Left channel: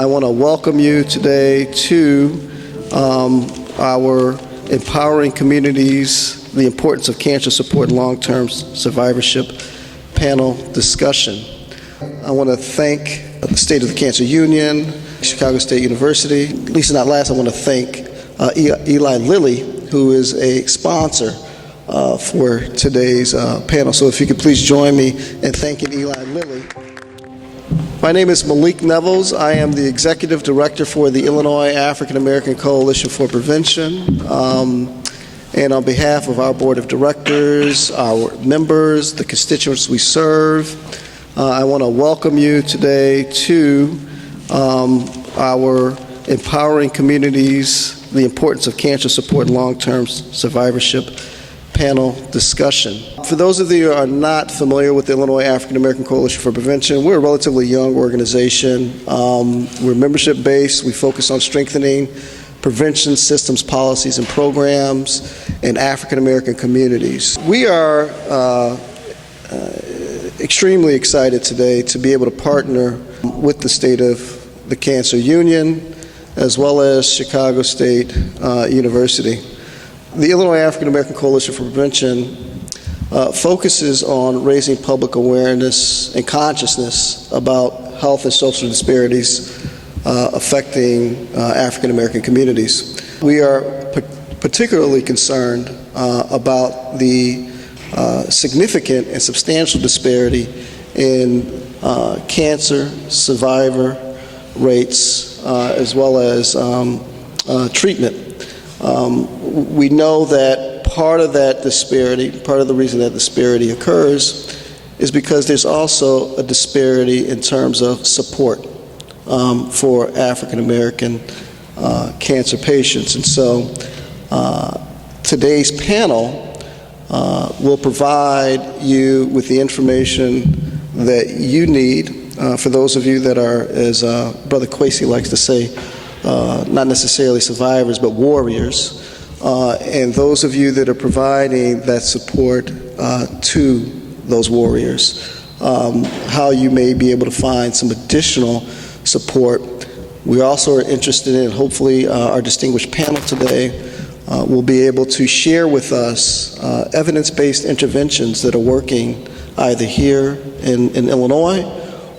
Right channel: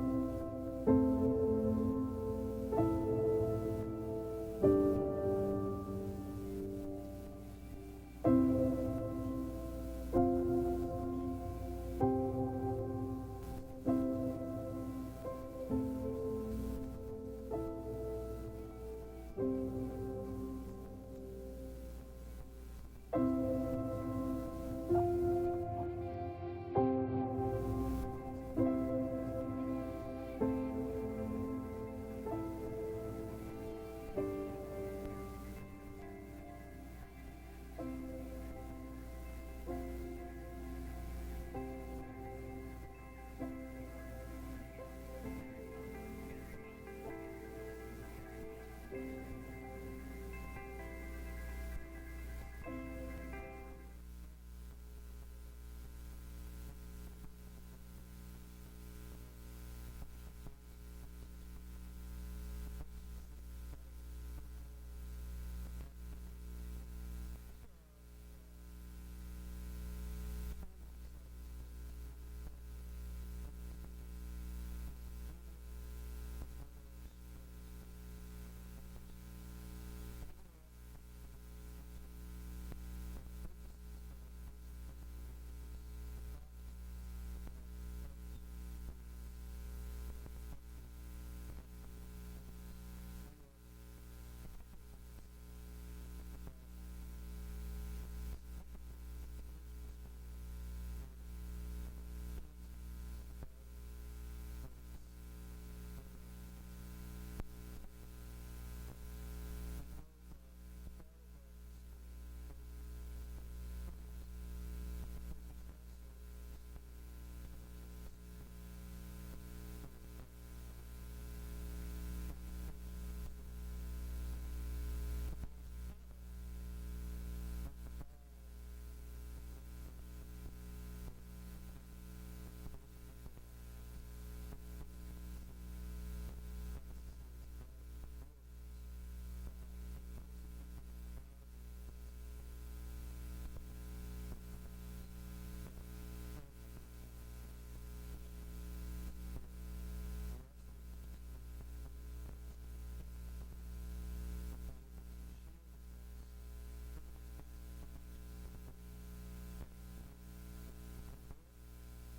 I want to welcome you today to our Empowering Communities, the Importance of Cancer Support and Long-Term Survivorship panel discussion. I want to thank the State of the Cancer Union, Chicago State University. Least not last, I want to thank Eli Lilly, who is a sponsor for today's panel. So if you could please join me in thanking Eli Lilly. My name is Malik Nevels. I am the Executive Director for the Illinois African American Coalition for Prevention. And on behalf of our Board of Directors, our members, the constituents we serve, I want to welcome you today to our Empowering Communities, the Importance of Cancer Support and Long-Term Survivorship panel discussion. For those of you who are not familiar with the Illinois African American Coalition for Prevention, we're a relatively young organization. We're membership-based. We focus on strengthening prevention systems, policies, and programs in African American communities. We are extremely excited today to be able to partner with the State of the Cancer Union as well as Chicago State University. The Illinois African American Coalition for Prevention focuses on raising public awareness and consciousness about health and social disparities affecting African American communities. We are particularly concerned about the significant and substantial disparity in cancer survivor rates as well as treatment. We know that part of that disparity, part of the reason that disparity occurs is because there's also a disparity in terms of support for African American cancer patients. And so today's panel will provide you with the information that you need. For those of you that are, as Brother Kwesi likes to say, not necessarily survivors, but warriors, and those of you that are providing that support to those warriors, how you may be able to find some additional support. We also are interested in, hopefully, our distinguished panel today will be able to share with us evidence-based interventions that are working either here in Illinois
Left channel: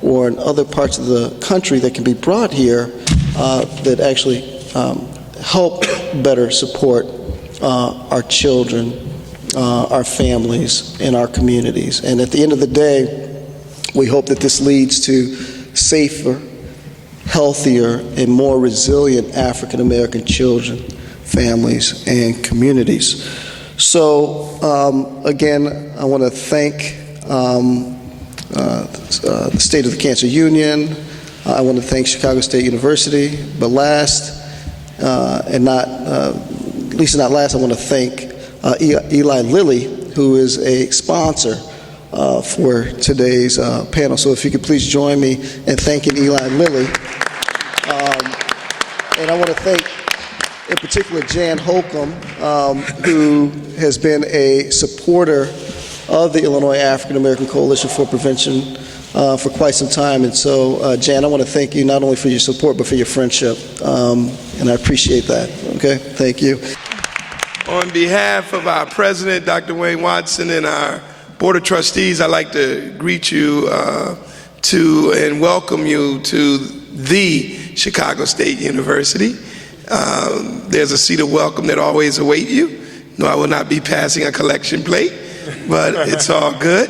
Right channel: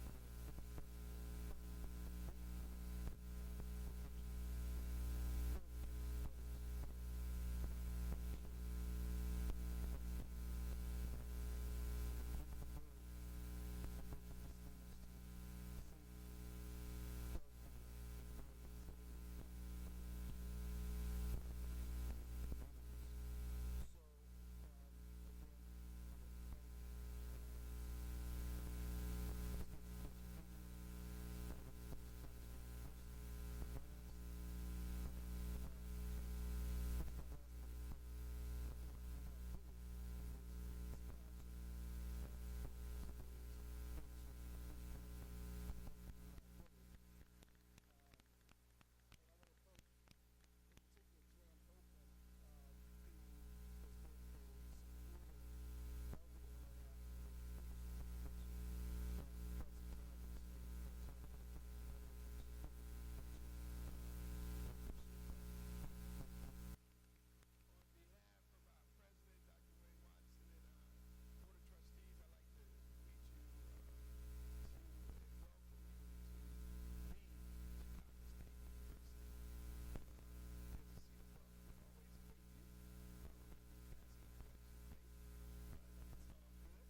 or in other parts of the country that can be brought here that actually help better support our children, our families, and our communities. And at the end of the day, we hope that this leads to safer, healthier, and more resilient African American children, families, and communities. So again, I want to thank the State of the Cancer Union. I want to thank Chicago State University. But last, and not least not last, I want to thank Eli Lilly, who is a sponsor for today's panel. So if you could please join me in thanking Eli Lilly. And I want to thank, in particular, Jan Holcomb, who has been a supporter of the Illinois African American Coalition for Prevention for quite some time. And so, Jan, I want to thank you not only for your support, but for your friendship. And I appreciate that. Okay, thank you. On behalf of our president, Dr. Wayne Watson, and our Board of Trustees, I'd like to greet you to and welcome you to the Chicago State University. There's a seat of welcome that always awaits you. No, I will not be passing a collection plate, but it's all good.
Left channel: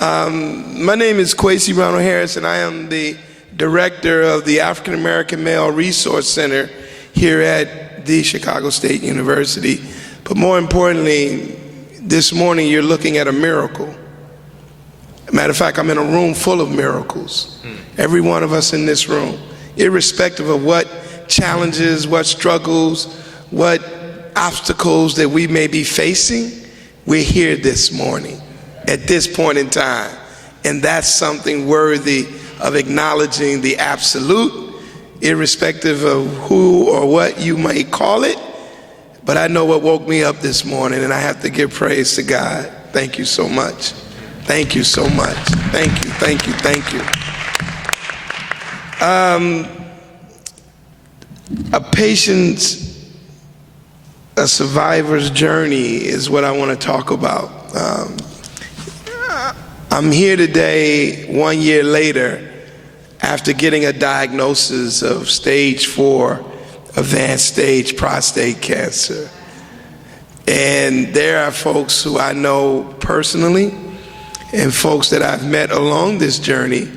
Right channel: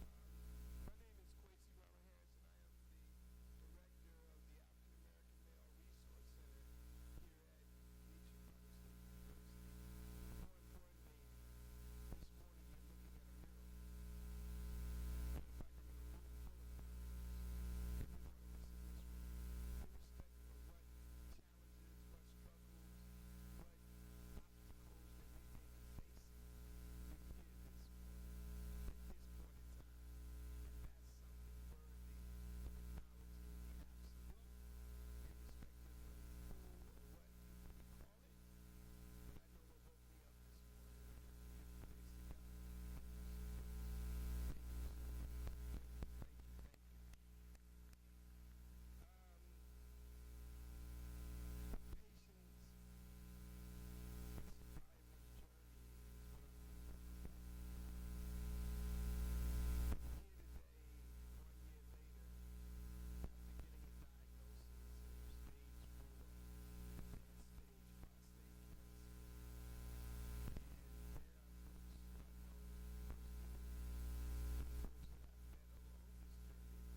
My name is Kwesi Ronald Harris, and I am the director of the African American Male Resource Center here at the Chicago State University. But more importantly, this morning you're looking at a miracle. Matter of fact, I'm in a room full of miracles. Every one of us in this room, irrespective of what challenges, what struggles, what obstacles that we may be facing, we're here this morning at this point in time. And that's something worthy of acknowledging the absolute, irrespective of who or what you may call it. But I know what woke me up this morning, and I have to give praise to God. Thank you so much. Thank you so much. Thank you, thank you, thank you. A patient's, a survivor's journey is what I want to talk about. I'm here today 1 year later after getting a diagnosis of stage 4 advanced stage prostate cancer. And there are folks who I know personally and folks that I've met along this journey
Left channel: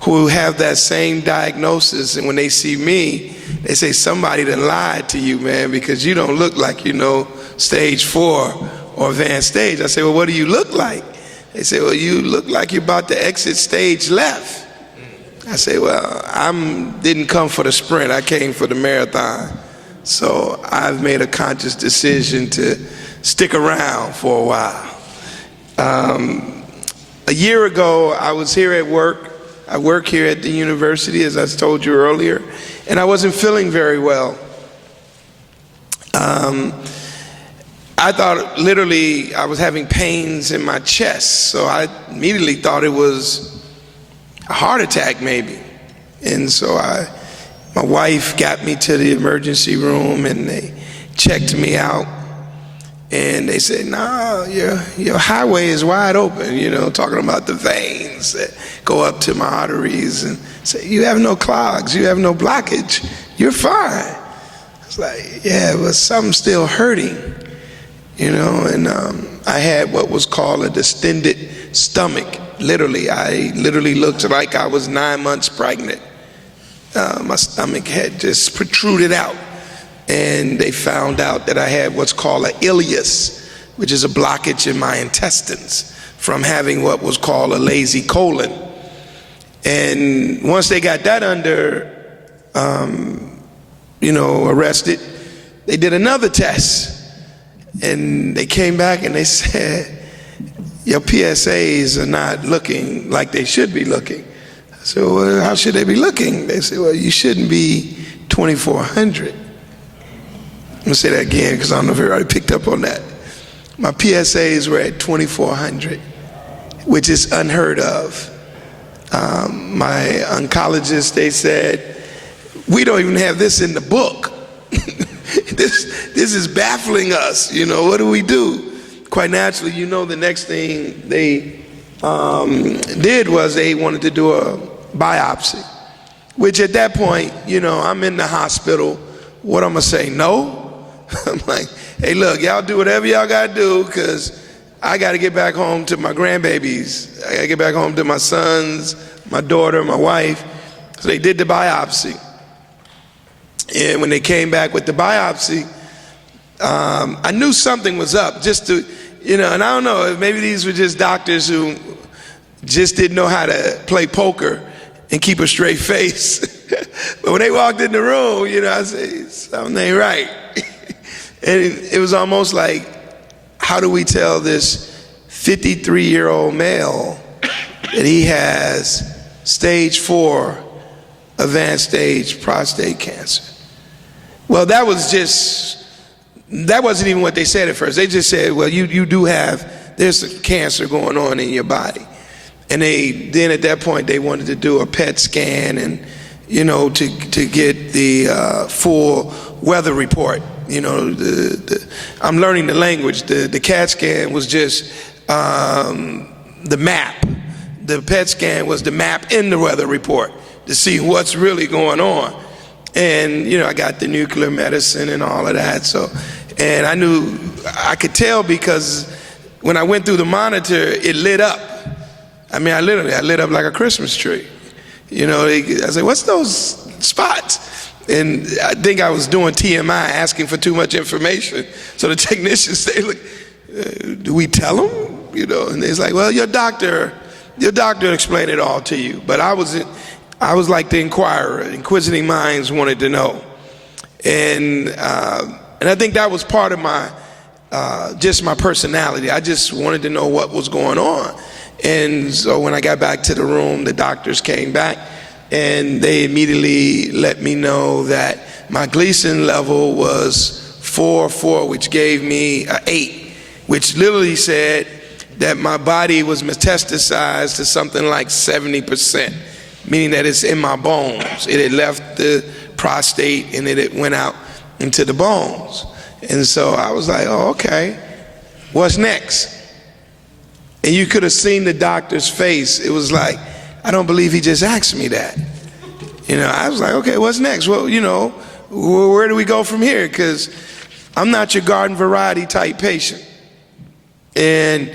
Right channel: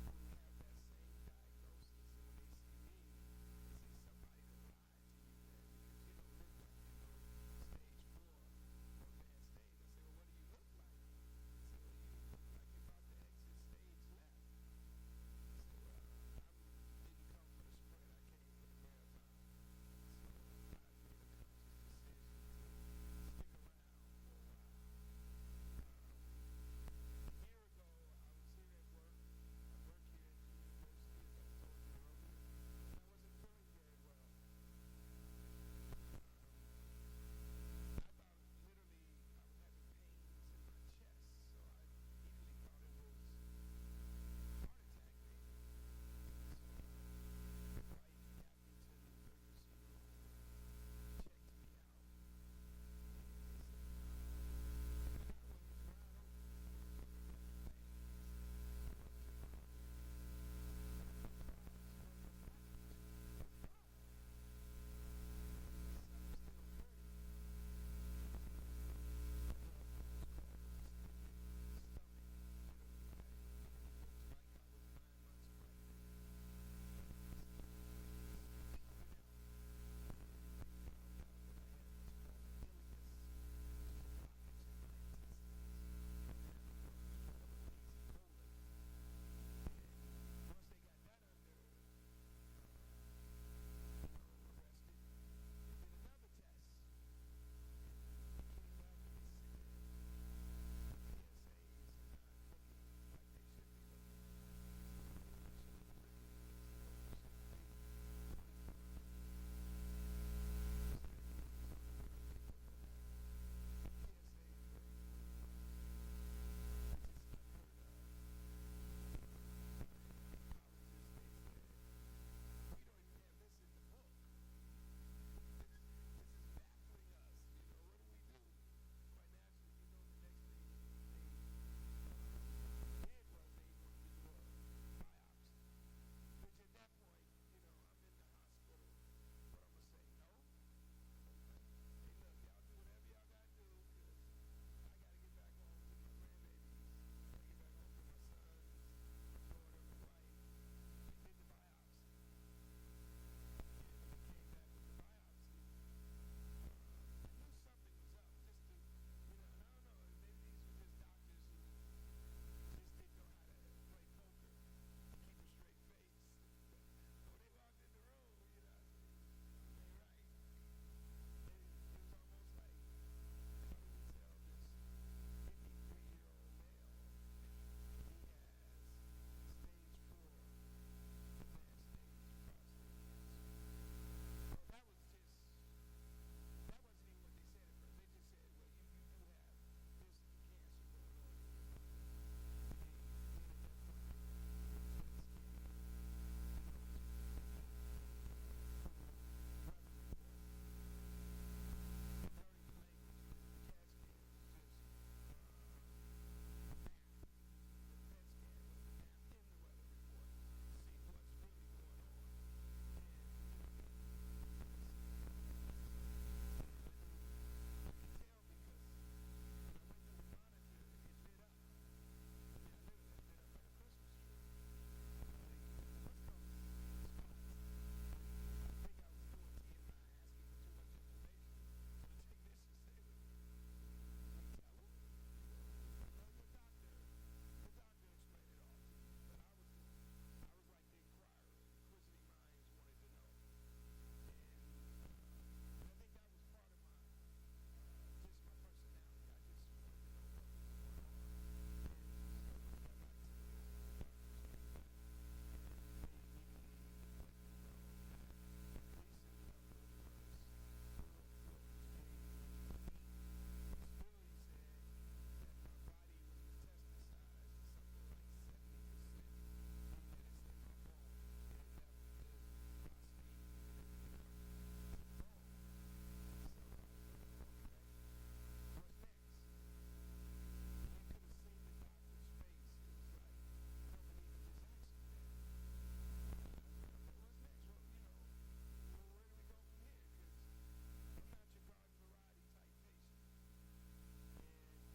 who have that same diagnosis, and when they see me, they say, somebody done lied to you, man, because you don't look like you know stage 4 or advanced stage. I say, well, what do you look like? They say, well, you look like you're about to exit stage left. I say, well, I didn't come for the sprint, I came for the marathon. So I've made a conscious decision to stick around for a while. A year ago, I was here at work. I work here at the university, as I told you earlier, and I wasn't feeling very well. I thought literally I was having pains in my chest, so I immediately thought it was a heart attack maybe. And so my wife got me to the emergency room and they checked me out. And they said, no, your highway is wide open, you know, talking about the veins that go up to my arteries, and say, you have no clogs, you have no blockage, you're fine. It's like, yeah, but something's still hurting, you know, and I had what was called a distended stomach. Literally, I literally looked like I was 9 months pregnant. My stomach had just protruded out. And they found out that I had what's called an ileus, which is a blockage in my intestines from having what was called a lazy colon. And once they got that under, arrested, they did another test. And they came back and they said, your PSAs are not looking like they should be looking. I said, well, how should they be looking? They said, well, you shouldn't be 2,400. I'm gonna say that again because I don't know if everybody picked up on that. My PSAs were at 2,400, which is unheard of. My oncologist, they said, we don't even have this in the book. This is baffling us, you know, what do we do? Quite naturally, you know, the next thing they did was they wanted to do a biopsy, which at that point, you know, I'm in the hospital. What I'm gonna say, no? I'm like, hey, look, y'all do whatever y'all gotta do, because I gotta get back home to my grandbabies. I gotta get back home to my sons, my daughter, my wife. So they did the biopsy. And when they came back with the biopsy, I knew something was up, just to, you know, and I don't know, maybe these were just doctors who just didn't know how to play poker and keep a straight face. But when they walked in the room, you know, I said, something ain't right. And it was almost like, how do we tell this 53-year-old male that he has stage 4 advanced stage prostate cancer? Well, that wasn't even what they said at first. They just said, well, you do have, there's cancer going on in your body. And then at that point, they wanted to do a PET scan and, you know, to get the full weather report. You know, I'm learning the language. The CAT scan was just the map. The PET scan was the map in the weather report to see what's really going on. And, you know, I got the nuclear medicine and all of that. So, and I knew, I could tell because when I went through the monitor, it lit up. I mean, I lit up like a Christmas tree. You know, I said, what's those spots? And I think I was doing TMI, asking for too much information. So the technicians say, look, do we tell them? You know, and it's like, well, your doctor explained it all to you. But I was like the inquirer. Inquisitive minds wanted to know. And I think that was part of my, just my personality. I just wanted to know what was going on. And so when I got back to the room, the doctors came back and they immediately let me know that my Gleason level was 4, which gave me an 8, which literally said that my body was metastasized to something like 70%. meaning that it's in my bones. It had left the prostate and it went out into the bones. And so I was like, oh, okay, what's next? And you could have seen the doctor's face. It was like, I don't believe he just asked me that. You know, I was like, okay, what's next? Well, you know, where do we go from here? Because I'm not your garden variety type patient. And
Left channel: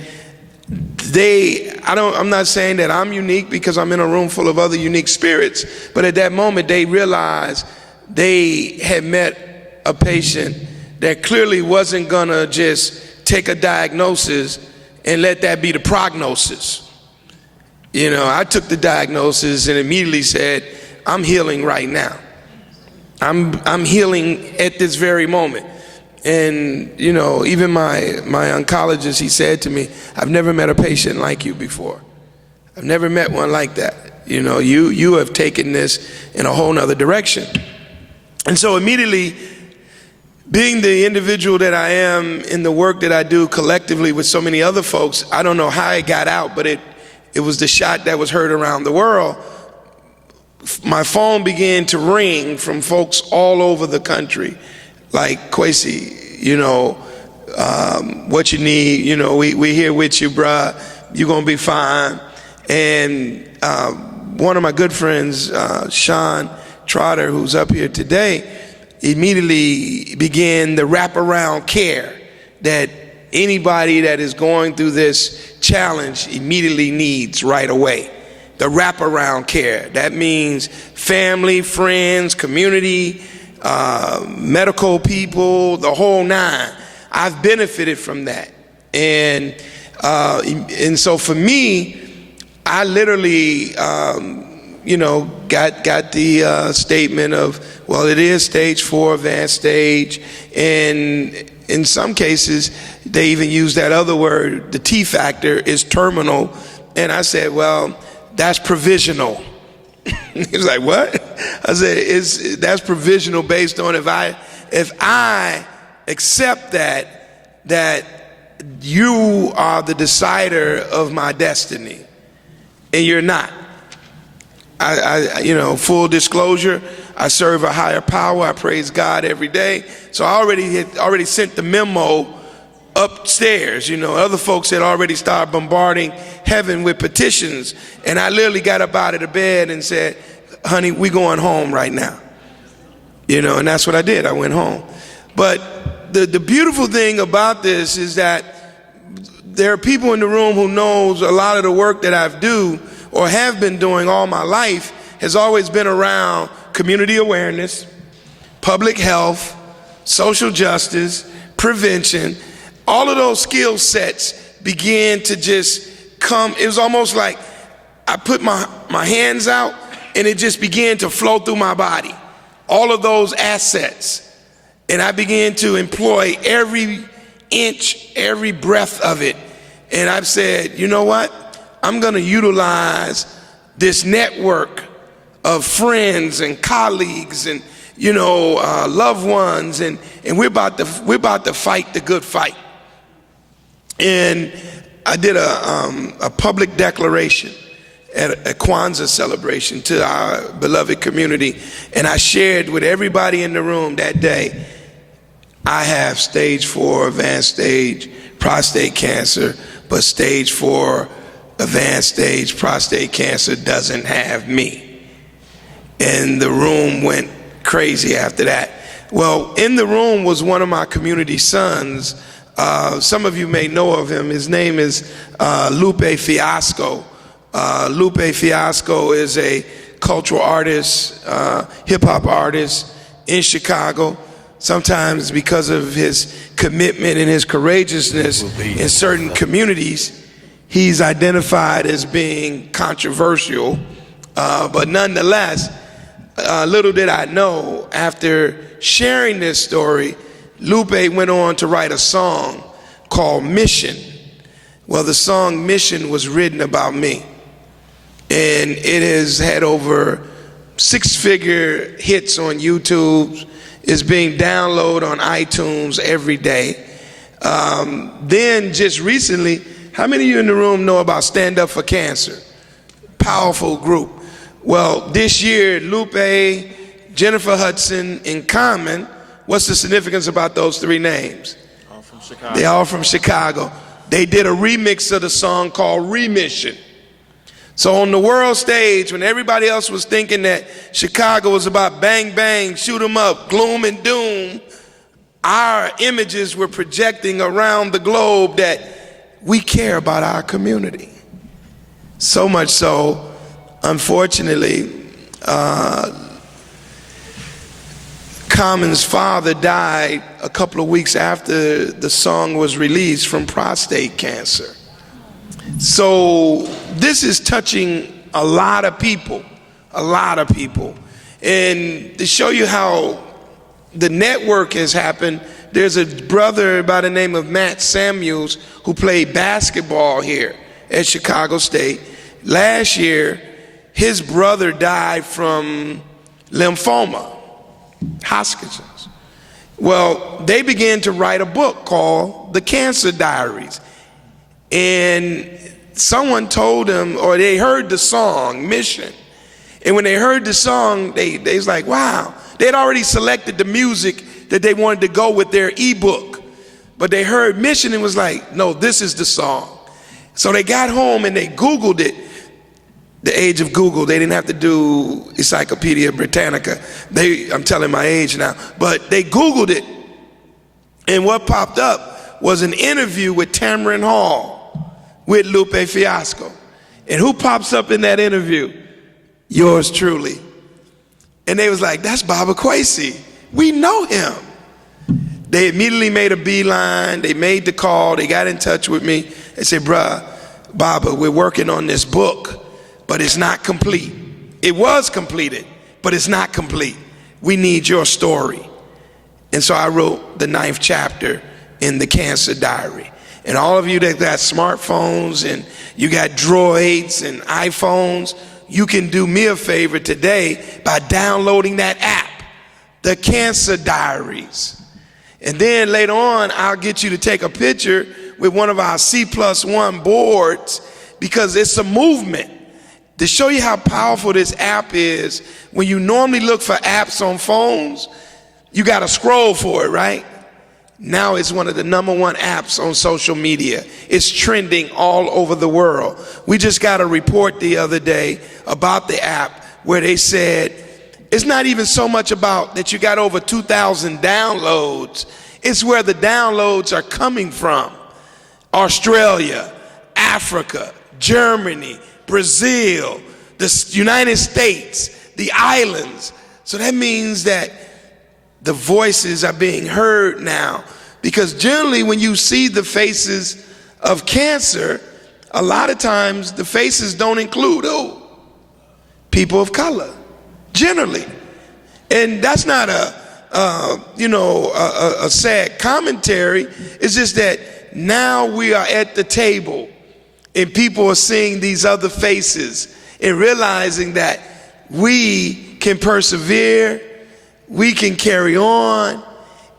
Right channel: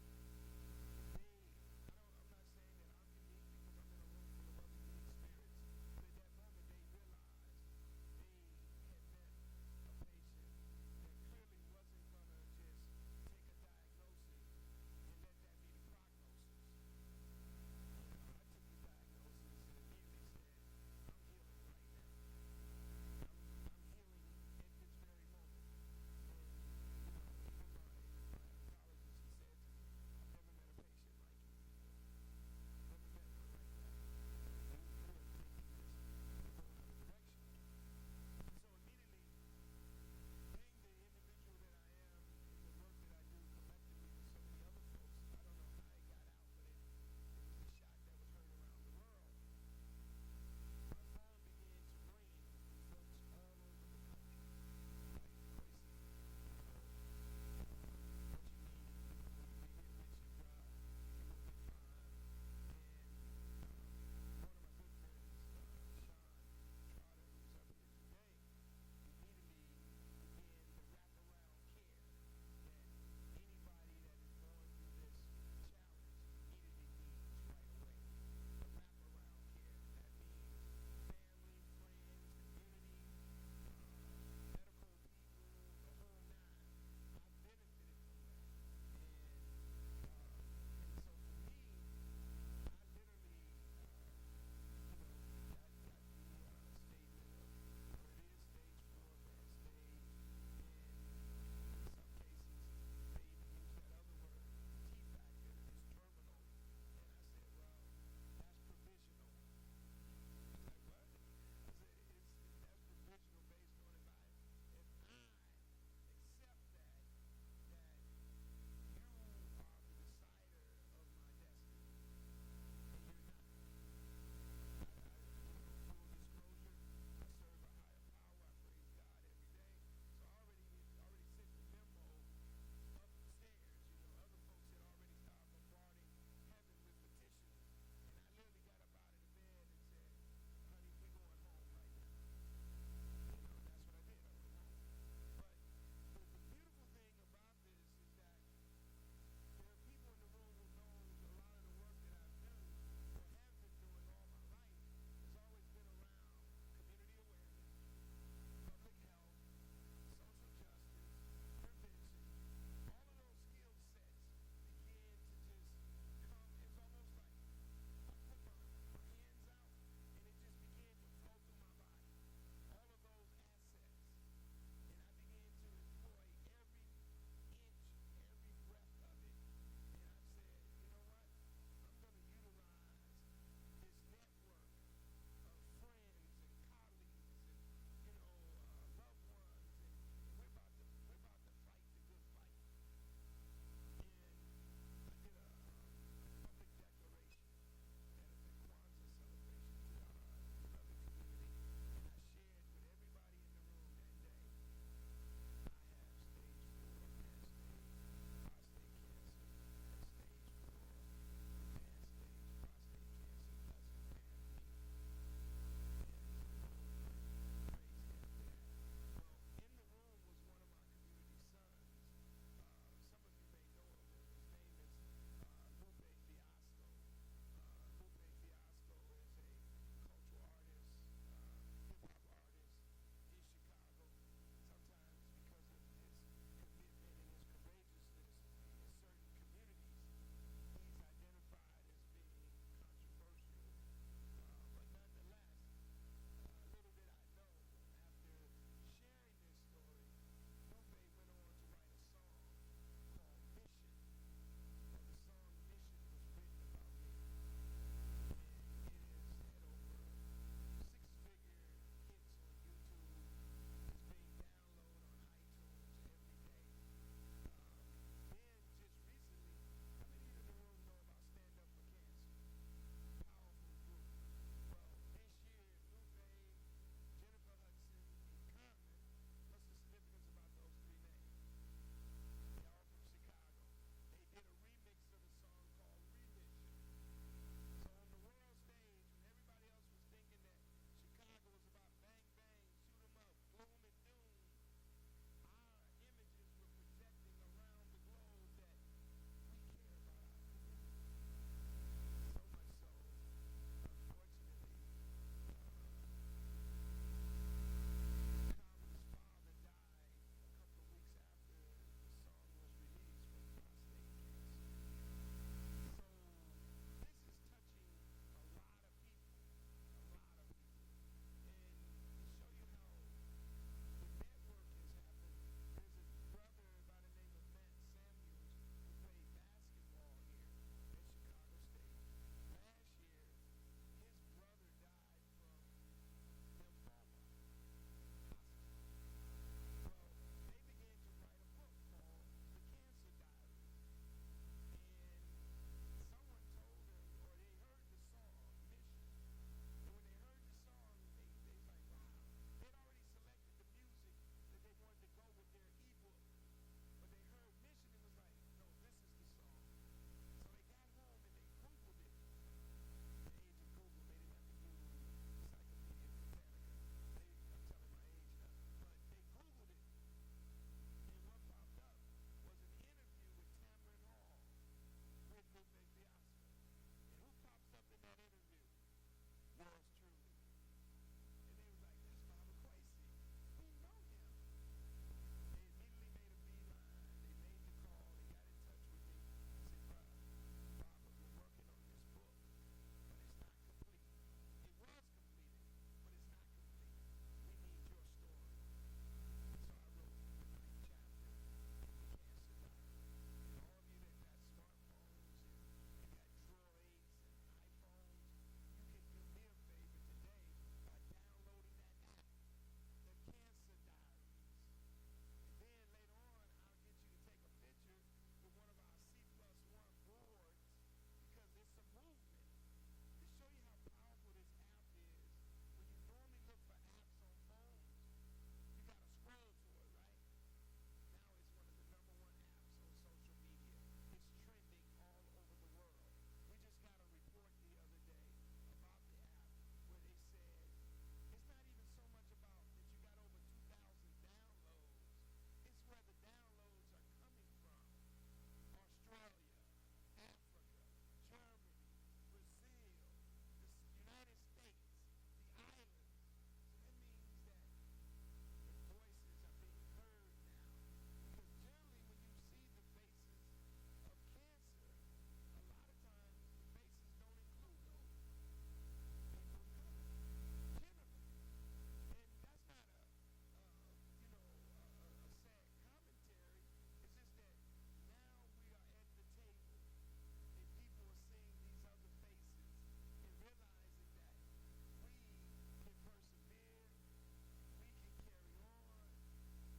I'm not saying that I'm unique because I'm in a room full of other unique spirits, but at that moment they realized they had met a patient that clearly wasn't gonna just take a diagnosis and let that be the prognosis. You know, I took the diagnosis and immediately said, I'm healing right now. I'm healing at this very moment. And, you know, even my oncologist, he said to me, I've never met a patient like you before. I've never met one like that. You know, you have taken this in a whole nother direction. And so immediately, being the individual that I am in the work that I do collectively with so many other folks, I don't know how it got out, but it was the shot that was heard around the world. My phone began to ring from folks all over the country, like, Kwesi, you know, what you need, you know, we here with you, bruh, you're gonna be fine. And one of my good friends, Sean Trotter, who's up here today, immediately began the wraparound care that anybody that is going through this challenge immediately needs right away. The wraparound care. That means family, friends, community, medical people, the whole nine. I've benefited from that. And so for me, I literally, you know, got the statement of, well, it is stage 4 advanced stage, and in some cases they even use that other word, the T factor is terminal, and I said, well, that's provisional. He was like, what? I said, that's provisional based on if I accept that you are the decider of my destiny, and you're not. I you know, full disclosure, I serve a higher power. I praise God every day. So I already sent the memo upstairs. You know, other folks had already started bombarding heaven with petitions, and I literally got up out of the bed and said, honey, we going home right now. You know, and that's what I did. I went home. But the beautiful thing about this is that there are people in the room who knows a lot of the work that I've do or have been doing all my life has always been around community awareness, public health, social justice, prevention. All of those skill sets began to just come. It was almost like I put my hands out and it just began to flow through my body. All of those assets. And I began to employ every inch, every breath of it. And I've said, you know what? I'm gonna utilize this network of friends and colleagues and, you know, loved ones, and we're about to fight the good fight. And I did a public declaration at a Kwanzaa celebration to our beloved community, and I shared with everybody in the room that day, I have stage 4 advanced stage prostate cancer, but stage 4 advanced stage prostate cancer doesn't have me. And the room went crazy after that. Well, in the room was one of my community sons. Some of you may know of him. His name is Lupe Fiasco. Lupe Fiasco is a cultural artist, hip-hop artist in Chicago. Sometimes because of his commitment and his courageousness in certain communities, he's identified as being controversial, but nonetheless, little did I know, after sharing this story, Lupe went on to write a song called Mission. Well, the song Mission was written about me, and it has had over 6-figure hits on YouTube. It's being downloaded on iTunes every day. Then just recently, how many of you in the room know about Stand Up for Cancer? Powerful group. Well, this year, Lupe, Jennifer Hudson, and Common, what's the significance about those three names? All from Chicago. They all from Chicago. They did a remix of the song called Remission. So on the world stage, when everybody else was thinking that Chicago was about bang, bang, shoot 'em up, gloom and doom, our images were projecting around the globe that we care about our community. So much so, unfortunately, Common's father died a couple of weeks after the song was released from prostate cancer. So this is touching a lot of people, And to show you how the network has happened, there's a brother by the name of Matt Samuels who played basketball here at Chicago State. Last year, his brother died from lymphoma, Hodgkin's. Well, they began to write a book called The Cancer Diaries. And someone told them, or they heard the song, Mission. And when they heard the song, they was like, wow. They had already selected the music that they wanted to go with their ebook. But they heard Mission and was like, no, this is the song. So they got home and they Googled it. The age of Google, they didn't have to do Encyclopedia Britannica. I'm telling my age now. But they Googled it. And what popped up was an interview with Tamron Hall with Lupe Fiasco. And who pops up in that interview? Yours truly. And they was like, that's Baba Kwesi. We know him. They immediately made a beeline. They made the call. They got in touch with me. They said, bruh, Baba, we're working on this book, but it's not complete. It was completed, but it's not complete. We need your story. And so I wrote the 9th chapter in the Cancer Diary. And all of you that got smartphones and you got Droids and iPhones, you can do me a favor today by downloading that app, the Cancer Diaries. And then later on, I'll get you to take a picture with one of our C+1 boards, because it's a movement. To show you how powerful this app is, when you normally look for apps on phones, you gotta scroll for it, right? Now it's one of the #1 apps on social media. It's trending all over the world. We just got a report the other day about the app where they said it's not even so much about that you got over 2,000 downloads. It's where the downloads are coming from. Australia, Africa, Germany, Brazil, the United States, the islands. So that means that the voices are being heard now, because generally when you see the faces of cancer, a lot of times the faces don't include people of color, generally. And that's not a sad commentary. It's just that now we are at the table and people are seeing these other faces and realizing that we can persevere, we can carry on,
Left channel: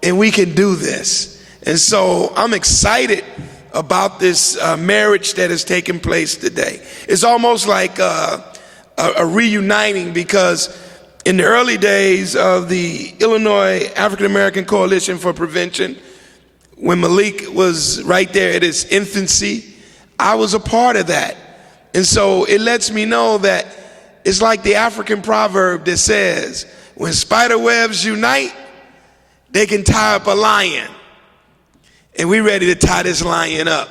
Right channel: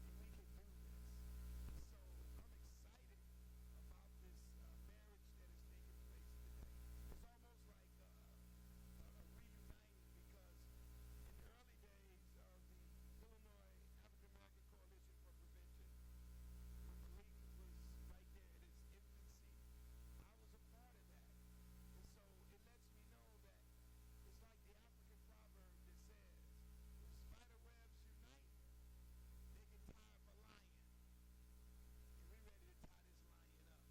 and we can do this. And so I'm excited about this marriage that has taken place today. It's almost like a reuniting, because in the early days of the Illinois African American Coalition for Prevention, when Malik was right there at its infancy, I was a part of that. And so it lets me know that it's like the African proverb that says, when spider webs unite, they can tie up a lion. And we're ready to tie this lion up.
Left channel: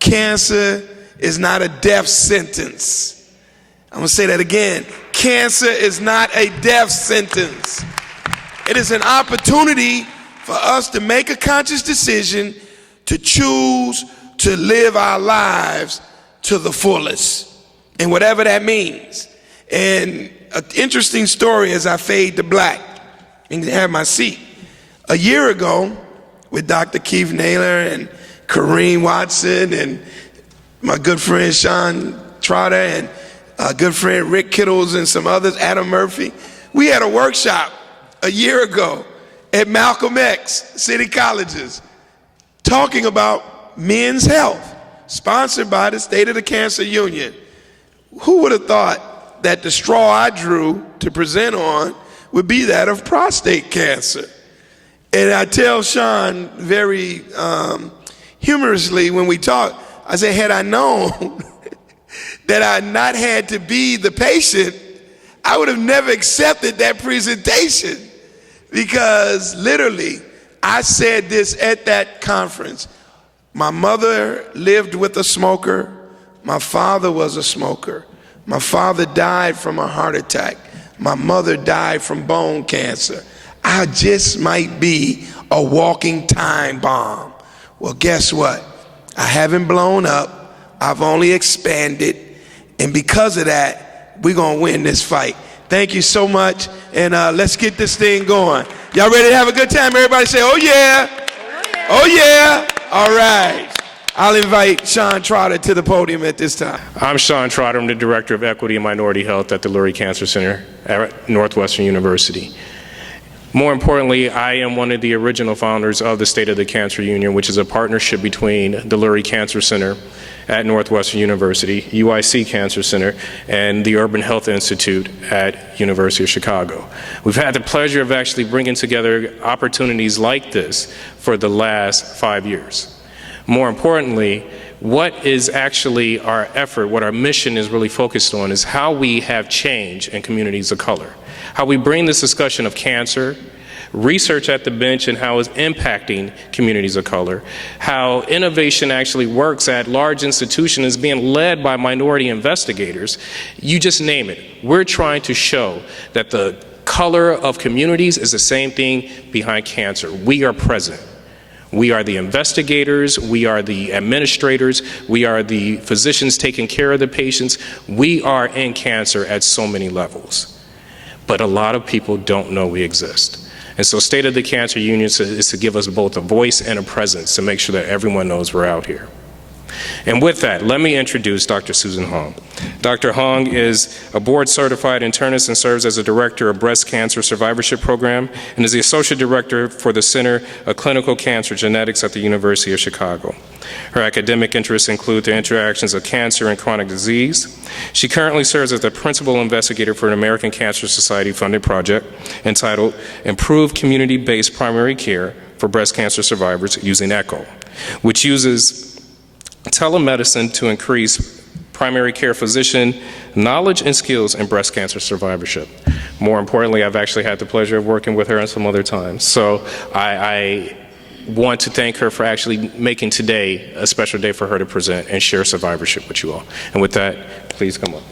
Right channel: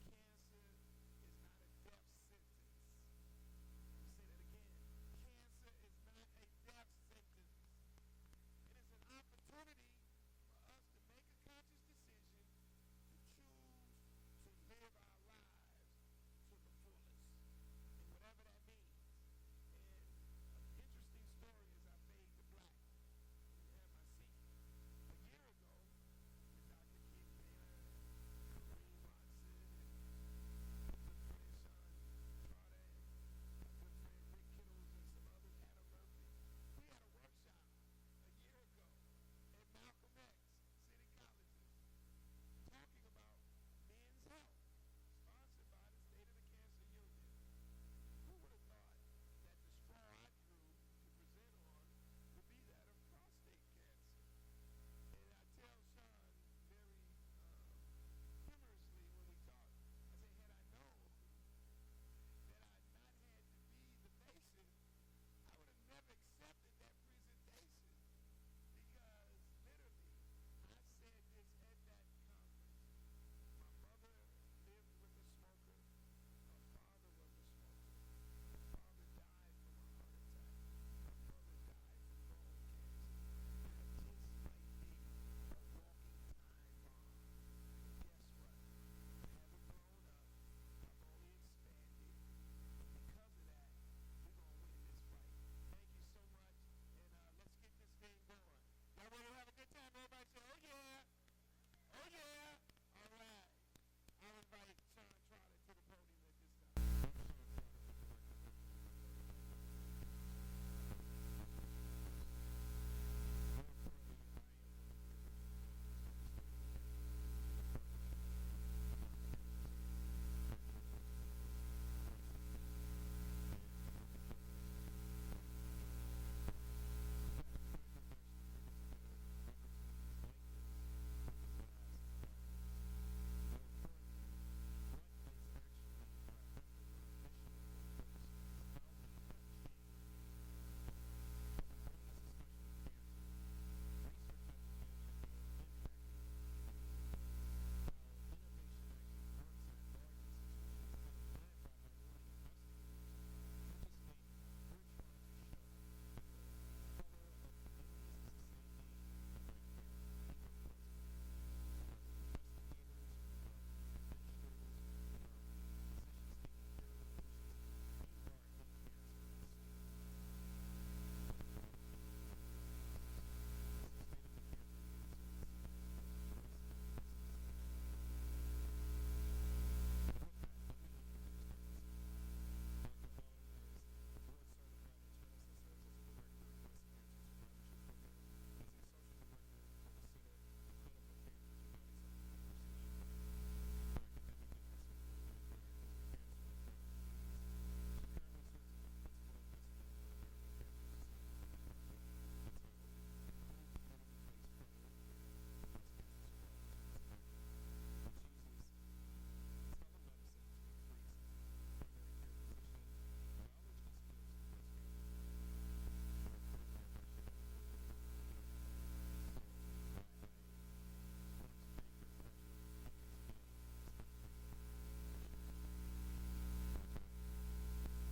Cancer is not a death sentence. I'm gonna say that again. Cancer is not a death sentence. It is an opportunity for us to make a conscious decision to choose to live our lives to the fullest, and whatever that means. And an interesting story as I fade to black and have my seat. A year ago, with Dr. Keith Naylor and Kareem Watson and my good friend Sean Trotter and good friend Rick Kittles and some others, Adam Murphy, we had a workshop a year ago at Malcolm X City Colleges talking about men's health, sponsored by the State of the Cancer Union. Who would have thought that the straw I drew to present on would be that of prostate cancer. And I tell Sean very humorously when we talk, I say, had I known that I not had to be the patient, I would have never accepted that presentation, because literally I said this at that conference. My mother lived with a smoker. My father was a smoker. My father died from a heart attack. My mother died from bone cancer. I just might be a walking time bomb. Well, guess what? I haven't blown up. I've only expanded. And because of that, we're going to win this fight. Thank you so much. And let's get this thing going. Y'all ready to have a good time? Everybody say, oh, yeah. Oh, yeah. All right. I'll invite Sean Trotter to the podium at this time. I'm Sean Trotter. I'm the Director of Equity and Minority Health at the Lurie Cancer Center at Northwestern University. More importantly, I am one of the original founders of the State of the Cancer Union, which is a partnership between the Lurie Cancer Center at Northwestern University, UIC Cancer Center, and the Urban Health Institute at University of Chicago. We've had the pleasure of actually bringing together opportunities like this for the last 5 years. More importantly, what is actually our effort, what our mission is really focused on, is how we have change in communities of color, how we bring this discussion of cancer, research at the bench, and how it's impacting communities of color, how innovation actually works at large institutions is being led by minority investigators. You just name it. We're trying to show that the color of communities is the same thing behind cancer. We are present. We are the investigators, we are the administrators, we are the physicians taking care of the patients. We are in cancer at so many levels. But a lot of people don't know we exist. And so State of the Cancer Union is to give us both a voice and a presence to make sure that everyone knows we're out here. And with that, let me introduce Dr. Susan Hong. Dr. Hong is a board-certified internist and serves as a director of Breast Cancer Survivorship Program and is the associate director for the Center of Clinical Cancer Genetics at the University of Chicago. Her academic interests include the interactions of cancer and chronic disease. She currently serves as the principal investigator for an American Cancer Society-funded project entitled Improve Community-Based Primary Care for Breast Cancer Survivors Using ECHO, which uses telemedicine to increase primary care physician knowledge and skills in breast cancer survivorship. More importantly, I've actually had the pleasure of working with her some other times. So I want to thank her for actually making today a special day for her to present and share survivorship with you all. And with that, please come up.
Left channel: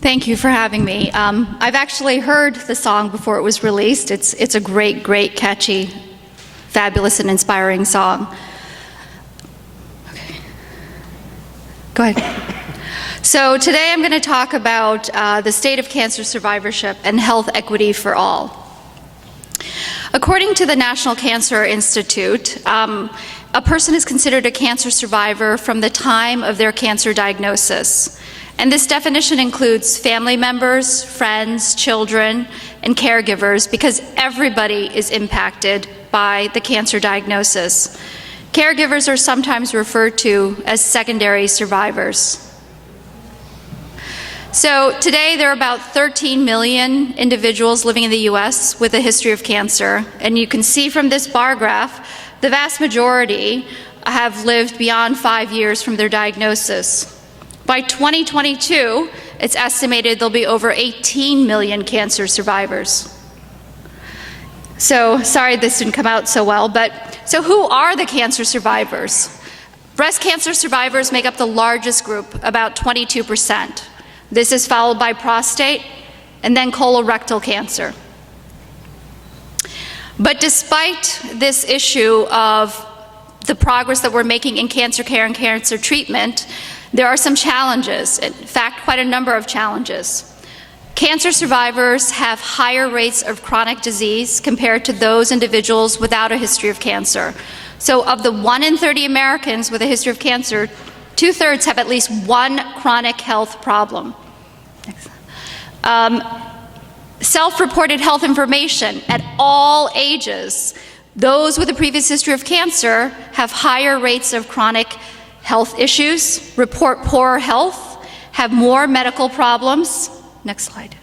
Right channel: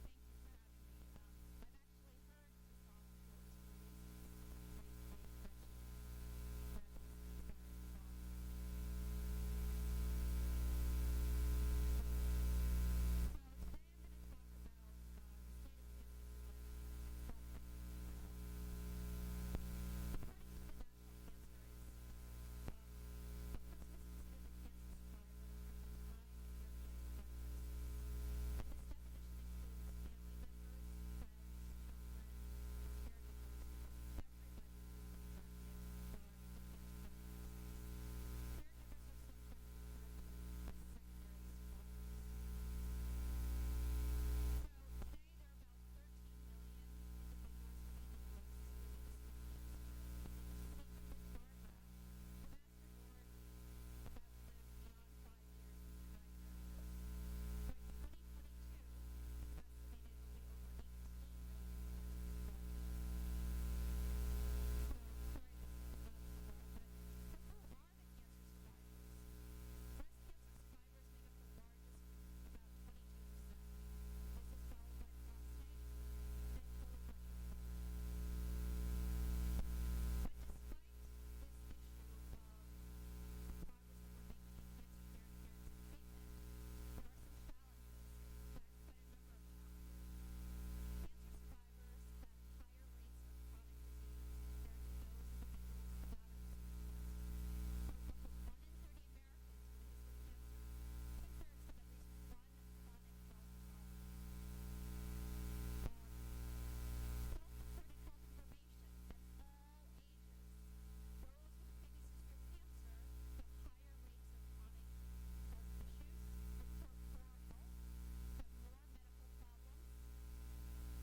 Thank you for having me. I've actually heard the song before it was released. It's a great, great, catchy, fabulous, and inspiring song. Okay. Go ahead. So today I'm going to talk about the state of cancer survivorship and health equity for all. According to the National Cancer Institute, a person is considered a cancer survivor from the time of their cancer diagnosis. And this definition includes family members, friends, children, and caregivers, because everybody is impacted by the cancer diagnosis. Caregivers are sometimes referred to as secondary survivors. So today there are about 13 million individuals living in the US with a history of cancer. And you can see from this bar graph, the vast majority have lived beyond 5 years from their diagnosis. By 2022, it's estimated there'll be over 18 million cancer survivors. So, sorry this didn't come out so well, but so who are the cancer survivors? Breast cancer survivors make up the largest group, about 22%. This is followed by prostate and then colorectal cancer. But despite this issue of the progress that we're making in cancer care and cancer treatment, there are some challenges, in fact, quite a number of challenges. Cancer survivors have higher rates of chronic disease compared to those individuals without a history of cancer. So of the 1 in 30 Americans with a history of cancer, 2/3 have at least one chronic health problem. Self-reported health information at all ages Those with a previous history of cancer have higher rates of chronic health issues, report poorer health, have more medical problems. Next slide.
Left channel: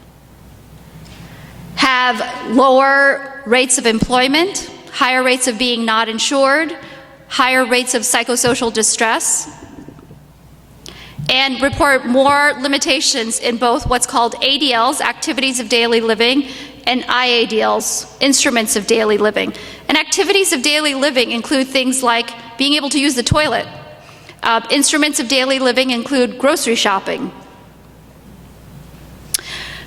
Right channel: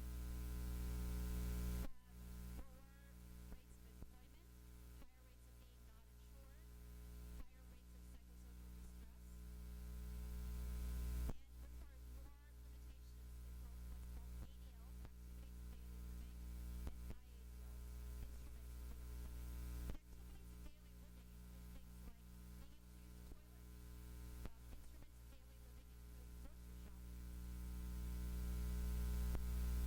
Have lower rates of employment, higher rates of being not insured, higher rates of psychosocial distress, and report more limitations in both what's called ADLs, activities of daily living, and IADLs, instruments of daily living. And activities of daily living include things like being able to use the toilet. Instruments of daily living include grocery shopping.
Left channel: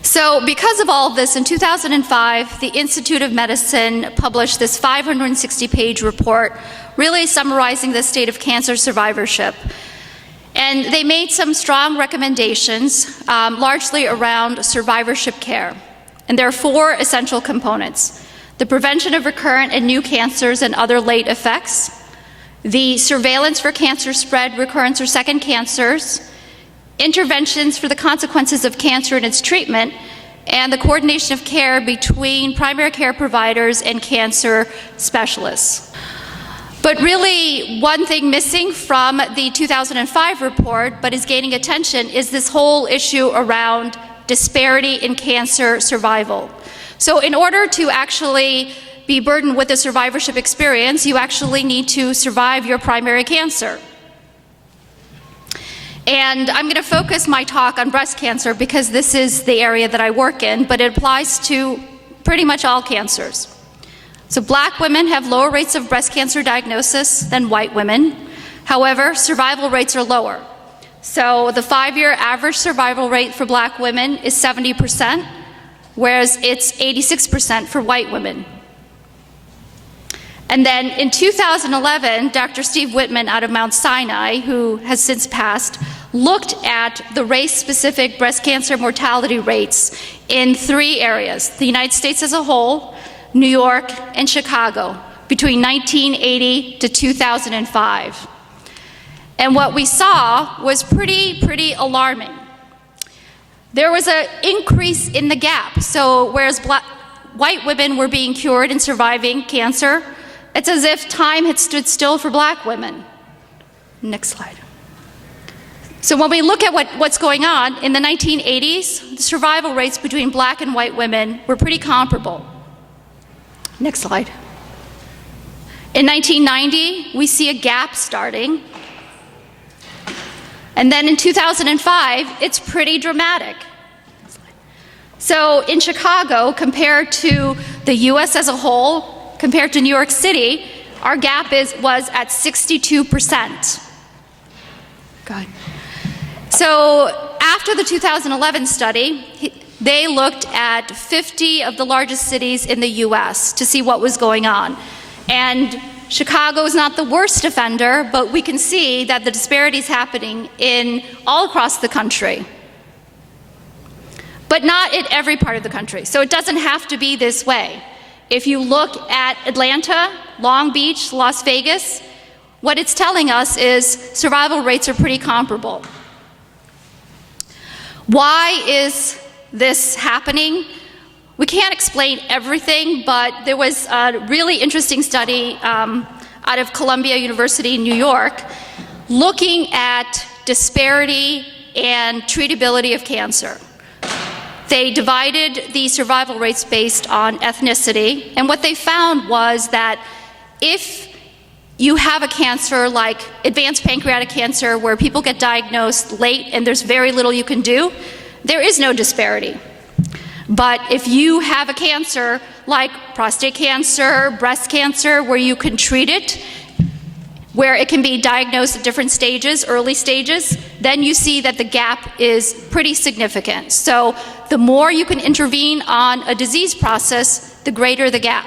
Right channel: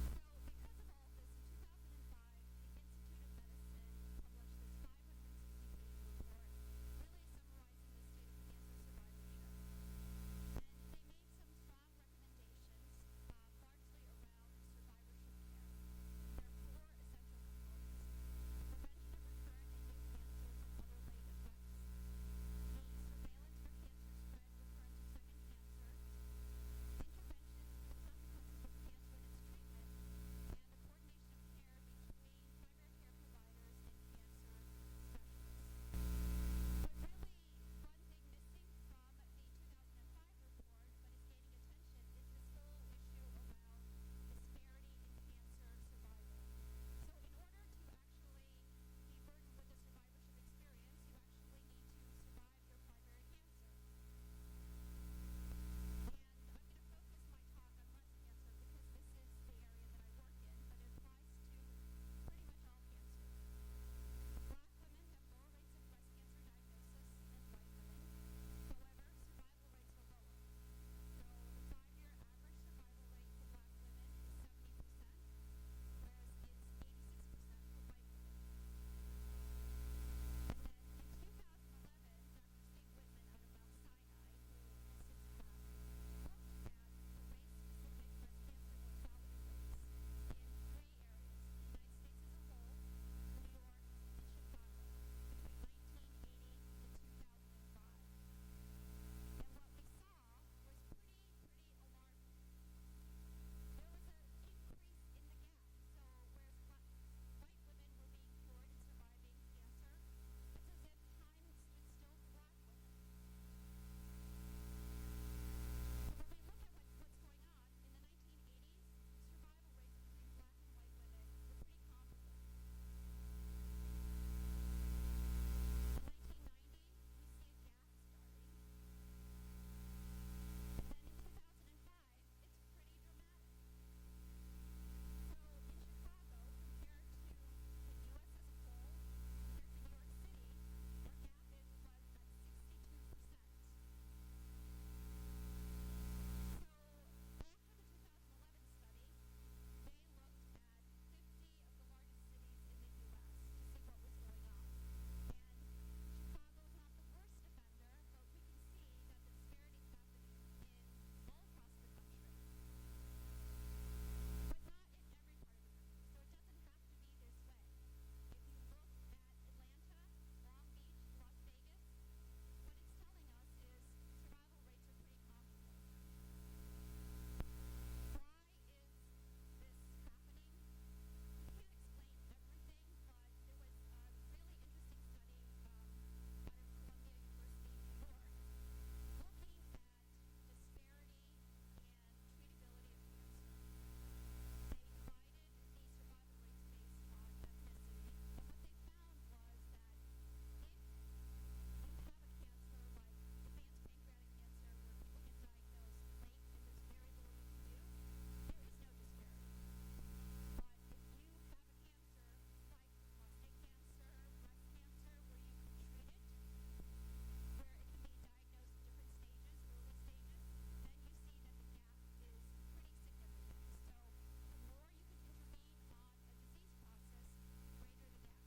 So because of all of this, in 2005, the Institute of Medicine published this 560-page report really summarizing the state of cancer survivorship. And they made some strong recommendations, largely around survivorship care. And there are 4 essential components: the prevention of recurrent and new cancers and other late effects, the surveillance for cancer spread, recurrence, or second cancers, interventions for the consequences of cancer and its treatment, and the coordination of care between primary care providers and cancer specialists. But really, one thing missing from the 2005 report, but is gaining attention, is this whole issue around disparity in cancer survival. So in order to actually be burdened with a survivorship experience, you actually need to survive your primary cancer. And I'm going to focus my talk on breast cancer because this is the area that I work in, but it applies to pretty much all cancers. So Black women have lower rates of breast cancer diagnosis than white women. However, survival rates are lower. So the 5-year average survival rate for Black women is 70%, whereas it's 86% for white women. And then in 2011, Dr. Steve Whitman out of Mount Sinai, who has since passed, looked at the race-specific breast cancer mortality rates in 3 areas: the United States as a whole, New York, and Chicago, between 1980 to 2005. And what we saw was pretty alarming. There was an increase in the gap. So whereas white women were being cured and surviving cancer, it's as if time had stood still for Black women. Next slide. So when we look at what's going on, in the 1980s, the survival rates between Black and white women were pretty comparable. Next slide. In 1990, we see a gap starting. And then in 2005, it's pretty dramatic. So in Chicago, compared to the US as a whole, compared to New York City, our gap was at 62%. God. So after the 2011 study, they looked at 50 of the largest cities in the US to see what was going on. And Chicago is not the worst offender, but we can see that the disparity is happening in all across the country. But not in every part of the country. So it doesn't have to be this way. If you look at Atlanta, Long Beach, Las Vegas, what it's telling us is survival rates are pretty comparable. Why is this happening? We can't explain everything, but there was a really interesting study out of Columbia University in New York looking at disparity and treatability of cancer. They divided the survival rates based on ethnicity, and what they found was that if you have a cancer like advanced pancreatic cancer where people get diagnosed late and there's very little you can do, there is no disparity. But if you have a cancer like prostate cancer, breast cancer, where you can treat it, where it can be diagnosed at different stages, early stages, then you see that the gap is pretty significant. So the more you can intervene on a disease process, the greater the gap.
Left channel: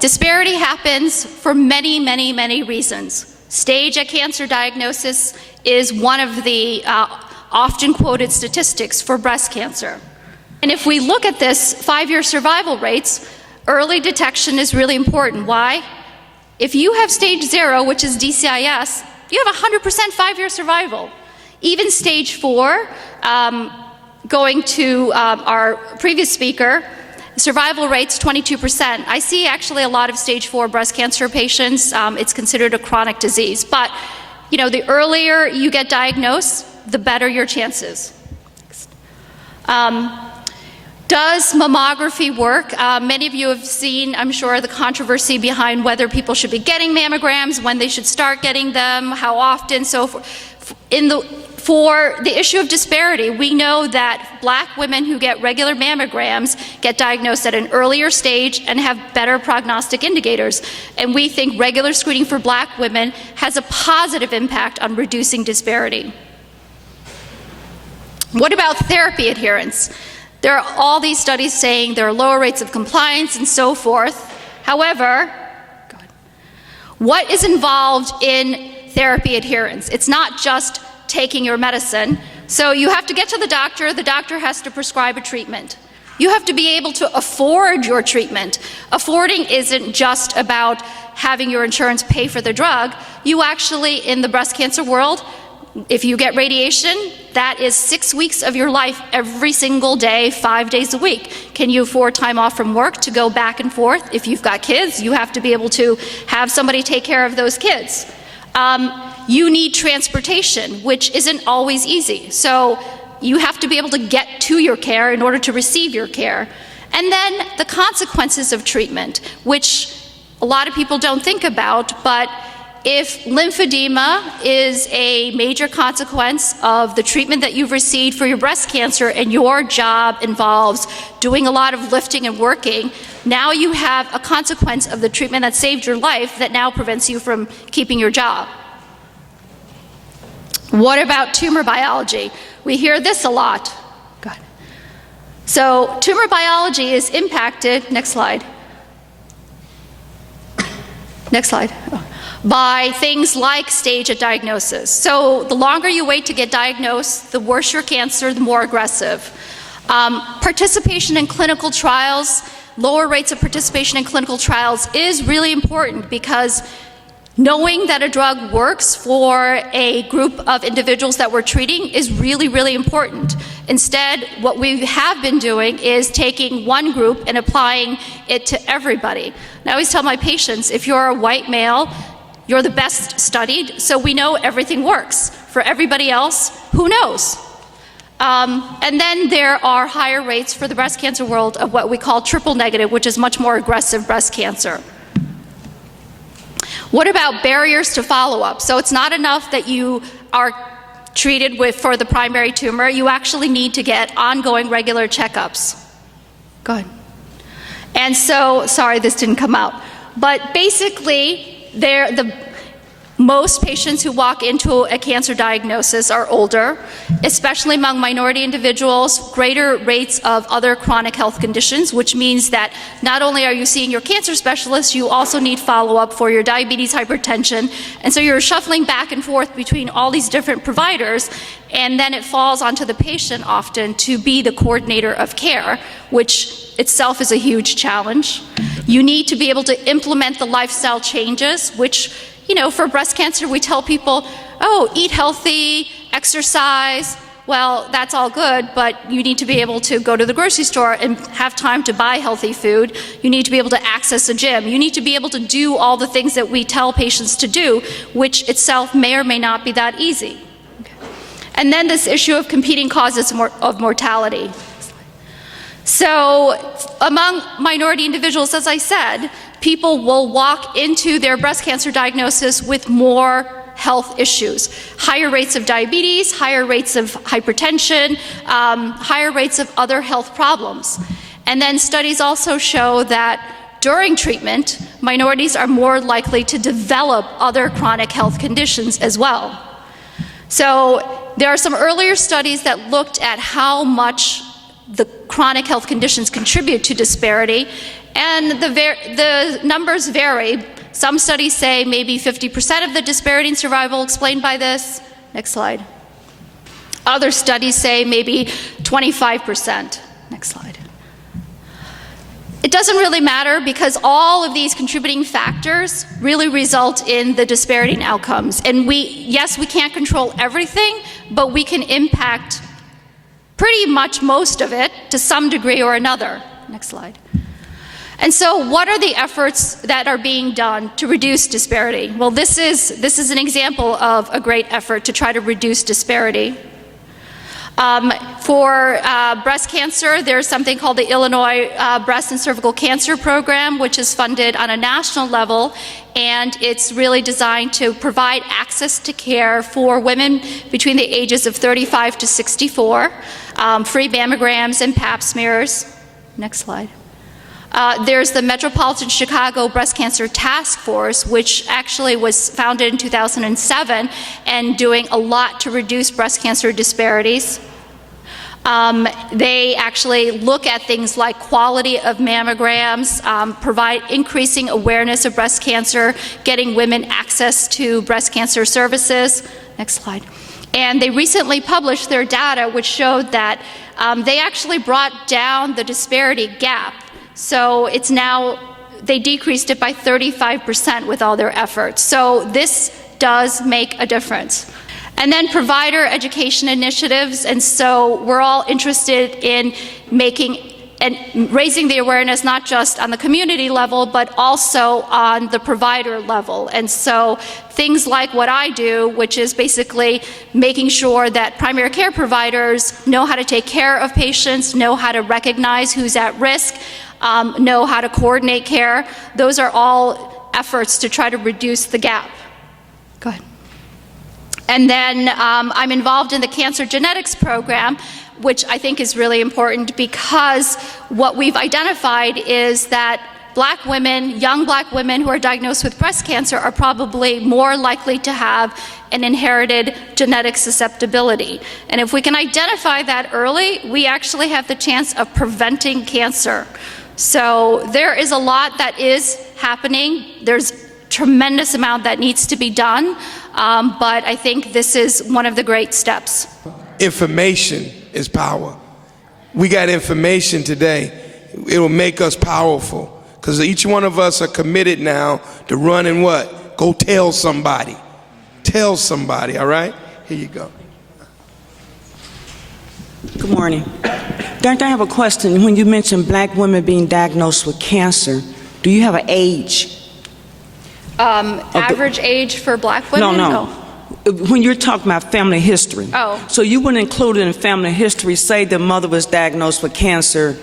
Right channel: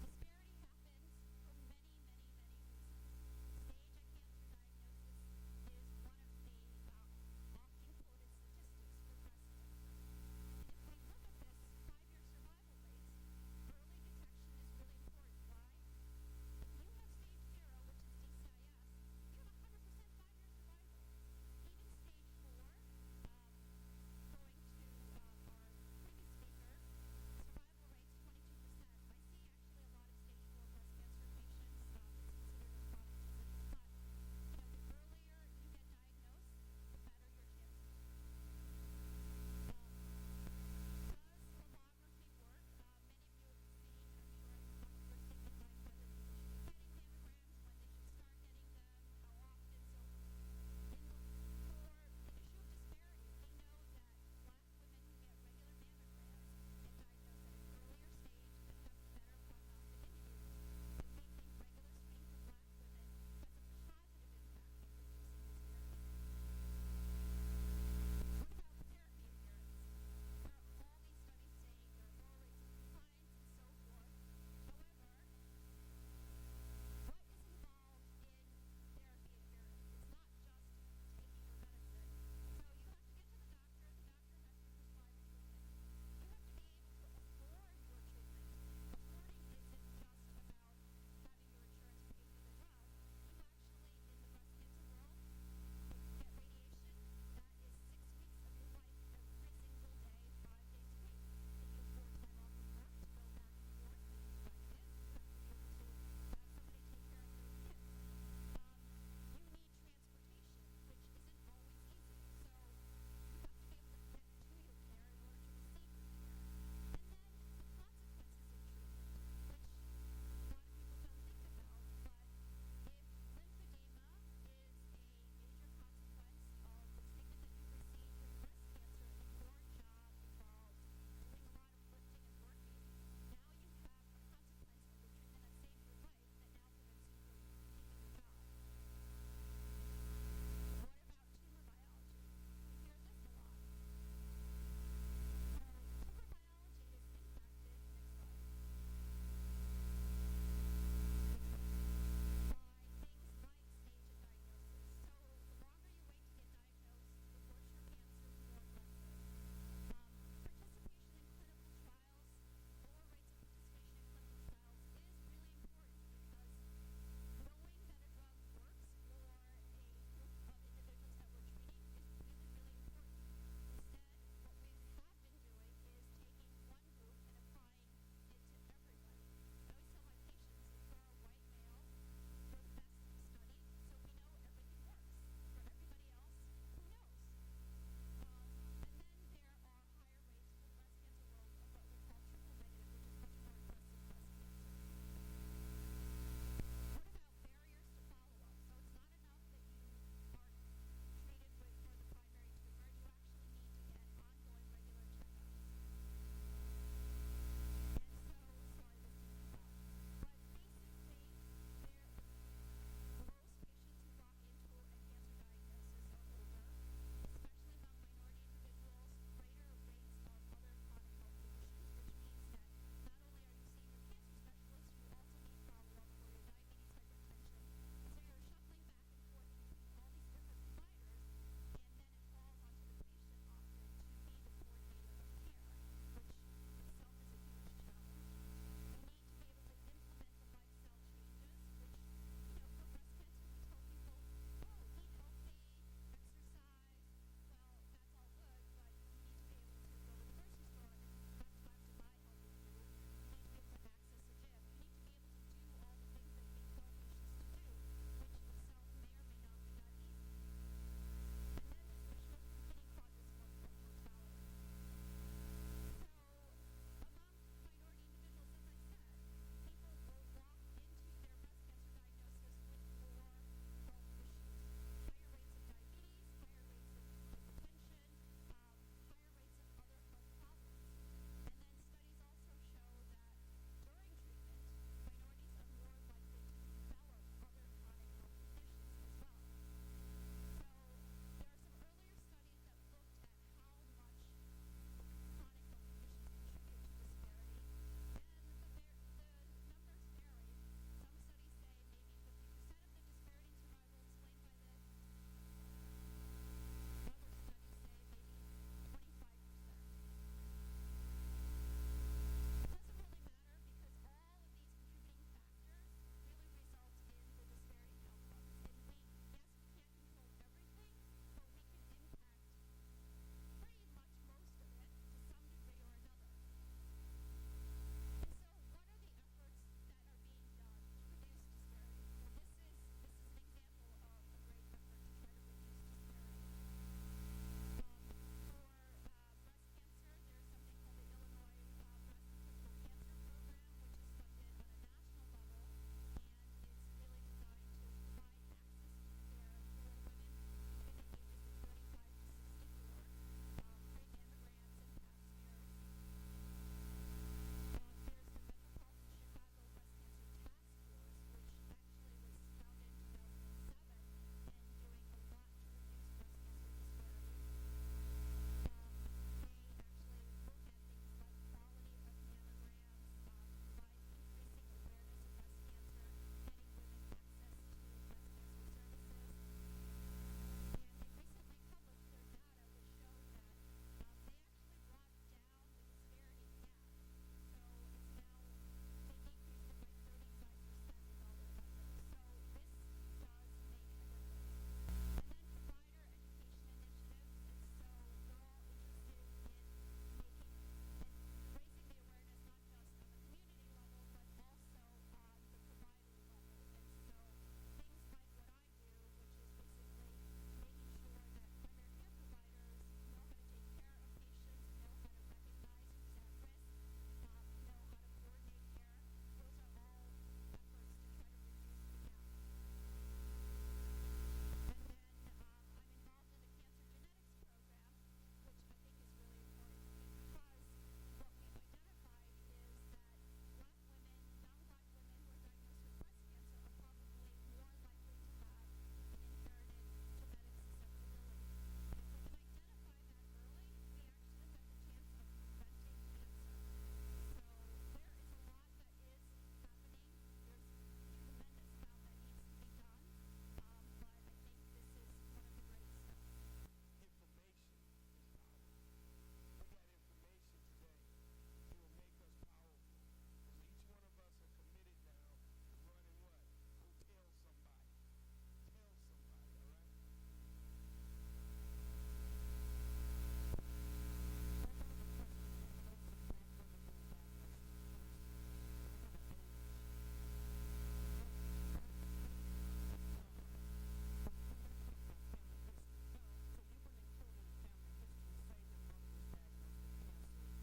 Disparity happens for many reasons. Stage at cancer diagnosis is one of the often quoted statistics for breast cancer. And if we look at this 5-year survival rates, early detection is really important. Why? If you have stage 0, which is DCIS, you have 100% 5-year survival. Even stage 4, going to our previous speaker, Survival rate's 22%. I see actually a lot of stage 4 breast cancer patients. It's considered a chronic disease. But, you know, the earlier you get diagnosed, the better your chances. Does mammography work? Many of you have seen, I'm sure, the controversy behind whether people should be getting mammograms, when they should start getting them, how often, so forth. For the issue of disparity, we know that black women who get regular mammograms get diagnosed at an earlier stage and have better prognostic indicators. And we think regular screening for black women has a positive impact on reducing disparity. What about therapy adherence? There are all these studies saying there are lower rates of compliance and so forth. However, what is involved in therapy adherence? It's not just taking your medicine. So you have to get to the doctor has to prescribe a treatment. You have to be able to afford your treatment. Affording isn't just about having your insurance pay for the drug. You actually, in the breast cancer world, if you get radiation, that is 6 weeks of your life every single day, 5 days a week. Can you afford time off from work to go back and forth? If you've got kids, you have to be able to have somebody take care of those kids. You need transportation, which isn't always easy. So you have to be able to get to your care in order to receive your care. And then the consequences of treatment, which a lot of people don't think about, but if lymphedema is a major consequence of the treatment that you've received for your breast cancer and your job involves doing a lot of lifting and working, now you have a consequence of the treatment that saved your life that now prevents you from keeping your job. What about tumor biology? We hear this a lot. Good. So tumor biology is impacted, next slide. Next slide. By things like stage of diagnosis. So the longer you wait to get diagnosed, the worse your cancer, the more aggressive. Participation in clinical trials, lower rates of participation in clinical trials is really important because knowing that a drug works for a group of individuals that we're treating is really, really important. Instead, what we have been doing is taking one group and applying it to everybody. And I always tell my patients, if you're a white male, you're the best studied, so we know everything works. For everybody else, who knows? And then there are higher rates for the breast cancer world of what we call triple negative, which is much more aggressive breast cancer. What about barriers to follow-up? So it's not enough that you are treated for the primary tumor. You actually need to get ongoing regular checkups. Go ahead. And so, sorry, this didn't come out. But basically, most patients who walk into a cancer diagnosis are older, especially among minority individuals, greater rates of other chronic health conditions, which means that not only are you seeing your cancer specialist, you also need follow-up for your diabetes, hypertension, and so you're shuffling back and forth between all these different providers, and then it falls onto the patient often to be the coordinator of care, which itself is a huge challenge. You need to be able to implement the lifestyle changes, which, you know, for breast cancer, we tell people, oh, eat healthy, exercise. Well, that's all good, but you need to be able to go to the grocery store and have time to buy healthy food. You need to be able to access a gym. You need to be able to do all the things that we tell patients to do, which itself may or may not be that easy. Okay. And then this issue of competing causes of mortality. So among minority individuals, as I said, people will walk into their breast cancer diagnosis with more health issues. Higher rates of diabetes, higher rates of hypertension, higher rates of other health problems. And then studies also show that during treatment, minorities are more likely to develop other chronic health conditions as well. So there are some earlier studies that looked at how much the chronic health conditions contribute to disparity, and the numbers vary. Some studies say maybe 50% of the disparity in survival explained by this. Next slide. Other studies say maybe 25%. Next slide. It doesn't really matter because all of these contributing factors really result in the disparity in outcomes. And yes, we can't control everything, but we can impact pretty much most of it to some degree or another. Next slide. And so what are the efforts that are being done to reduce disparity? Well, this is an example of a great effort to try to reduce disparity. For breast cancer, there's something called the Illinois Breast and Cervical Cancer Program, which is funded on a national level, and it's really designed to provide access to care for women between the ages of 35 to 64, free mammograms and pap smears. Next slide. There's the Metropolitan Chicago Breast Cancer Task Force, which actually was founded in 2007 and doing a lot to reduce breast cancer disparities. They actually look at things like quality of mammograms, provide increasing awareness of breast cancer, getting women access to breast cancer services. Next slide. And they recently published their data, which showed that they actually brought down the disparity gap. So it's now, they decreased it by 35% with all their efforts. So this does make a difference. And then provider education initiatives, and so we're all interested in making and raising the awareness not just on the community level, but also on the provider level. And so things like what I do, which is basically making sure that primary care providers know how to take care of patients, know how to recognize who's at risk, know how to coordinate care. Those are all efforts to try to reduce the gap. Go ahead. And then I'm involved in the Cancer Genetics Program, which I think is really important because what we've identified is that Black women, young Black women who are diagnosed with breast cancer are probably more likely to have an inherited genetic susceptibility. And if we can identify that early, we actually have the chance of preventing cancer. So there is a lot that is happening. There's tremendous amount that needs to be done, but I think this is one of the great steps. Information is power. We got information today. It will make us powerful because each one of us are committed now to run and what? Go tell somebody. Tell somebody, all right? Here you go. Good morning. Doctor, I have a question. When you mentioned Black women being diagnosed with cancer, do you have an age? Average age for Black women? No. When you're talking about family history. Oh. So you would include in family history, say the mother was diagnosed with cancer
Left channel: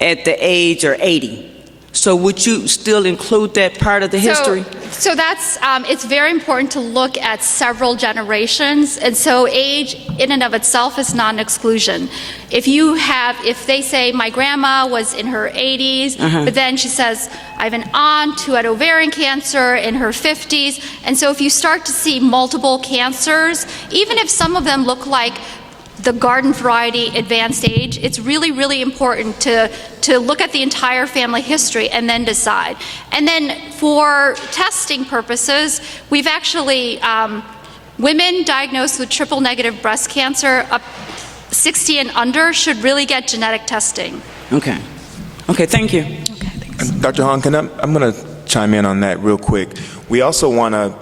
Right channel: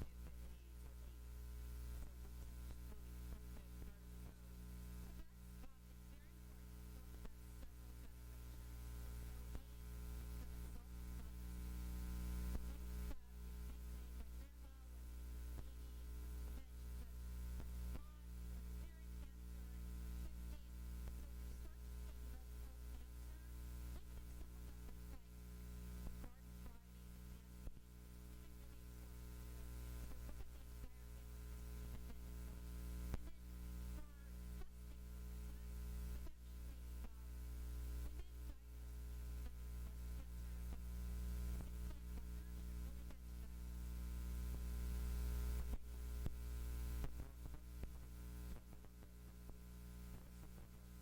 at the age of 80. So would you still include that part of the history? So that's, it's very important to look at several generations, and so age in and of itself is not an exclusion. If they say my grandma was in her 80s, but then she says, I have an aunt who had ovarian cancer in her 50s, and so if you start to see multiple cancers, even if some of them look like the garden variety advanced age, it's really, really important to look at the entire family history and then decide. And then for testing purposes, we've actually, women diagnosed with triple negative breast cancer up 60 and under should really get genetic testing. Okay, thank you. Okay, thanks. Dr. Hahn, I'm going to chime in on that real quick. We also want to,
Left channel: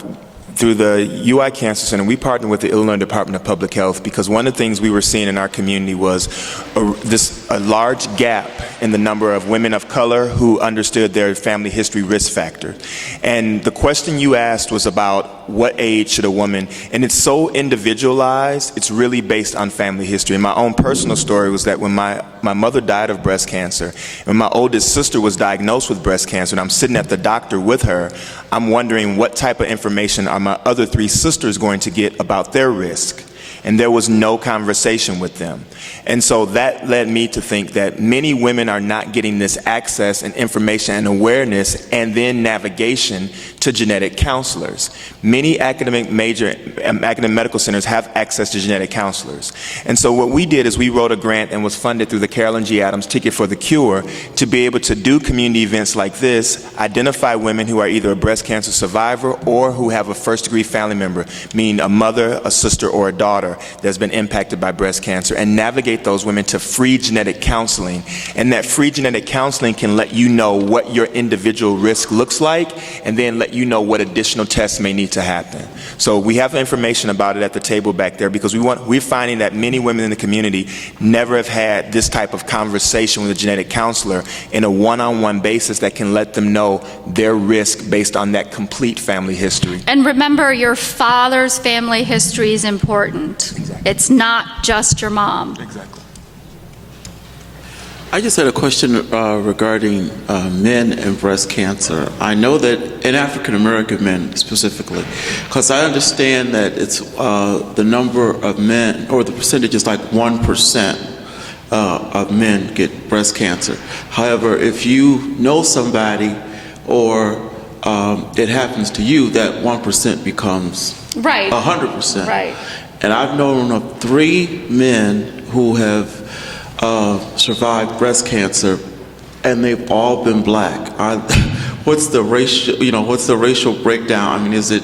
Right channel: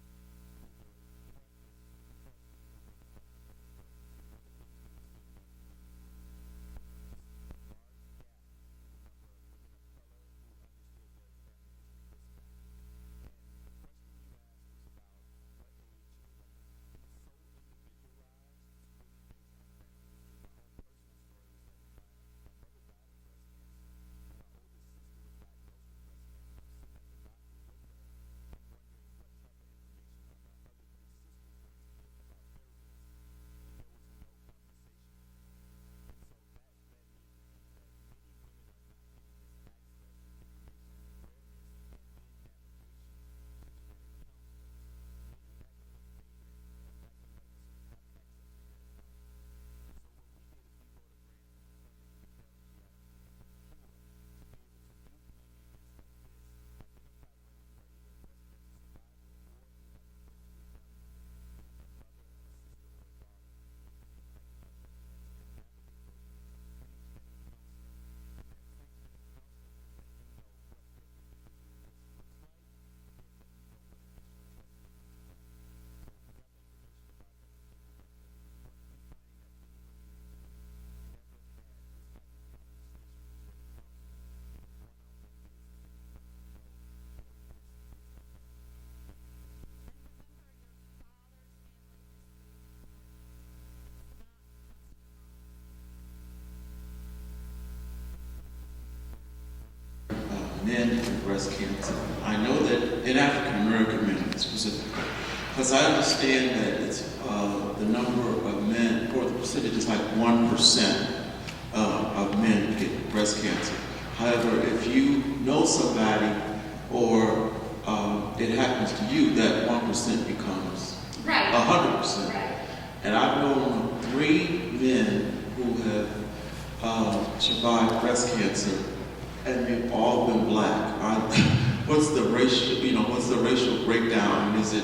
through the UI Cancer Center, we partner with the Illinois Department of Public Health because one of the things we were seeing in our community was a large gap in the number of women of color who understood their family history risk factor. And the question you asked was about what age should a woman, and it's so individualized, it's really based on family history. And my own personal story was that when my mother died of breast cancer, and my oldest sister was diagnosed with breast cancer, and I'm sitting at the doctor with her, I'm wondering what type of information are my other three sisters going to get about their risk? And there was no conversation with them. And so that led me to think that many women are not getting this access and information and awareness and then navigation to genetic counselors. Many academic medical centers have access to genetic counselors. And so what we did is we wrote a grant and was funded through the Carolyn G. Adams Ticket for the Cure to be able to do community events like this, identify women who are either a breast cancer survivor or who have a first-degree family member, meaning a mother, a sister, or a daughter, daughter that's been impacted by breast cancer and navigate those women to free genetic counseling. And that free genetic counseling can let you know what your individual risk looks like and then let you know what additional tests may need to happen. So we have information about it at the table back there because we're finding that many women in the community never have had this type of conversation with a genetic counselor in a one-on-one basis that can let them know their risk based on that complete family history. And remember, your father's family history is important. Exactly. It's not just your mom. Exactly. I just had a question regarding men and breast cancer. I know that in African American men specifically, because I understand that it's the number of men, or the percentage is like 1% of men get breast cancer. However, if you know somebody or it happens to you, that 1% becomes Right. 100%. Right. And I've known of 3 men who have survived breast cancer, and they've all been black. What's the racial, what's the racial breakdown? I mean, is it,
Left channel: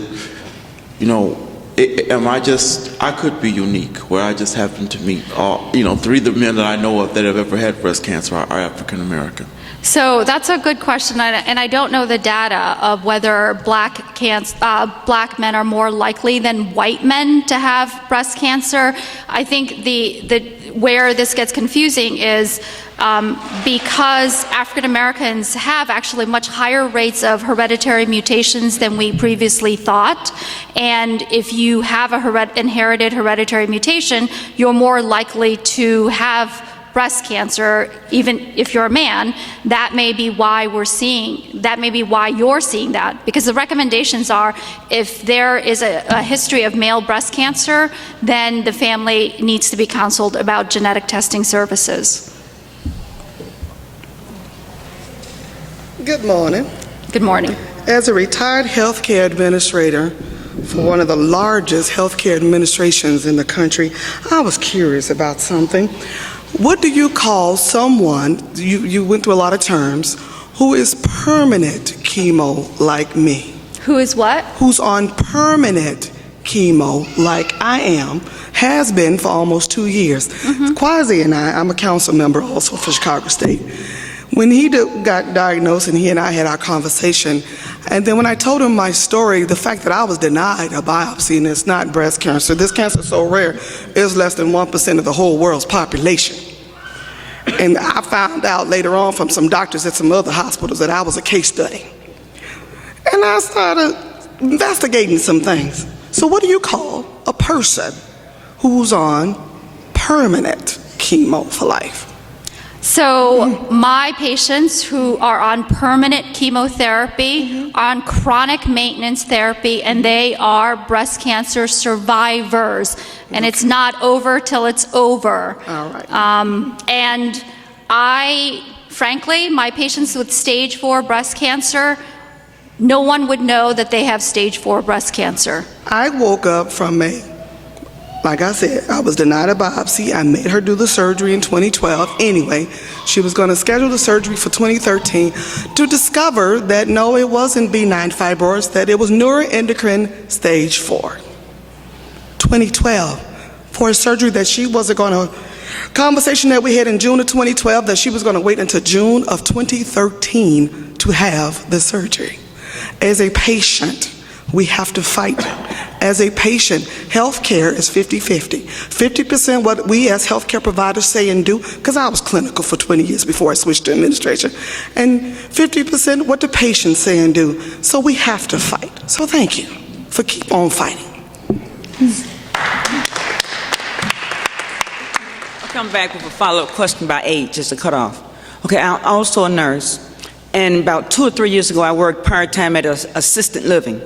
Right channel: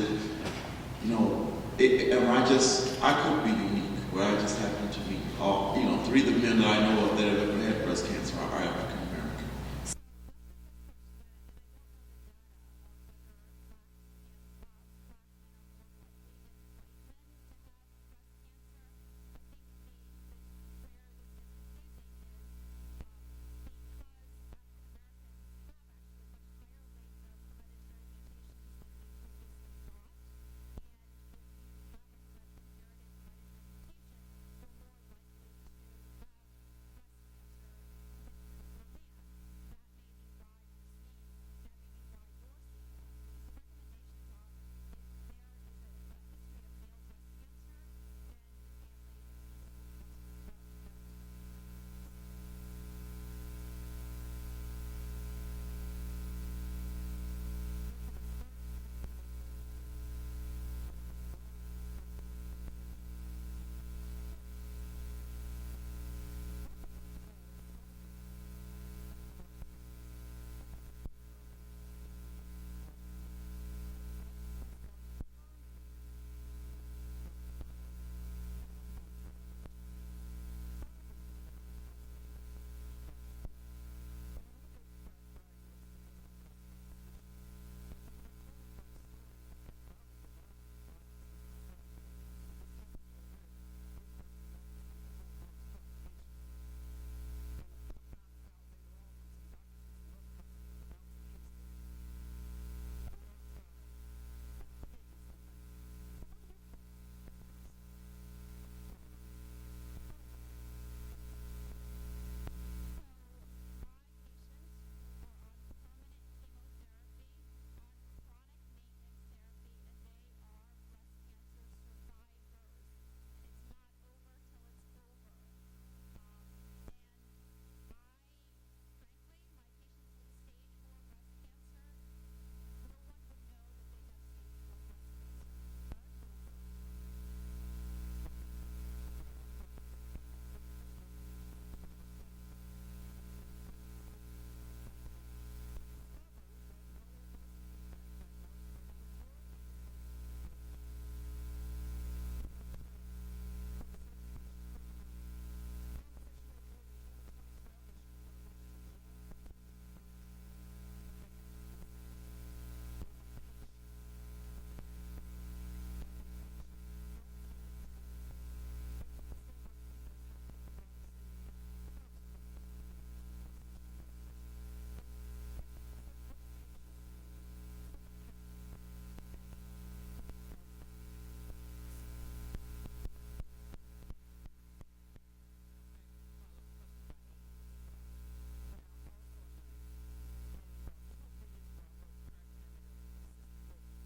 I could be unique, where I just happen to meet all, 3 of the men that I know of that have ever had breast cancer are African American. So that's a good question, and I don't know the data of whether black men are more likely than white men to have breast cancer. I think where this gets confusing is because African Americans have actually much higher rates of hereditary mutations than we previously thought, and if you have a inherited hereditary mutation, you're more likely to have breast cancer, even if you're a man. That may be why you're seeing that, because the recommendations are if there is a history of male breast cancer, then the family needs to be counseled about genetic testing services. Good morning. Good morning. As a retired healthcare administrator for one of the largest healthcare administrations in the country, I was curious about something. What do you call someone, you went through a lot of terms, who is permanent chemo like me? Who is what? Who's on permanent chemo like I am, has been for almost 2 years. Quasi and I'm a council member also for Chicago State. When he got diagnosed and he and I had our conversation, and then when I told him my story, the fact that I was denied a biopsy and it's not breast cancer, this cancer is so rare, it's less than 1% of the whole world's population. And I found out later on from some doctors at some other hospitals that I was a case study. And I started investigating some things. So what do you call a person who's on permanent chemo for life? So my patients who are on permanent chemotherapy are on chronic maintenance therapy, and they are breast cancer survivors. And it's not over till it's over. All right. And frankly, my patients with stage 4 breast cancer, no one would know that they have stage 4 breast cancer. I woke up from like I said, I was denied a biopsy. I made her do the surgery in 2012. Anyway, she was going to schedule the surgery for 2013 to discover that no, it wasn't benign fibroids, that it was neuroendocrine stage 4. 2012, for a surgery that she wasn't going to, conversation that we had in June of 2012 that she was going to wait until June of 2013 to have the surgery. As a patient, we have to fight. As a patient, health care is 50-50. 50% what we as healthcare providers say and do, because I was clinical for 20 years before I switched to administration, and 50% what the patients say and do. So we have to fight. So thank you for keep on fighting. I'll come back with a follow-up question about age, just to cut off. Okay, I'm also a nurse, and about 2 or 3 years ago, I worked part-time at assisted living.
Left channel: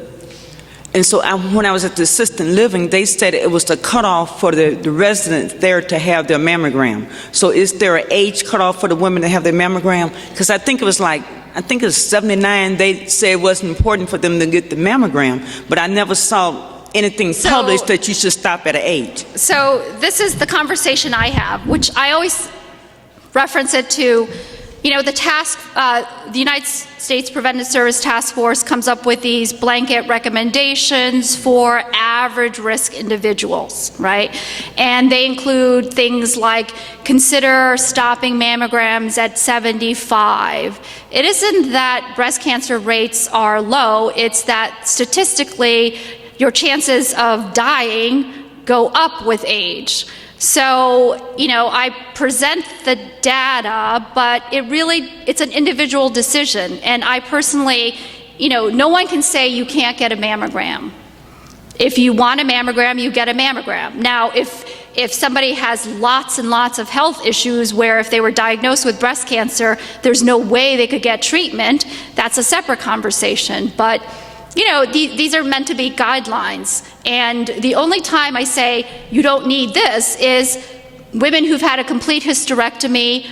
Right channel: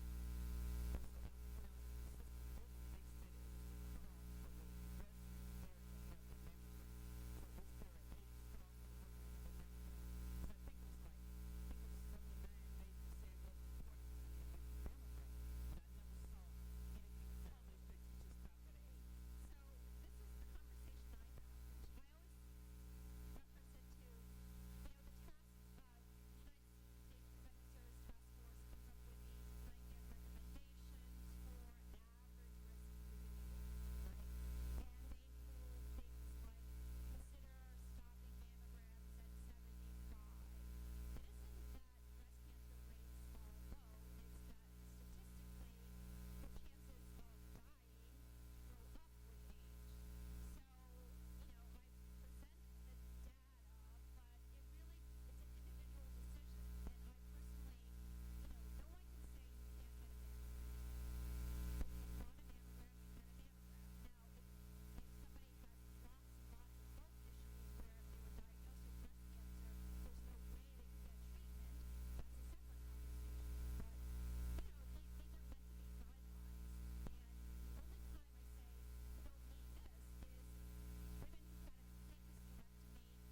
And so when I was at the assisted living, they said it was the cutoff for the residents there to have their mammogram. So is there an age cutoff for the women to have their mammogram? Because I think it was 79, they said it wasn't important for them to get the mammogram, but I never saw anything published that you should stop at an age. So this is the conversation I have, which I always reference it to the United States Preventive Service Task Force comes up with these blanket recommendations for average risk individuals, right? And they include things like consider stopping mammograms at 75. It isn't that breast cancer rates are low, it's that statistically your chances of dying go up with age. So, I present the data, but it's an individual decision. And I personally, no one can say you can't get a mammogram. If you want a mammogram, you get a mammogram. Now, if somebody has lots and lots of health issues where if they were diagnosed with breast cancer, there's no way they could get treatment, that's a separate conversation. But these are meant to be guidelines. And the only time I say you don't need this is women who've had a complete hysterectomy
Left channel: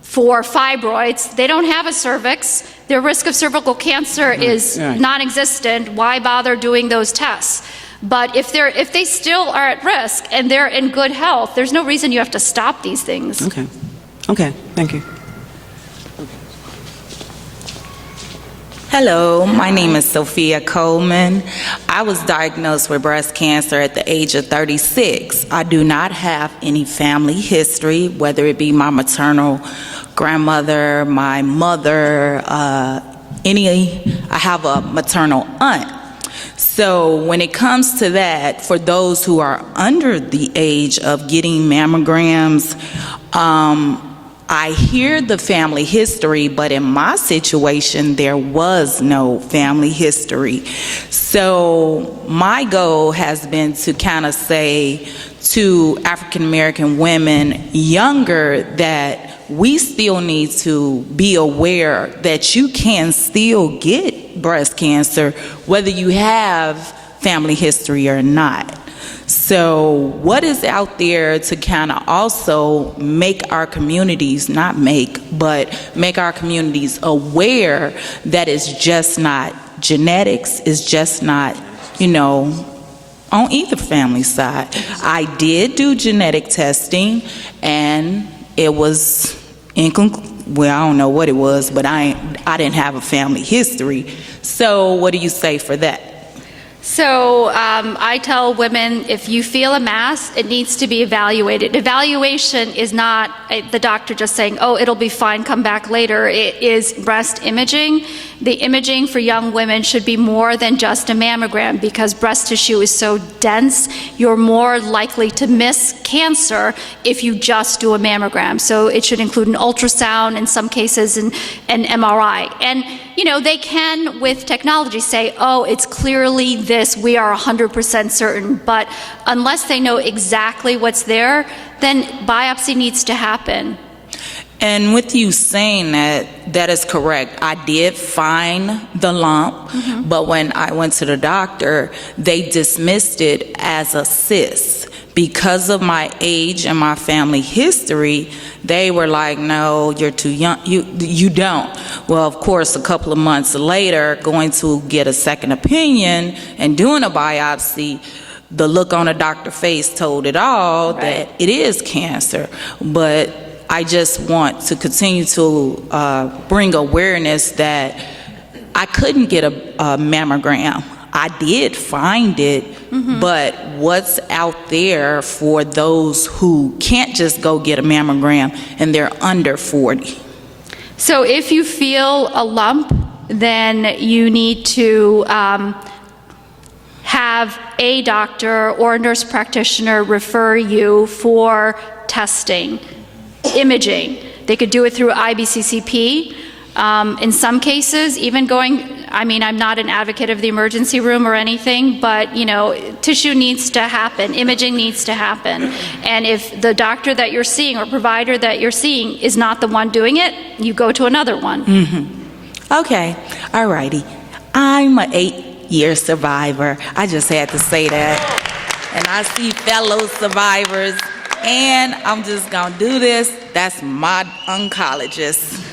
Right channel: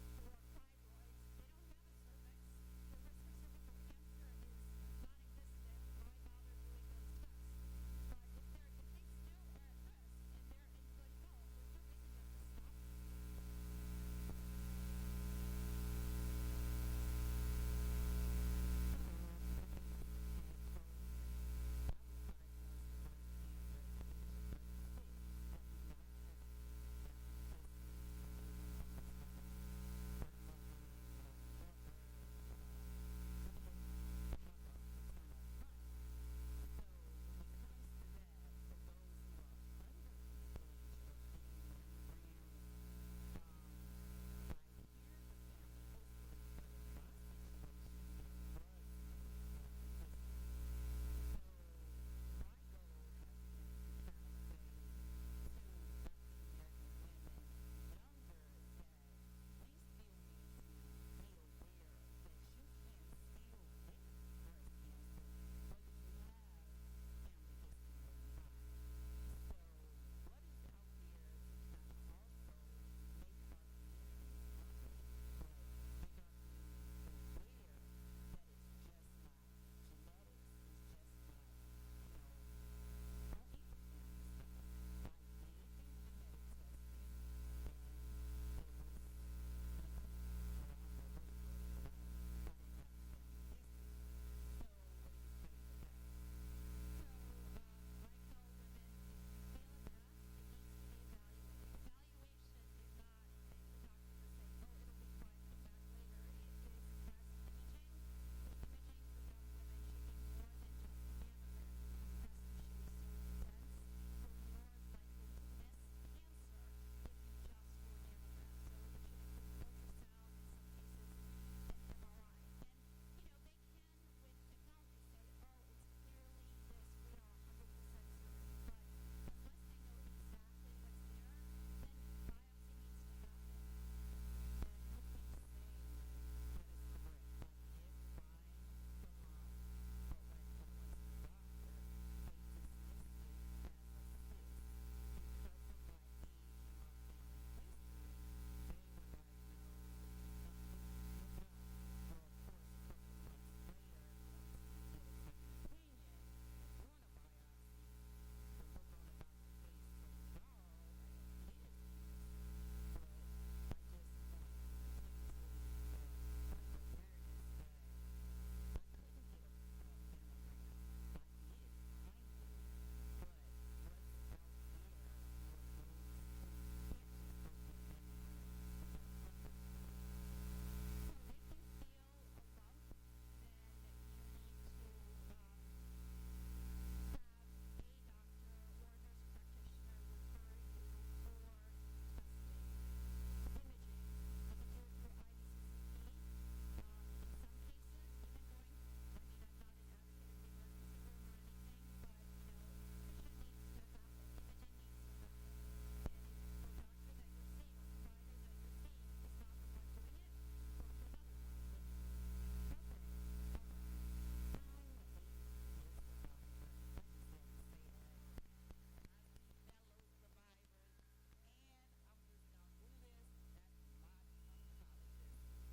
for fibroids. They don't have a cervix. Their risk of cervical cancer is non-existent. Why bother doing those tests? But if they still are at risk and they're in good health, there's no reason you have to stop these things. Okay, thank you. Hello, my name is Sophia Coleman. I was diagnosed with breast cancer at the age of 36. I do not have any family history, whether it be my maternal grandmother, my mother, I have a maternal aunt. So when it comes to that, for those who are under the age of getting mammograms, I hear the family history, but in my situation, there was no family history. So my goal has been to kind of say to African American women younger that we still need to be aware that you can still get breast cancer, whether you have family history or not. So what is out there to kind of also make our communities, make our communities aware that it's just not genetics, it's just not, on either family side. I did do genetic testing and it was I don't know what it was, but I didn't have a family history. So what do you say for that? So I tell women, if you feel a mass, it needs to be evaluated. Evaluation is not the doctor just saying, oh, it'll be fine, come back later. It is breast imaging. The imaging for young women should be more than just a mammogram because breast tissue is so dense, you're more likely to miss cancer if you just do a mammogram. So it should include an ultrasound, in some cases an MRI. And they can, with technology, say, oh, it's clearly this, we are 100% certain. But unless they know exactly what's there, then biopsy needs to happen. And with you saying that is correct. I did find the lump, but when I went to the doctor, they dismissed it as a cyst. Because of my age and my family history, they were like, no, you're too young, you don't. Well, of course, a couple of months later, going to get a second opinion and doing a biopsy, the look on the doctor's face told it all, that it is cancer. But I just want to continue to bring awareness that I couldn't get a mammogram. I did find it, but what's out there for those who can't just go get a mammogram and they're under 40? So if you feel a lump, then you need to have a doctor or a nurse practitioner refer you for testing, imaging. They could do it through IBCCP. In some cases, even I'm not an advocate of the emergency room or anything, but, tissue needs to happen, imaging needs to happen. And if the doctor that you're seeing or provider that you're seeing is not the one doing it, you go to another one. Okay, all righty. I'm an 8-year survivor. I just had to say that. And I see fellow survivors, and I'm just gonna do this. That's my oncologist.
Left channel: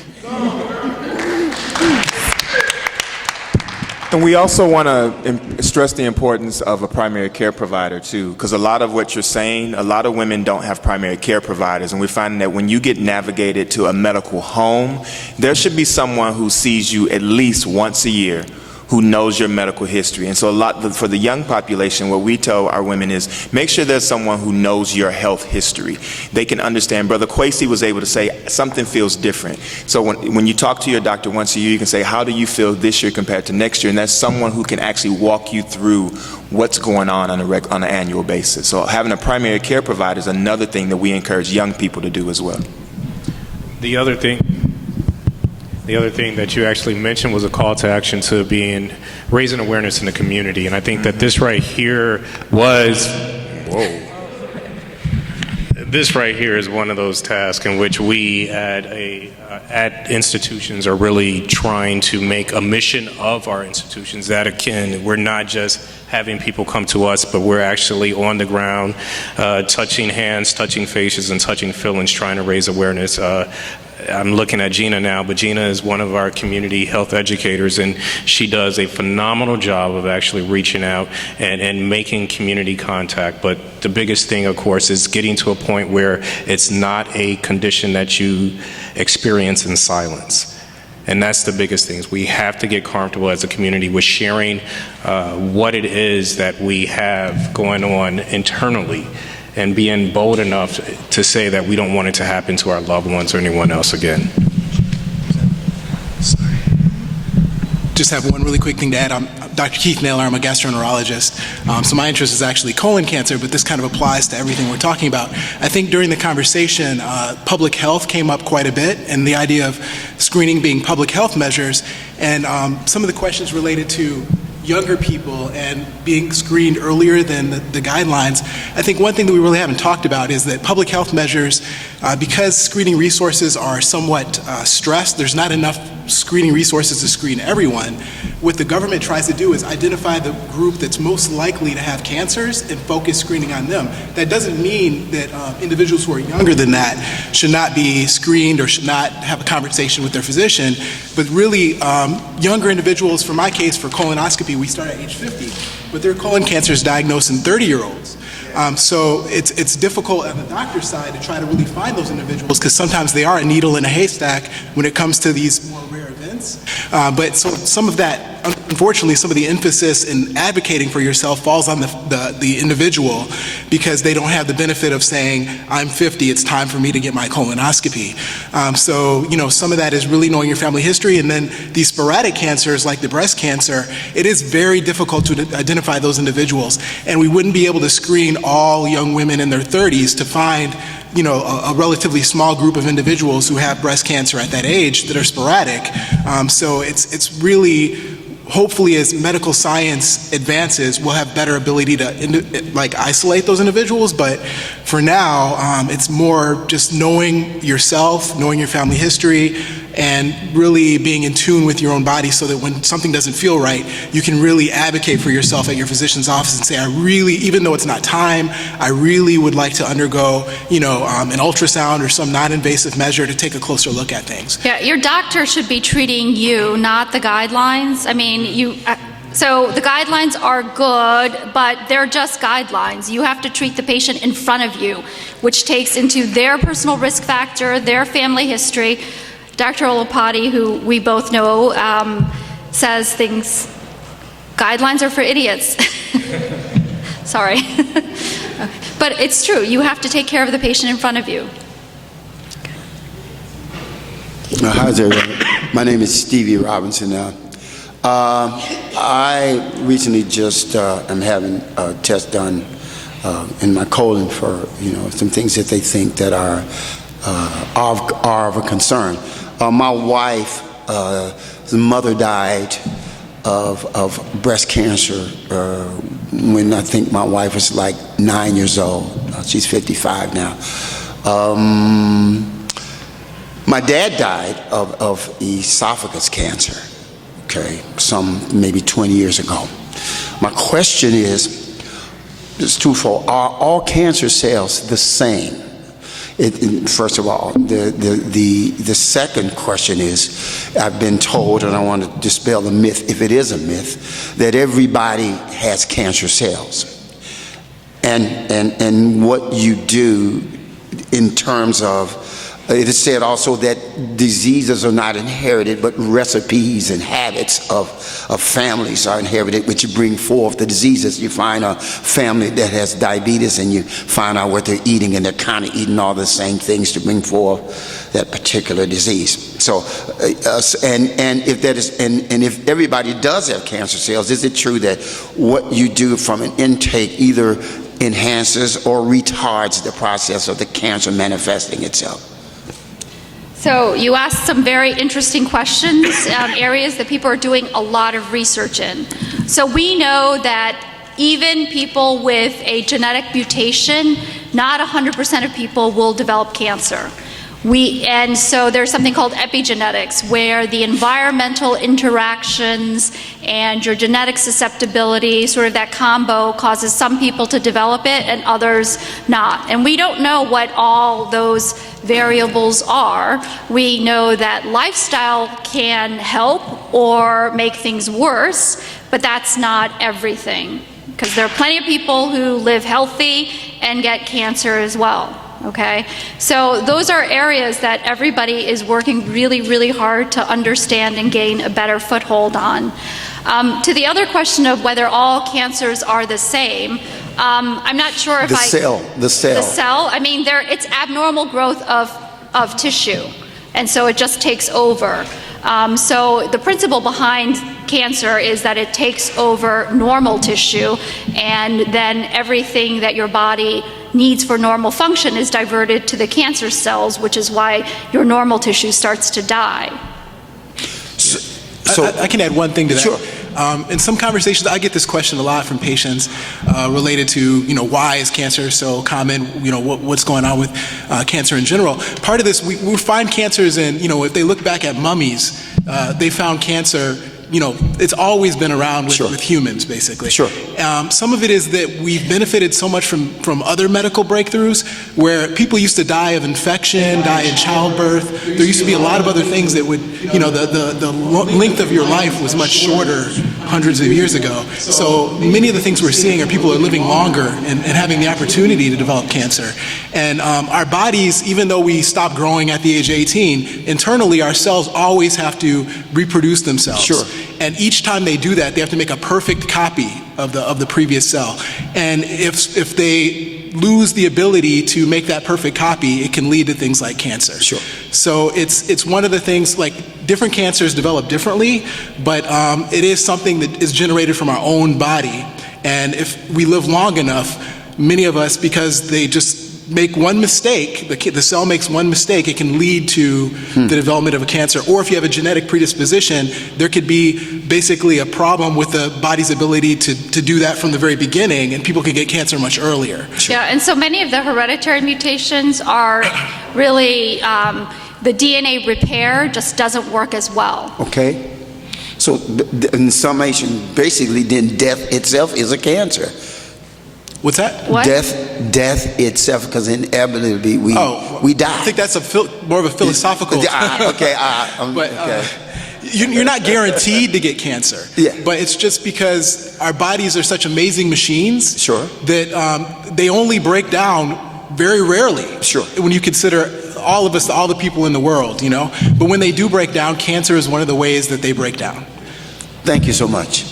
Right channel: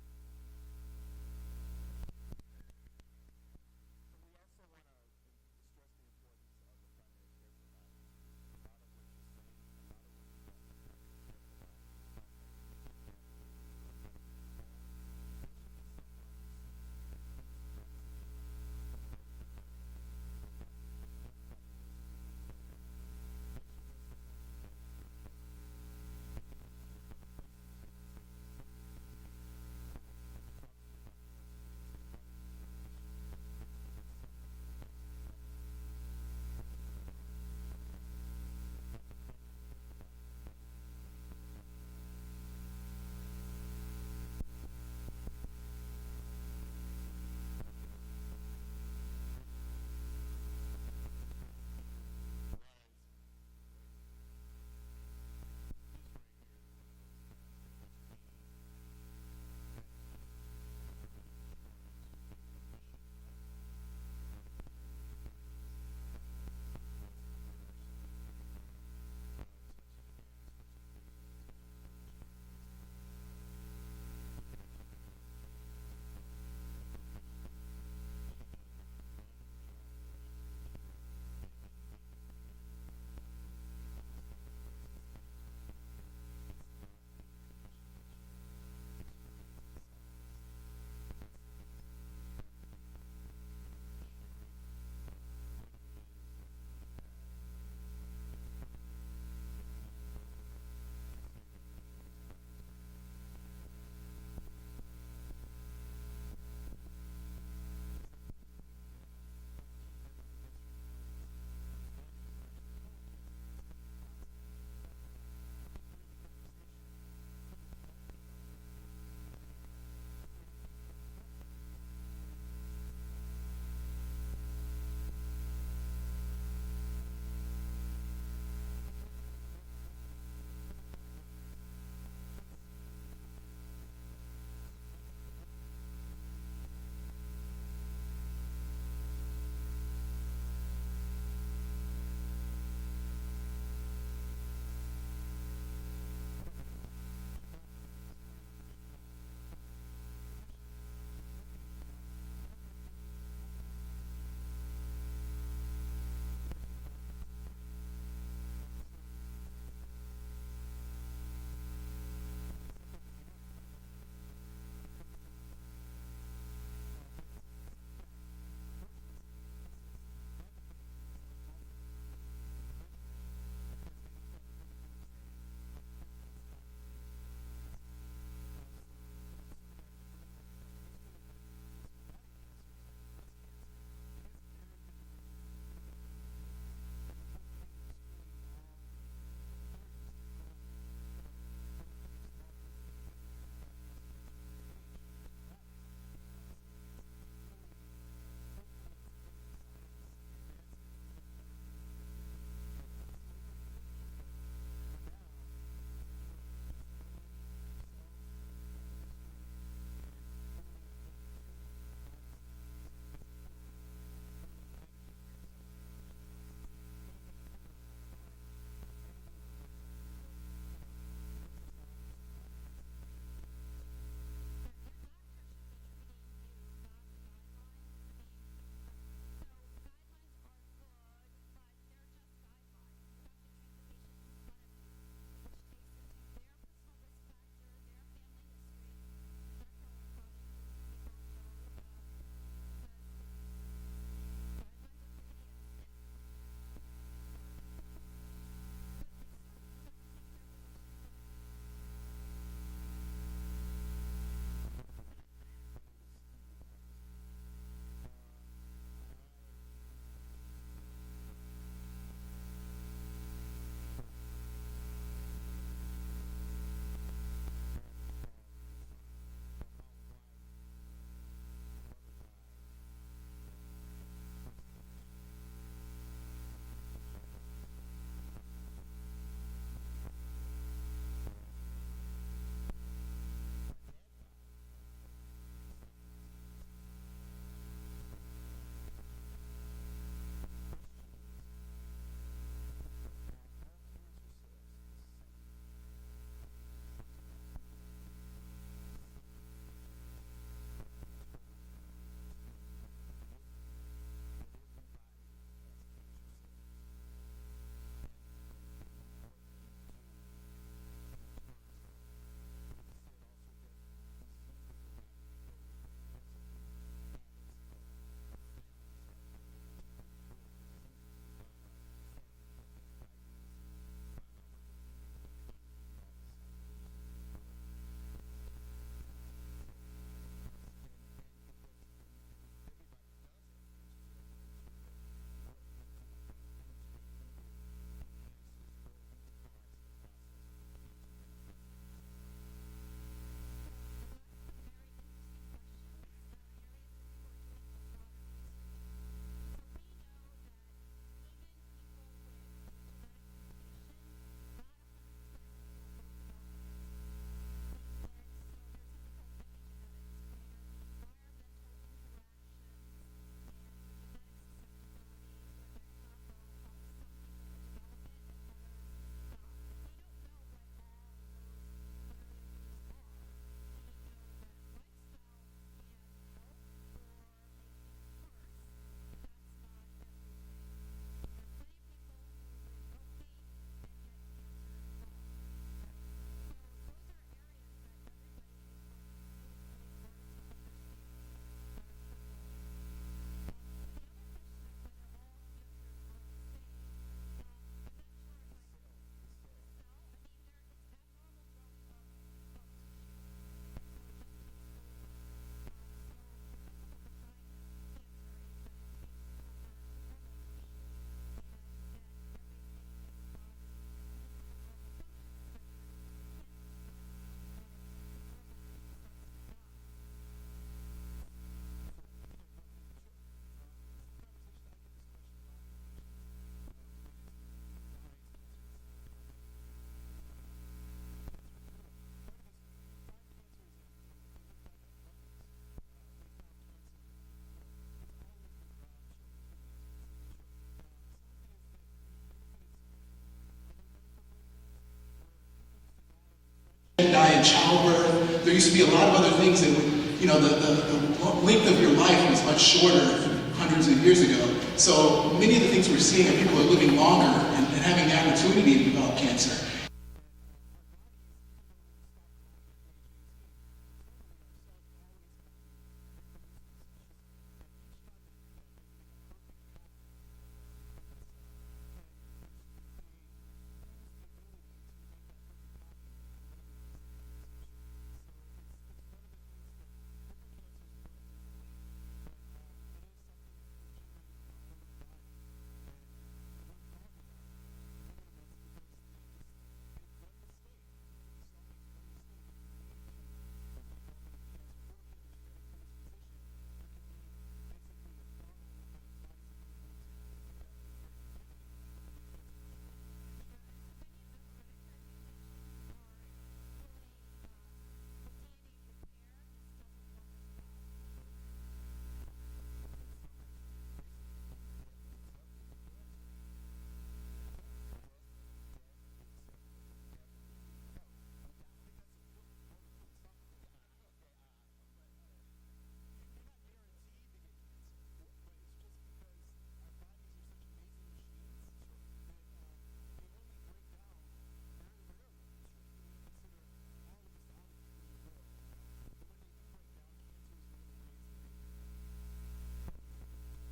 And we also want to stress the importance of a primary care provider too, because a lot of what you're saying, a lot of women don't have primary care providers, and we find that when you get navigated to a medical home, there should be someone who sees you at least once a year, who knows your medical history. And so for the young population, what we tell our women is make sure there's someone who knows your health history. They can understand. Brother Kwesi was able to say something feels different. So when you talk to your doctor once a year, you can say, how do you feel this year compared to next year? And that's someone who can actually walk you through what's going on an annual basis. So having a primary care provider is another thing that we encourage young people to do as well. The other thing that you actually mentioned was a call to action to raising awareness in the community. And I think that this right here is one of those tasks in which we at institutions are really trying to make a mission of our institutions that we're not just having people come to us, but we're actually on the ground, touching hands, touching faces, and touching feelings, trying to raise awareness. I'm looking at Gina now, but Gina is one of our community health educators, and she does a phenomenal job of actually reaching out and making community contact. But the biggest thing, of course, is getting to a point where it's not a condition that you experience in silence. And that's the biggest thing. Is we have to get comfortable as a community with sharing what it is that we have going on internally, and being bold enough to say that we don't want it to happen to our loved ones or anyone else again. Sorry. Just have one really quick thing to add. I'm Dr. Keith Naylor. I'm a gastroenterologist. So my interest is actually colon cancer, but this kind of applies to everything we're talking about. I think during the conversation, public health came up quite a bit, and the idea of screening being public health measures, and some of the questions related to younger people and being screened earlier than the guidelines. I think one thing that we really haven't talked about is that public health measures, because screening resources are somewhat stressed, there's not enough screening resources to screen everyone. What the government tries to do is identify the group that's most likely to have cancers and focus screening on them. That doesn't mean that individuals who are younger than that should not be screened or should not have a conversation with their physician, but really younger individuals, for my case, for colonoscopy, we start at age 50, but their colon cancer is diagnosed in 30-year-olds. So it's difficult on the doctor's side to try to really find those individuals, because sometimes they are a needle in a haystack when it comes to these more rare events. But so some of that, unfortunately, some of the emphasis in advocating for yourself falls on the individual, because they don't have the benefit of saying, I'm 50, it's time for me to get my colonoscopy. So, you know, some of that is really knowing your family history, and then these sporadic cancers like the breast cancer, it is very difficult to identify those individuals, and we wouldn't be able to screen all young women in their 30s to find, you know, a relatively small group of individuals who have breast cancer at that age that are sporadic. So it's really, hopefully as medical science advances, we'll have better ability to isolate those individuals, but for now, it's more just knowing yourself, knowing your family history, and really being in tune with your own body, so that when something doesn't feel right, you can really advocate for yourself at your physician's office and say, I really, even though it's not time, I really would like to undergo, you know, an ultrasound or some non-invasive measure to take a closer look at things. Yeah, your doctor should be treating you, not the guidelines. I mean, so the guidelines are good, but they're just guidelines. You have to treat the patient in front of you, which takes into their personal risk factor, their family history. Dr. Olopati, who we both know, says things, guidelines are for idiots. Sorry. But it's true. You have to take care of the patient in front of you. Hi there. My name is Stevie Robinson. I recently just am having a test done in my colon for, you know, some things that they think that are of a concern. My wife, the mother died of breast cancer when I think my wife was like 9 years old. She's 55 now. My dad died of esophagus cancer, okay, maybe 20 years ago. My question is twofold. Are all cancer cells the same? First of all, the second question is, I've been told, and I want to dispel the myth, if it is a myth, that everybody has cancer cells. And what you do in terms of, it is said also that diseases are not inherited, but recipes and habits of families are inherited, which bring forth the diseases. You find a family that has diabetes and you find out what they're eating, and they're kind of eating all the same things to bring forth that particular disease. So, and if that is, and if everybody does have cancer cells, is it true that what you do from an intake either enhances or retards the process of the cancer manifesting itself? So you asked some very interesting questions, areas that people are doing a lot of research in. So we know that even people with a genetic mutation, not 100% of people will develop cancer. And so there's something called epigenetics, where the environmental interactions and your genetic susceptibility, sort of that combo, causes some people to develop it and others not. And we don't know what all those variables are. We know that lifestyle can help or make things worse, but that's not everything, because there are plenty of people who live healthy and get cancer as well. Okay, so those are areas that everybody is working really, really hard to understand and gain a better foothold on. To the other question of whether all cancers are the same, I'm not sure if The cell. I mean, it's abnormal growth of tissue, and so it just takes over. So the principle behind cancer is that it takes over normal tissue, and then everything that your body needs for normal function is diverted to the cancer cells, which is why your normal tissue starts to die. So I can add one thing to that. Sure. In some conversations, I get this question a lot from patients related to, why is cancer so common? What's going on with cancer in general? Part of this, we find cancers in, if they look back at mummies, they found cancer. It's always been around with humans, basically. Sure. Some of it is that we've benefited so much from other medical breakthroughs, where people used to die of infection, die in childbirth. There used to be a lot of other things that would, the length of your life was much shorter hundreds of years ago. So many of the things we're seeing are people are living longer and having the opportunity to develop cancer. And our bodies, even though we stop growing at the age of 18, internally our cells always have to reproduce themselves. Sure. And each time they do that, they have to make a perfect copy of the previous cell. And if they lose the ability to make that perfect copy, it can lead to things like cancer. Sure. So it's one of the things, like, different cancers develop differently, but it is something that is generated from our own body. And if we live long enough, many of us, because they just make one mistake, the cell makes one mistake, it can lead to the development of a cancer. Or if you have a genetic predisposition, there could be basically a problem with the body's ability to do that from the very beginning, and people could get cancer much earlier. Yeah, and so many of the hereditary mutations are really, the DNA repair just doesn't work as well. Okay. So in summation, basically, then death itself is a cancer. What's that? What? Death itself, because inevitably we die. I think that's more of a philosophical. Okay. You're not guaranteed to get cancer. Yeah. But it's just because our bodies are such amazing machines. Sure. That they only break down very rarely. Sure. When you consider all of us, all the people in the world, But when they do break down, cancer is one of the ways that they break down. Thank you so much.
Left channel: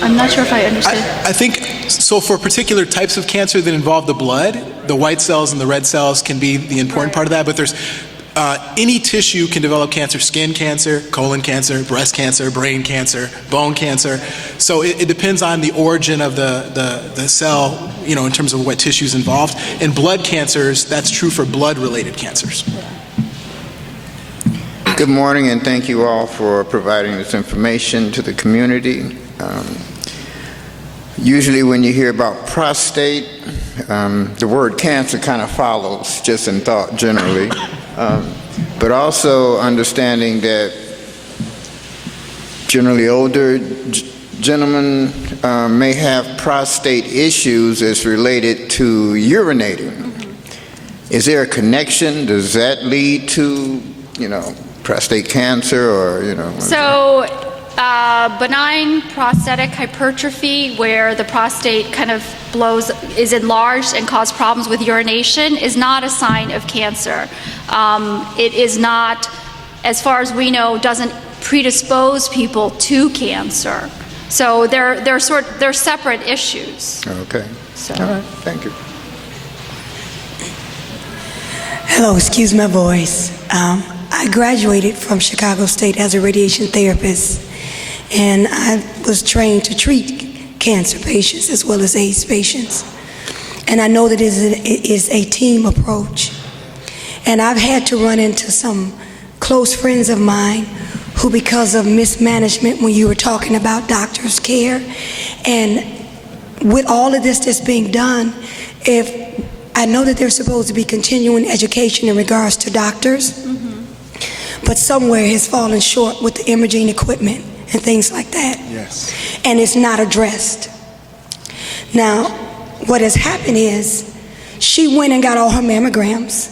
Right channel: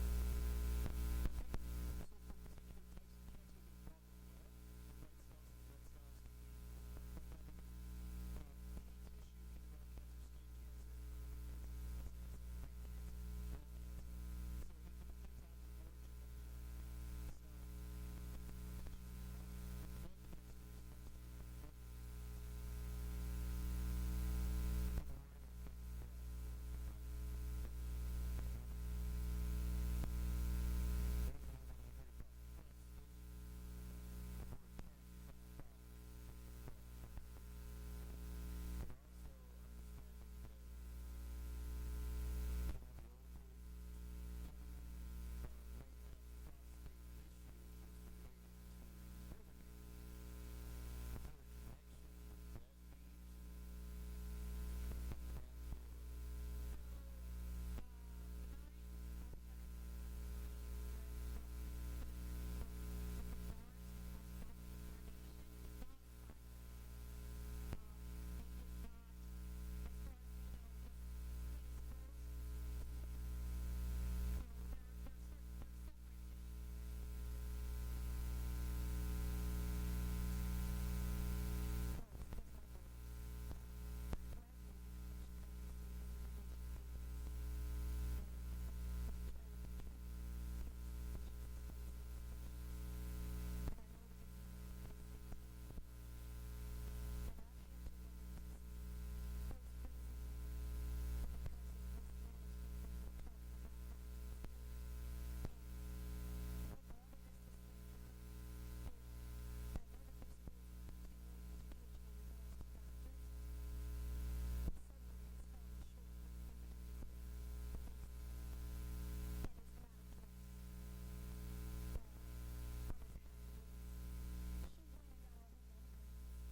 I'm not sure if I understood. I think, so for particular types of cancer that involve the blood, the white cells and the red cells can be the important part of that, but there's Any tissue can develop cancer: skin cancer, colon cancer, breast cancer, brain cancer, bone cancer. So it depends on the origin of the cell, you know, in terms of what tissue is involved. In blood cancers, that's true for blood-related cancers. Good morning, and thank you all for providing this information to the community. Usually when you hear about prostate, the word cancer kind of follows just in thought generally, but also understanding that generally older gentlemen may have prostate issues as related to urinating. Is there a connection? Does that lead to, you know, prostate cancer, or, you know? So benign prostatic hypertrophy, where the prostate kind of is enlarged and causes problems with urination, is not a sign of cancer. It is not, as far as we know, doesn't predispose people to cancer. So they're separate issues. Okay. So. All right. Thank you. Hello, excuse my voice. I graduated from Chicago State as a radiation therapist, and I was trained to treat cancer patients as well as AIDS patients. And I know that it is a team approach. And I've had to run into some close friends of mine who, because of mismanagement, when you were talking about doctors' care, and with all of this that's being done, I know that there's supposed to be continuing education in regards to doctors, but somewhere has fallen short with the imaging equipment and things like that. Yes. And it's not addressed. Now, what has happened is she went and got all her mammograms.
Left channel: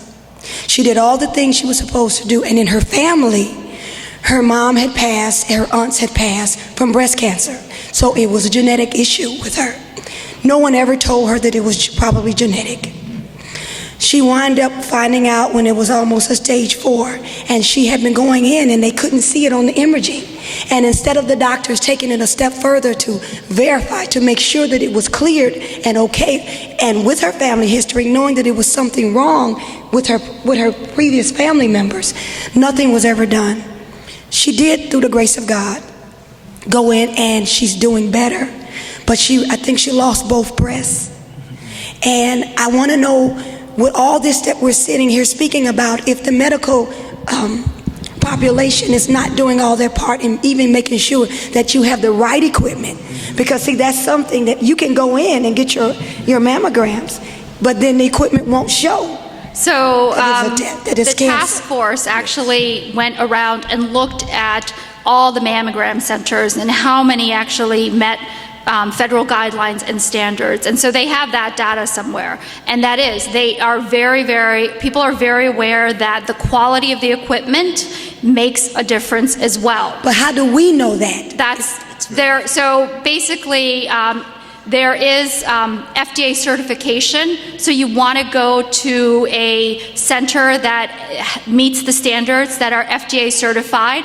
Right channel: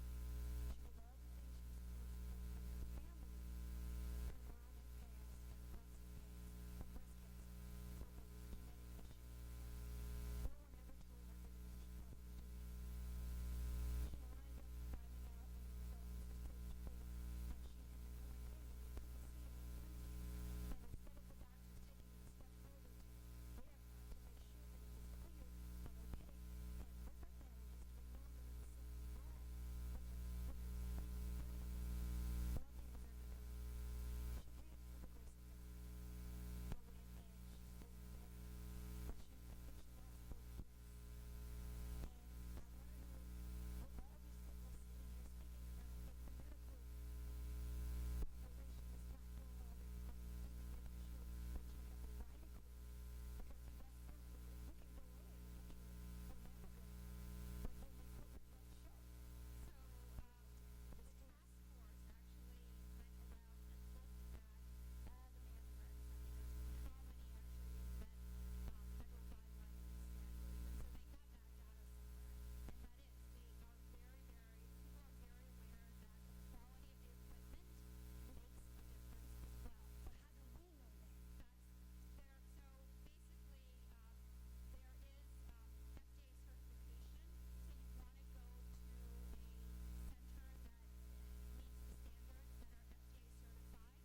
She did all the things she was supposed to do, and in her family, her mom had passed, her aunts had passed from breast cancer. So it was a genetic issue with her. No one ever told her that it was probably genetic. She wound up finding out when it was almost a stage 4, and she had been going in and they couldn't see it on the imaging. And instead of the doctors taking it a step further to verify, to make sure that it was cleared and okay, and with her family history, knowing that it was something wrong with her previous family members, nothing was ever done. She did, through the grace of God, go in, and she's doing better. But I think she lost both breasts. And I want to know, with all this that we're sitting here speaking about, if the medical population is not doing all their part in even making sure that you have the right equipment. Because see, that's something that you can go in and get your mammograms, but then the equipment won't show. So the task force actually went around and looked at all the mammogram centers and how many actually met federal guidelines and standards. And so they have that data somewhere. And that is, people are very aware that the quality of the equipment makes a difference as well. But how do we know that? That's there. So basically, there is FDA certification, so you want to go to a center that meets the standards that are FDA certified.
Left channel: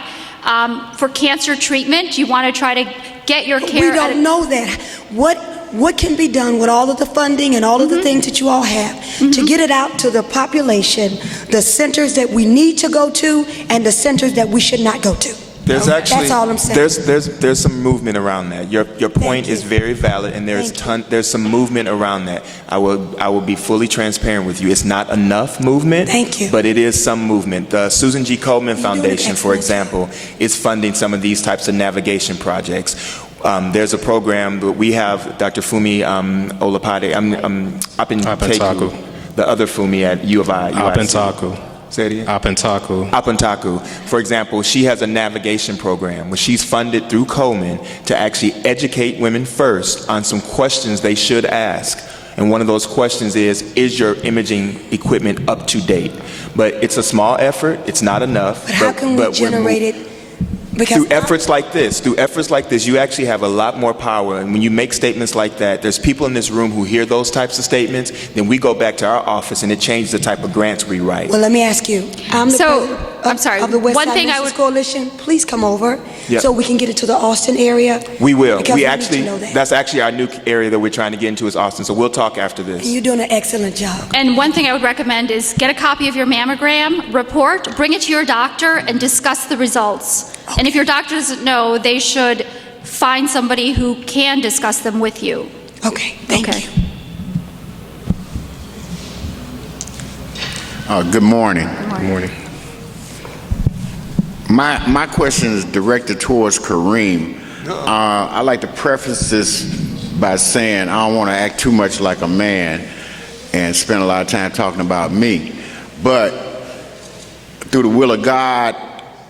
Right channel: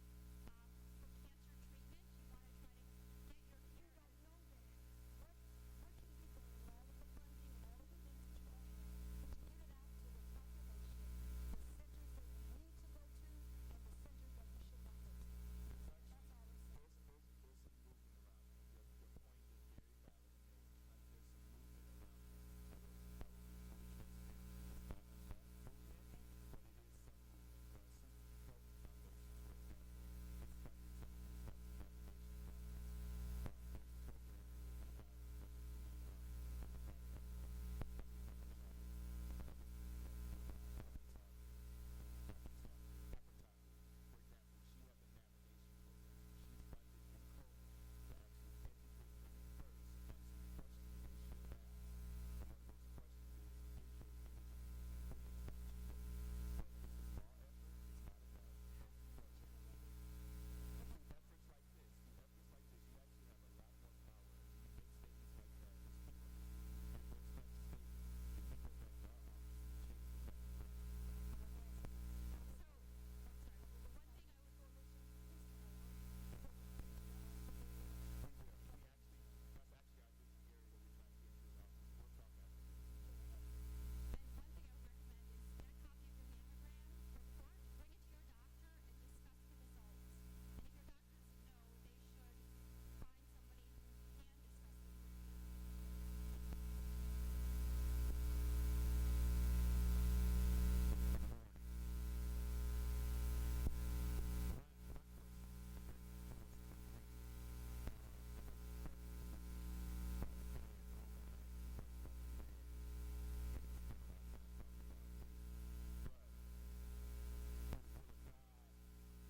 For cancer treatment, you want to try to get your care. We don't know that. What can be done with all of the funding and all of the things that you all have to get it out to the population, the centers that we need to go to and the centers that we should not go to? There's actually, that's all I'm saying. There's some movement around that. Your point is very valid, and there's some movement around that. I will be fully transparent with you. It's not enough movement. Thank you. But it is some movement. The Susan G. Komen Foundation, for example, is funding some of these types of navigation projects. There's a program that we have, Dr. Fumi Olapade, Apentaku, the other Fumi at U of I. Apentaku. Say it again? Apentaku. For example, she has a navigation program where she's funded through Komen to actually educate women first on some questions they should ask. And one of those questions is your imaging equipment up to date? But it's a small effort. It's not enough. But how can we generate it Because through efforts like this, you actually have a lot more power. And when you make statements like that, there's people in this room who hear those types of statements, then we go back to our office and it changes the type of grants we write. Well, let me ask you. I'm the So, president I'm sorry, of the West one Side thing I Nurses would- Coalition. Please come over Yep. so we can get it to the Austin area. We will. Because We need actually, to know that. that's actually our new area that we're trying to get into is Austin. So we'll talk after this. You're doing an excellent job. And one thing I would recommend is get a copy of your mammogram report, bring it to your doctor, and discuss the results. And if your doctor doesn't know, they should find somebody who can discuss them with you. Okay, thank Okay. you. Good morning. Good morning. My question is directed towards Kareem. I'd like to preface this by saying I don't want to act too much like a man and spend a lot of time talking about me. But through the will of God,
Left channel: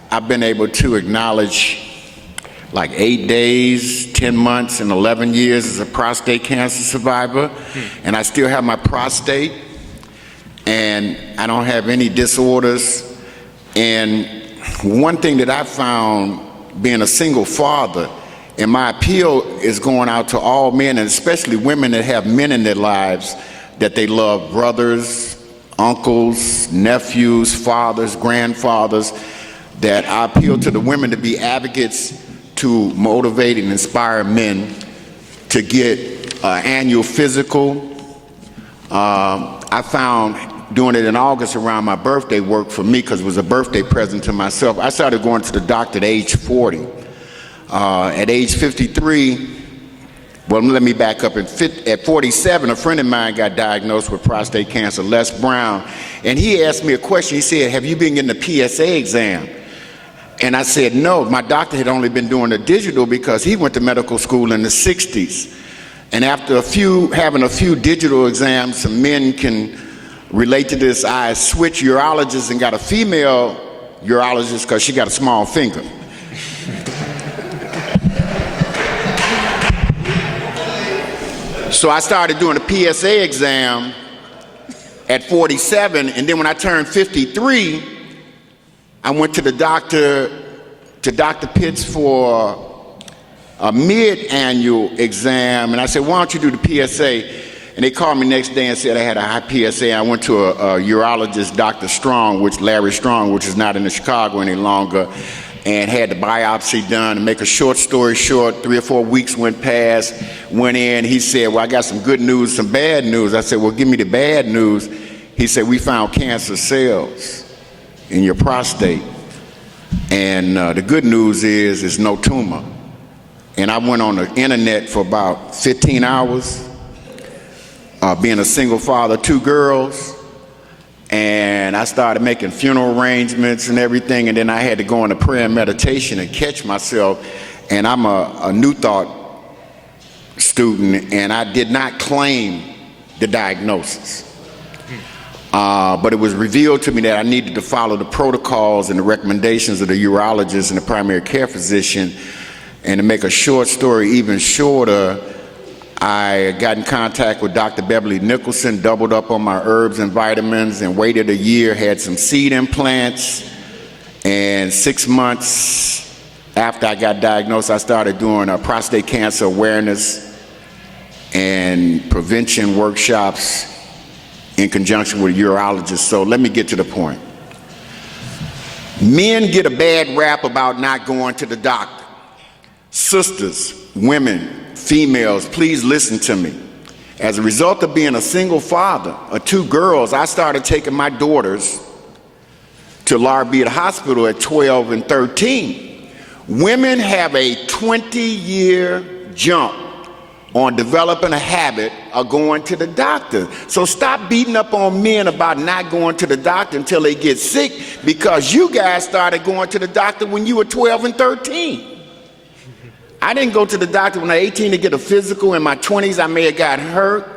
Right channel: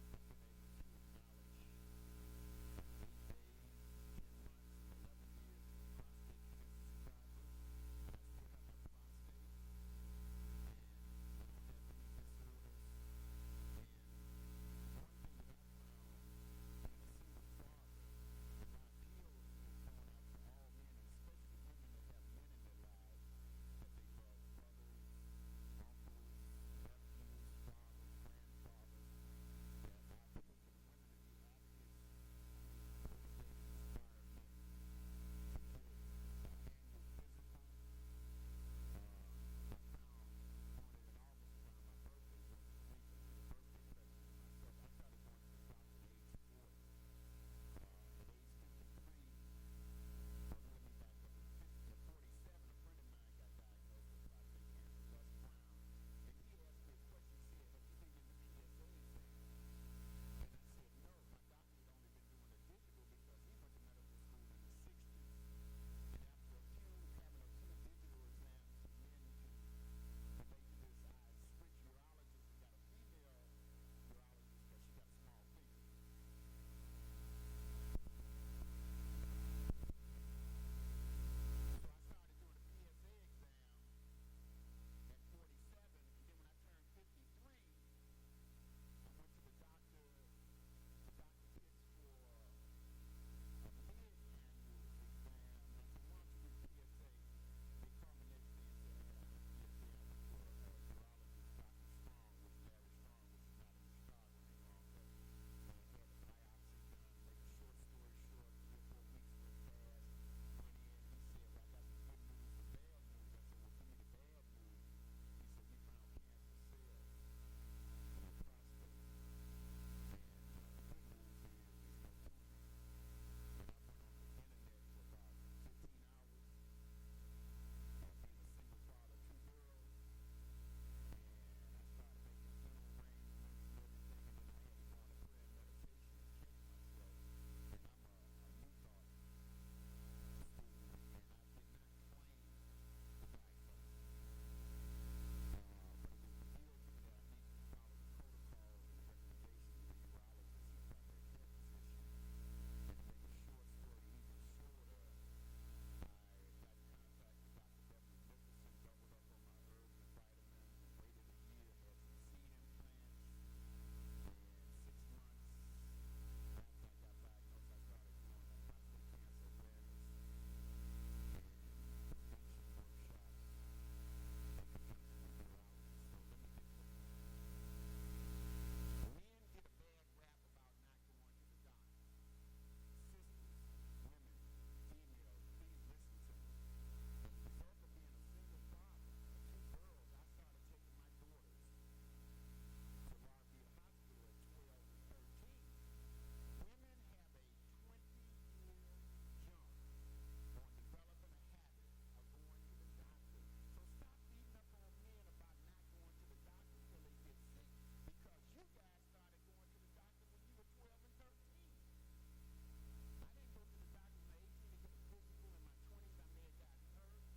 I've been able to acknowledge like 8 days, 10 months, and 11 years as a prostate cancer survivor. And I still have my prostate, and I don't have any disorders. And one thing that I found being a single father, and my appeal is going out to all men, and especially women that have men in their lives that they love, brothers, uncles, nephews, fathers, grandfathers, that I appeal to the women to be advocates to motivate and inspire men to get an annual physical. I found doing it in August around my birthday worked for me because it was a birthday present to myself. I started going to the doctor at age 40. At age 53, well, let me back up. At 47, a friend of mine got diagnosed with prostate cancer, Les Brown, and he asked me a question. He said, "Have you been getting the PSA exam?" And I said, no. My doctor had only been doing the digital because he went to medical school in the 60s. And after having a few digital exams, some men can relate to this. I switched urologists and got a female urologist because she got a small finger. So I started doing the PSA exam at 47, and then when I turned 53, I went to the doctor, to Dr. Pitts for a mid-annual exam, and I said, why don't you do the PSA? And they called me next day and said I had a high PSA. I went to a urologist, Dr. Strong, Larry Strong, which is not in Chicago any longer, and had the biopsy done. To make a short story short, 3 or 4 weeks went past, went in, he said, well, I got some good news, some bad news. I said, well, give me the bad news. He said, we found cancer cells in your prostate, and the good news is it's no tumor. And I went on the internet for about 15 hours, being a single father, 2 girls, and I started making funeral arrangements and everything, and then I had to go into prayer and meditation and catch myself. And I'm a New Thought student, and I did not claim the diagnosis. But it was revealed to me that I needed to follow the protocols and the recommendations of the urologist and the primary care physician. And to make a short story even shorter, I got in contact with Dr. Beverly Nicholson, doubled up on my herbs and vitamins, and waited a year, had some seed implants. And 6 months after I got diagnosed, I started doing prostate cancer awareness and prevention workshops in conjunction with urologists. So let me get to the point. Men get a bad rap about not going to the doctor. Sisters, women, females, please listen to me. As a result of being a single father of 2 girls, I started taking my daughters to Laura Beard Hospital at 12 and 13. Women have a 20-year jump on developing a habit of going to the doctor. So stop beating up on men about not going to the doctor until they get sick, because you guys started going to the doctor when you were 12 and 13. I didn't go to the doctor when I was 18 to get a physical. In my 20s, I may have got hurt,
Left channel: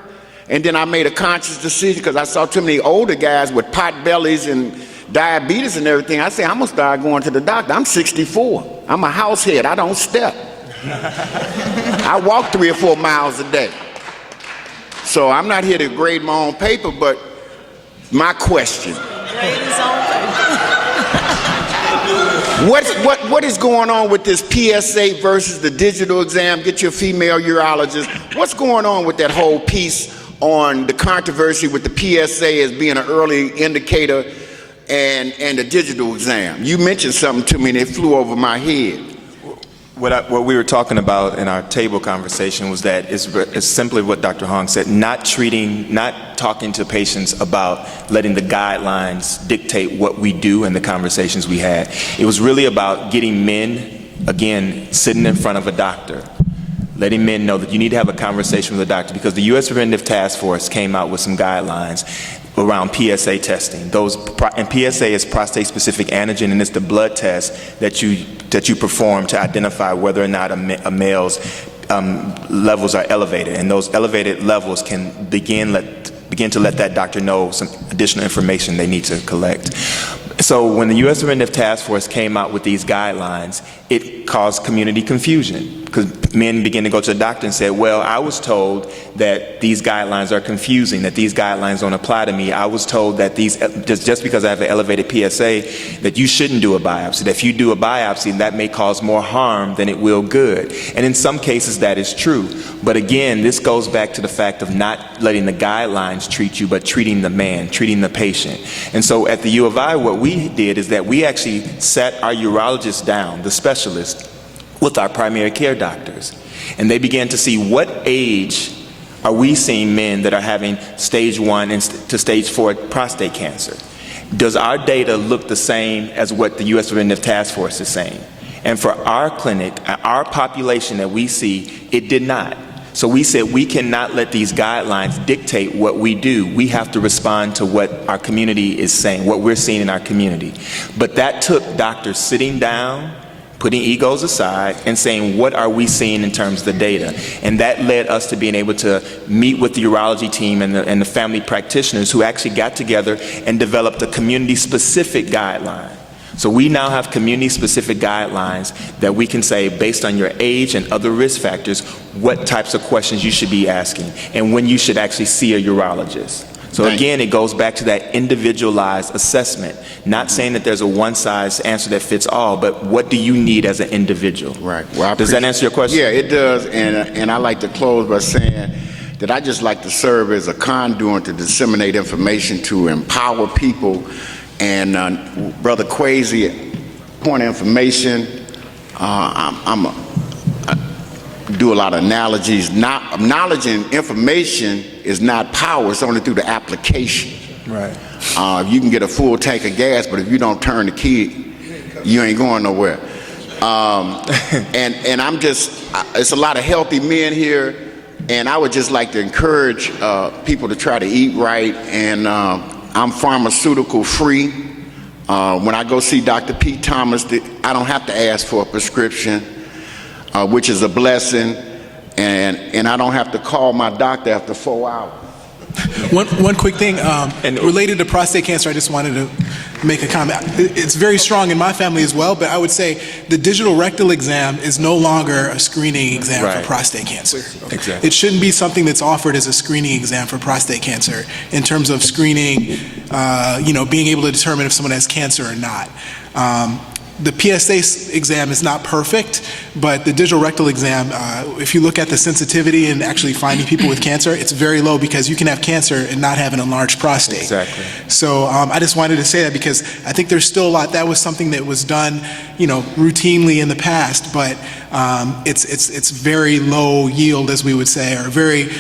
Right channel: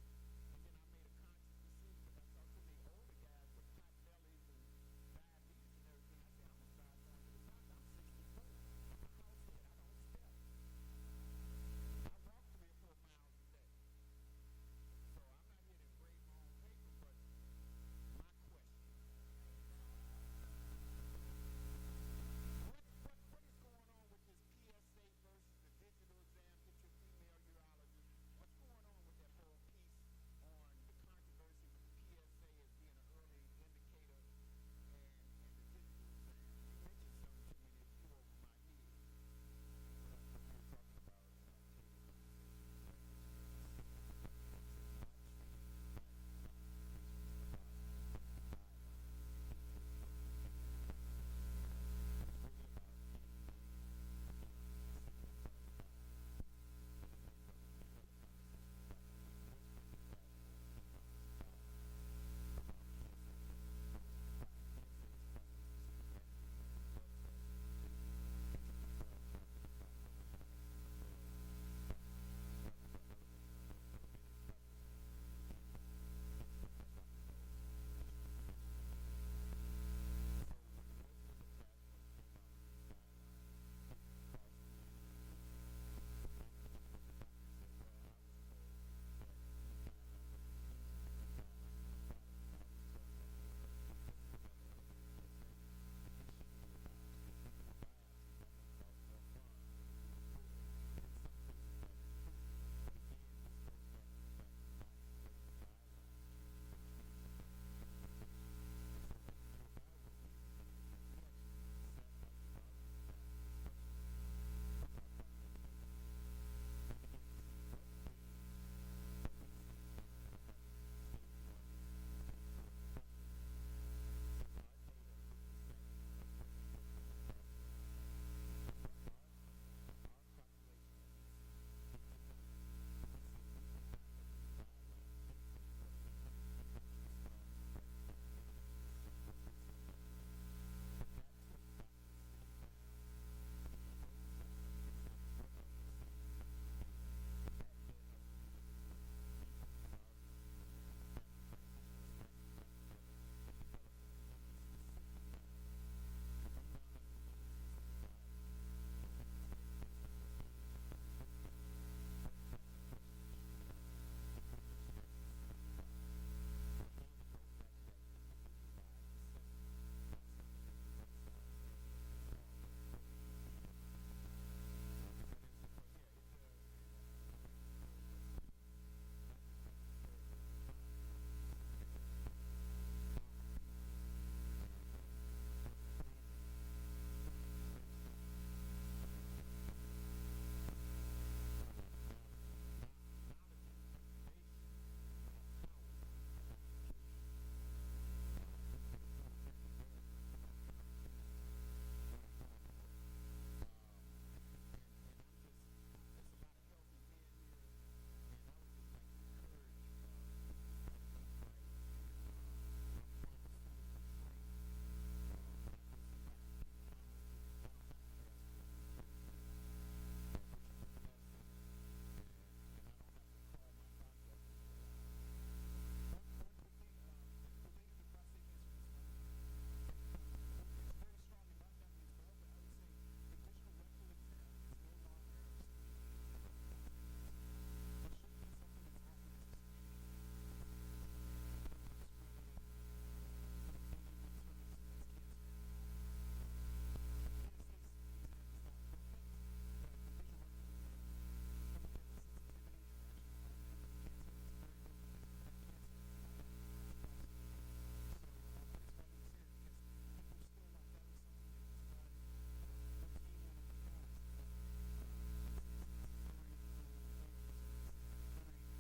and then I made a conscious decision because I saw too many older guys with pot bellies and diabetes and everything. I said, I'm gonna start going to the doctor. I'm 64. I'm a house head. I don't step. I walk 3 or 4 miles a day. So I'm not here to grade my own paper, but my question. What is going on with this PSA versus the digital exam? Get your female urologist. What's going on with that whole piece on the controversy with the PSA as being an early indicator and the digital exam? You mentioned something to me and it flew over my head. What we were talking about in our table conversation was that it's simply what Dr. Hong said, not talking to patients about letting the guidelines dictate what we do and the conversations we had. It was really about getting men, again, sitting in front of a doctor, letting men know that you need to have a conversation with a doctor, because the U.S. Preventive Task Force came out with some guidelines around PSA testing. And PSA is prostate-specific antigen, and it's the blood test that you perform to identify whether or not a male's levels are elevated, and those elevated levels can begin to let that doctor know some additional information they need to collect. So when the U.S. Preventive Task Force came out with these guidelines, it caused community confusion, because men began to go to the doctor and say, well, I was told that these guidelines are confusing, that these guidelines don't apply to me. I was told that just because I have an elevated PSA, that you shouldn't do a biopsy, that if you do a biopsy, that may cause more harm than it will good. And in some cases, that is true. But again, this goes back to the fact of not letting the guidelines treat you, but treating the man, treating the patient. And so at the U of I, what we did is that we actually sat our urologists down, the specialists, with our primary care doctors. And they began to see what age are we seeing men that are having stage 1 to stage 4 prostate cancer. Does our data look the same as what the U.S. Preventive Task Force is saying? And for our clinic, our population that we see, it did not. So we said we cannot let these guidelines dictate what we do. We have to respond to what our community is saying, what we're seeing in our community. But that took doctors sitting down, putting egos aside, and saying, what are we seeing in terms of the data? And that led us to being able to meet with the urology team and the family practitioners, who actually got together and developed a community-specific guideline. So we now have community-specific guidelines that we can say, based on your age and other risk factors, what types of questions you should be asking and when you should actually see a urologist. So again, it goes back to that individualized assessment, not saying that there's a one-size answer that fits all, but what do you need as an individual? Right. Well, does that answer your question? Yeah, it does. And I like to close by saying that I just like to serve as a conduit to disseminate information, to empower people. And Brother Kwesi, point of information, I do a lot of analogies. Knowledge and information is not power, it's only through the application. Right. You can get a full tank of gas, but if you don't turn the key, you ain't going nowhere. And I'm just, it's a lot of healthy men here, and I would just like to encourage people to try to eat right, and I'm pharmaceutical free. When I go see Dr. Pete Thomas, I don't have to ask for a prescription, which is a blessing, and I don't have to call my doctor after 4 hours. One quick thing, related to prostate cancer, I just wanted to make a comment. It's very strong in my family as well, but I would say the digital rectal exam is no longer a screening exam for prostate cancer. Exactly. It shouldn't be something that's offered as a screening exam for prostate cancer in terms of screening, being able to determine if someone has cancer or not. The PSA exam is not perfect, but the digital rectal exam, if you look at the sensitivity in actually finding people with cancer, it's very low, because you can have cancer and not have an enlarged prostate. Exactly. So I just wanted to say that, because I think there's still a lot. That was something that was done, routinely in the past, but it's very low yield, as we would say, or very,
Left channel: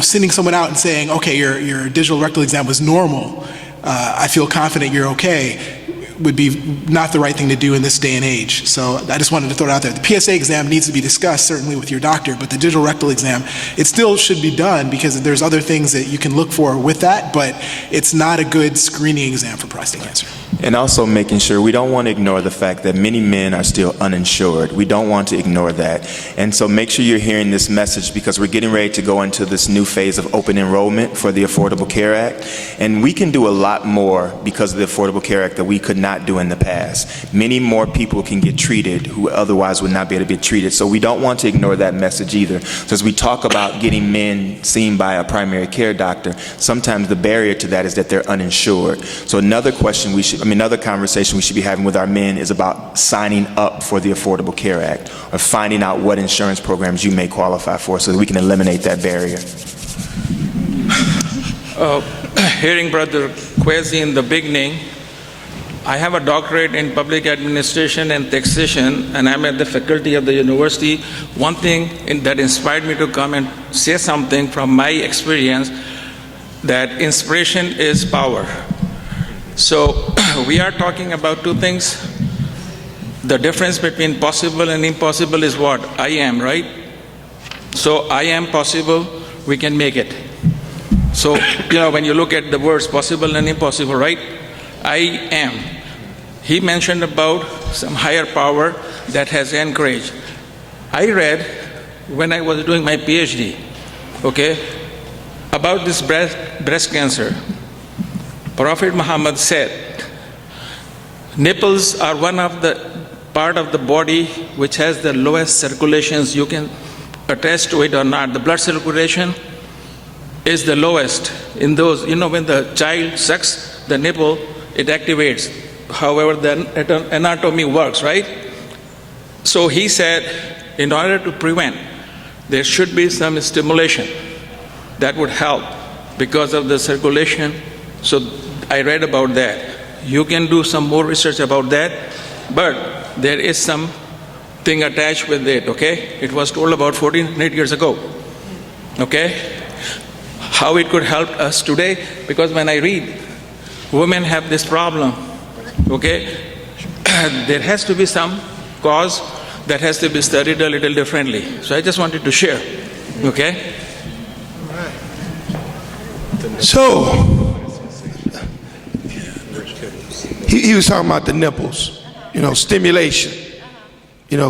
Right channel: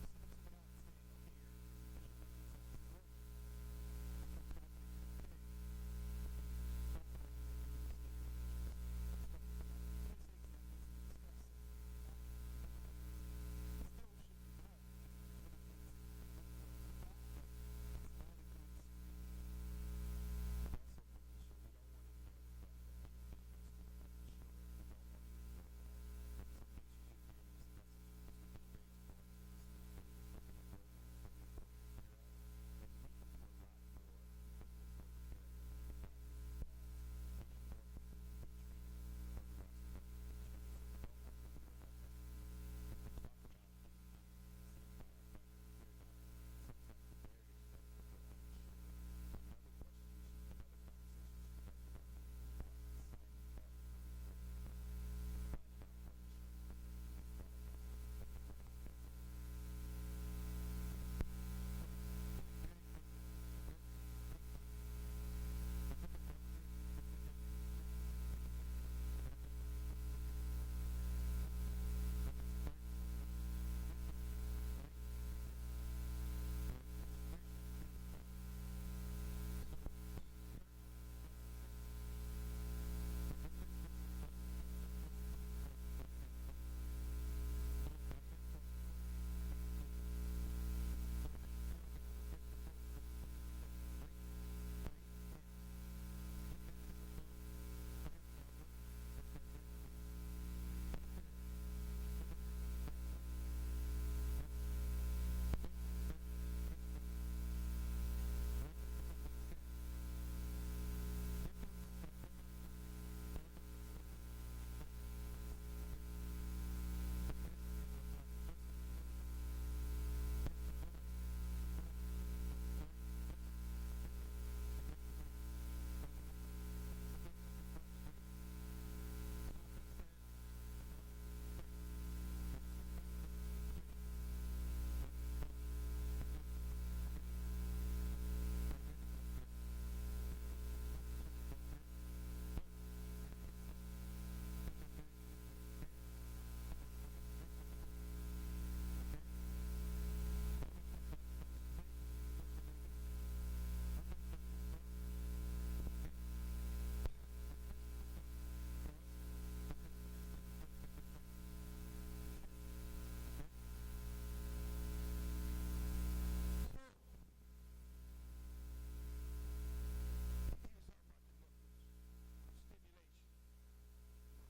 sending someone out and saying, okay, your digital rectal exam was normal. I feel confident you're okay, would be not the right thing to do in this day and age. So I just wanted to throw it out there. The PSA exam needs to be discussed, certainly with your doctor, but the digital rectal exam, it still should be done, because there's other things that you can look for with that, but it's not a good screening exam for prostate cancer. And also making sure we don't want to ignore the fact that many men are still uninsured. We don't want to ignore that. And so make sure you're hearing this message, because we're getting ready to go into this new phase of open enrollment for the Affordable Care Act. And we can do a lot more because of the Affordable Care Act that we could not not do in the past. Many more people can get treated who otherwise would not be able to be treated. So we don't want to ignore that message either. So as we talk about getting men seen by a primary care doctor, sometimes the barrier to that is that they're uninsured. So another conversation we should be having with our men is about signing up for the Affordable Care Act, or finding out what insurance programs you may qualify for so that we can eliminate that barrier. Hearing Brother Kwesi in the beginning, I have a doctorate in public administration and taxation, and I'm at the faculty of the university. One thing that inspired me to come and say something from my experience, that inspiration is power. So we are talking about two things. The difference between possible and impossible is what? I am, right? So I am possible, we can make it. So, when you look at the words possible and impossible, right? I am. He mentioned about some higher power that has encouraged. I read when I was doing my PhD, about this breast cancer. Prophet Muhammad said, nipples are one of the part of the body which has the lowest circulations. You can attest to it or not. The blood circulation is the lowest in those, when the child sucks the nipple, it activates. However, the anatomy works, right? So he said, in order to prevent, there should be some stimulation that would help because of the circulation. So I read about that. You can do some more research about that, but there is something attached with it, It was told about 14 years ago, How it could help us today, because when I read, women have this problem, There has to be some cause that has to be studied a little differently. So I just wanted to share, So, he was talking about the nipples, stimulation,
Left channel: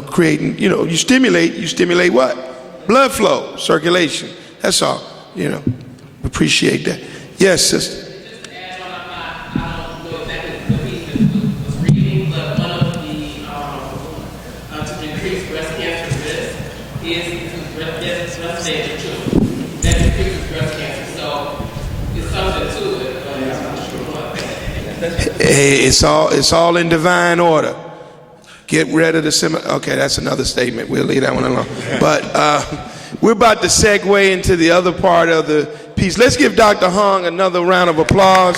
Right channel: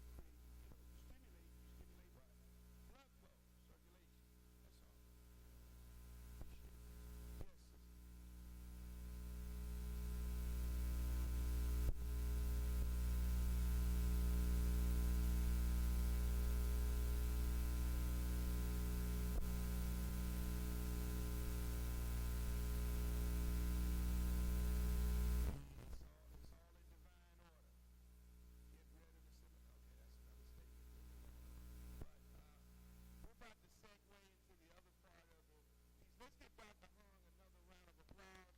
creating, you stimulate what? Blood flow, circulation. That's all, appreciate that. Yes, sister. Hey, it's all in divine order. Get rid of the okay, that's another statement. We'll leave that one alone. But we're about to segue into the other part of the piece. Let's give Dr. Hong another round of applause.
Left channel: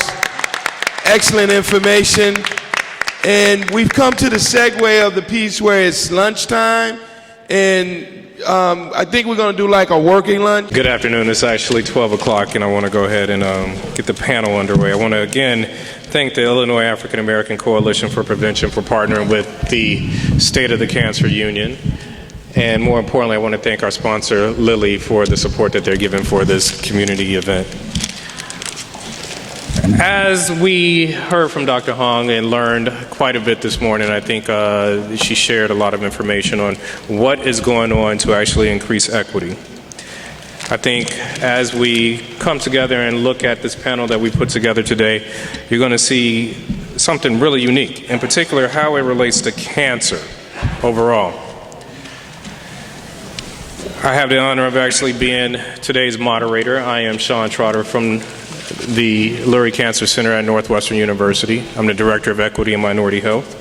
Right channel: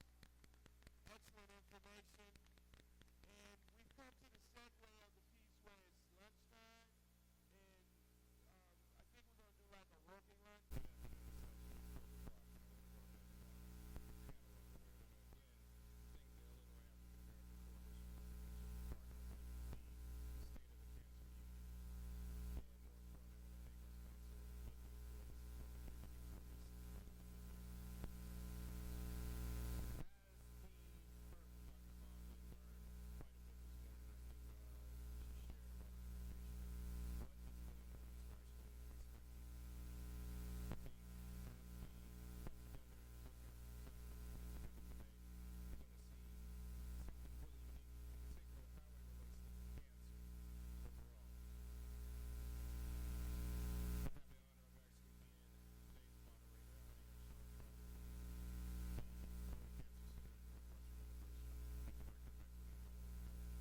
Excellent information. And we've come to the segue of the piece where it's lunchtime, and I think we're going to do like a working lunch. Good afternoon. It's actually 12 o'clock, and I want to go ahead and get the panel underway. I want to again thank the Illinois African American Coalition for Prevention for partnering with the State of the Cancer Union. And more importantly, I want to thank our sponsor, Lilly, for the support that they're giving for this community event. As we heard from Dr. Hong and learned quite a bit this morning, I think she shared a lot of information on what is going on to actually increase equity. I think as we come together and look at this panel that we put together today, you're going to see something really unique, in particular how it relates to cancer overall. I have the honor of actually being today's moderator. I am Sean Trotter from the Lurie Cancer Center at Northwestern University. I'm the Director of Equity and Minority Health.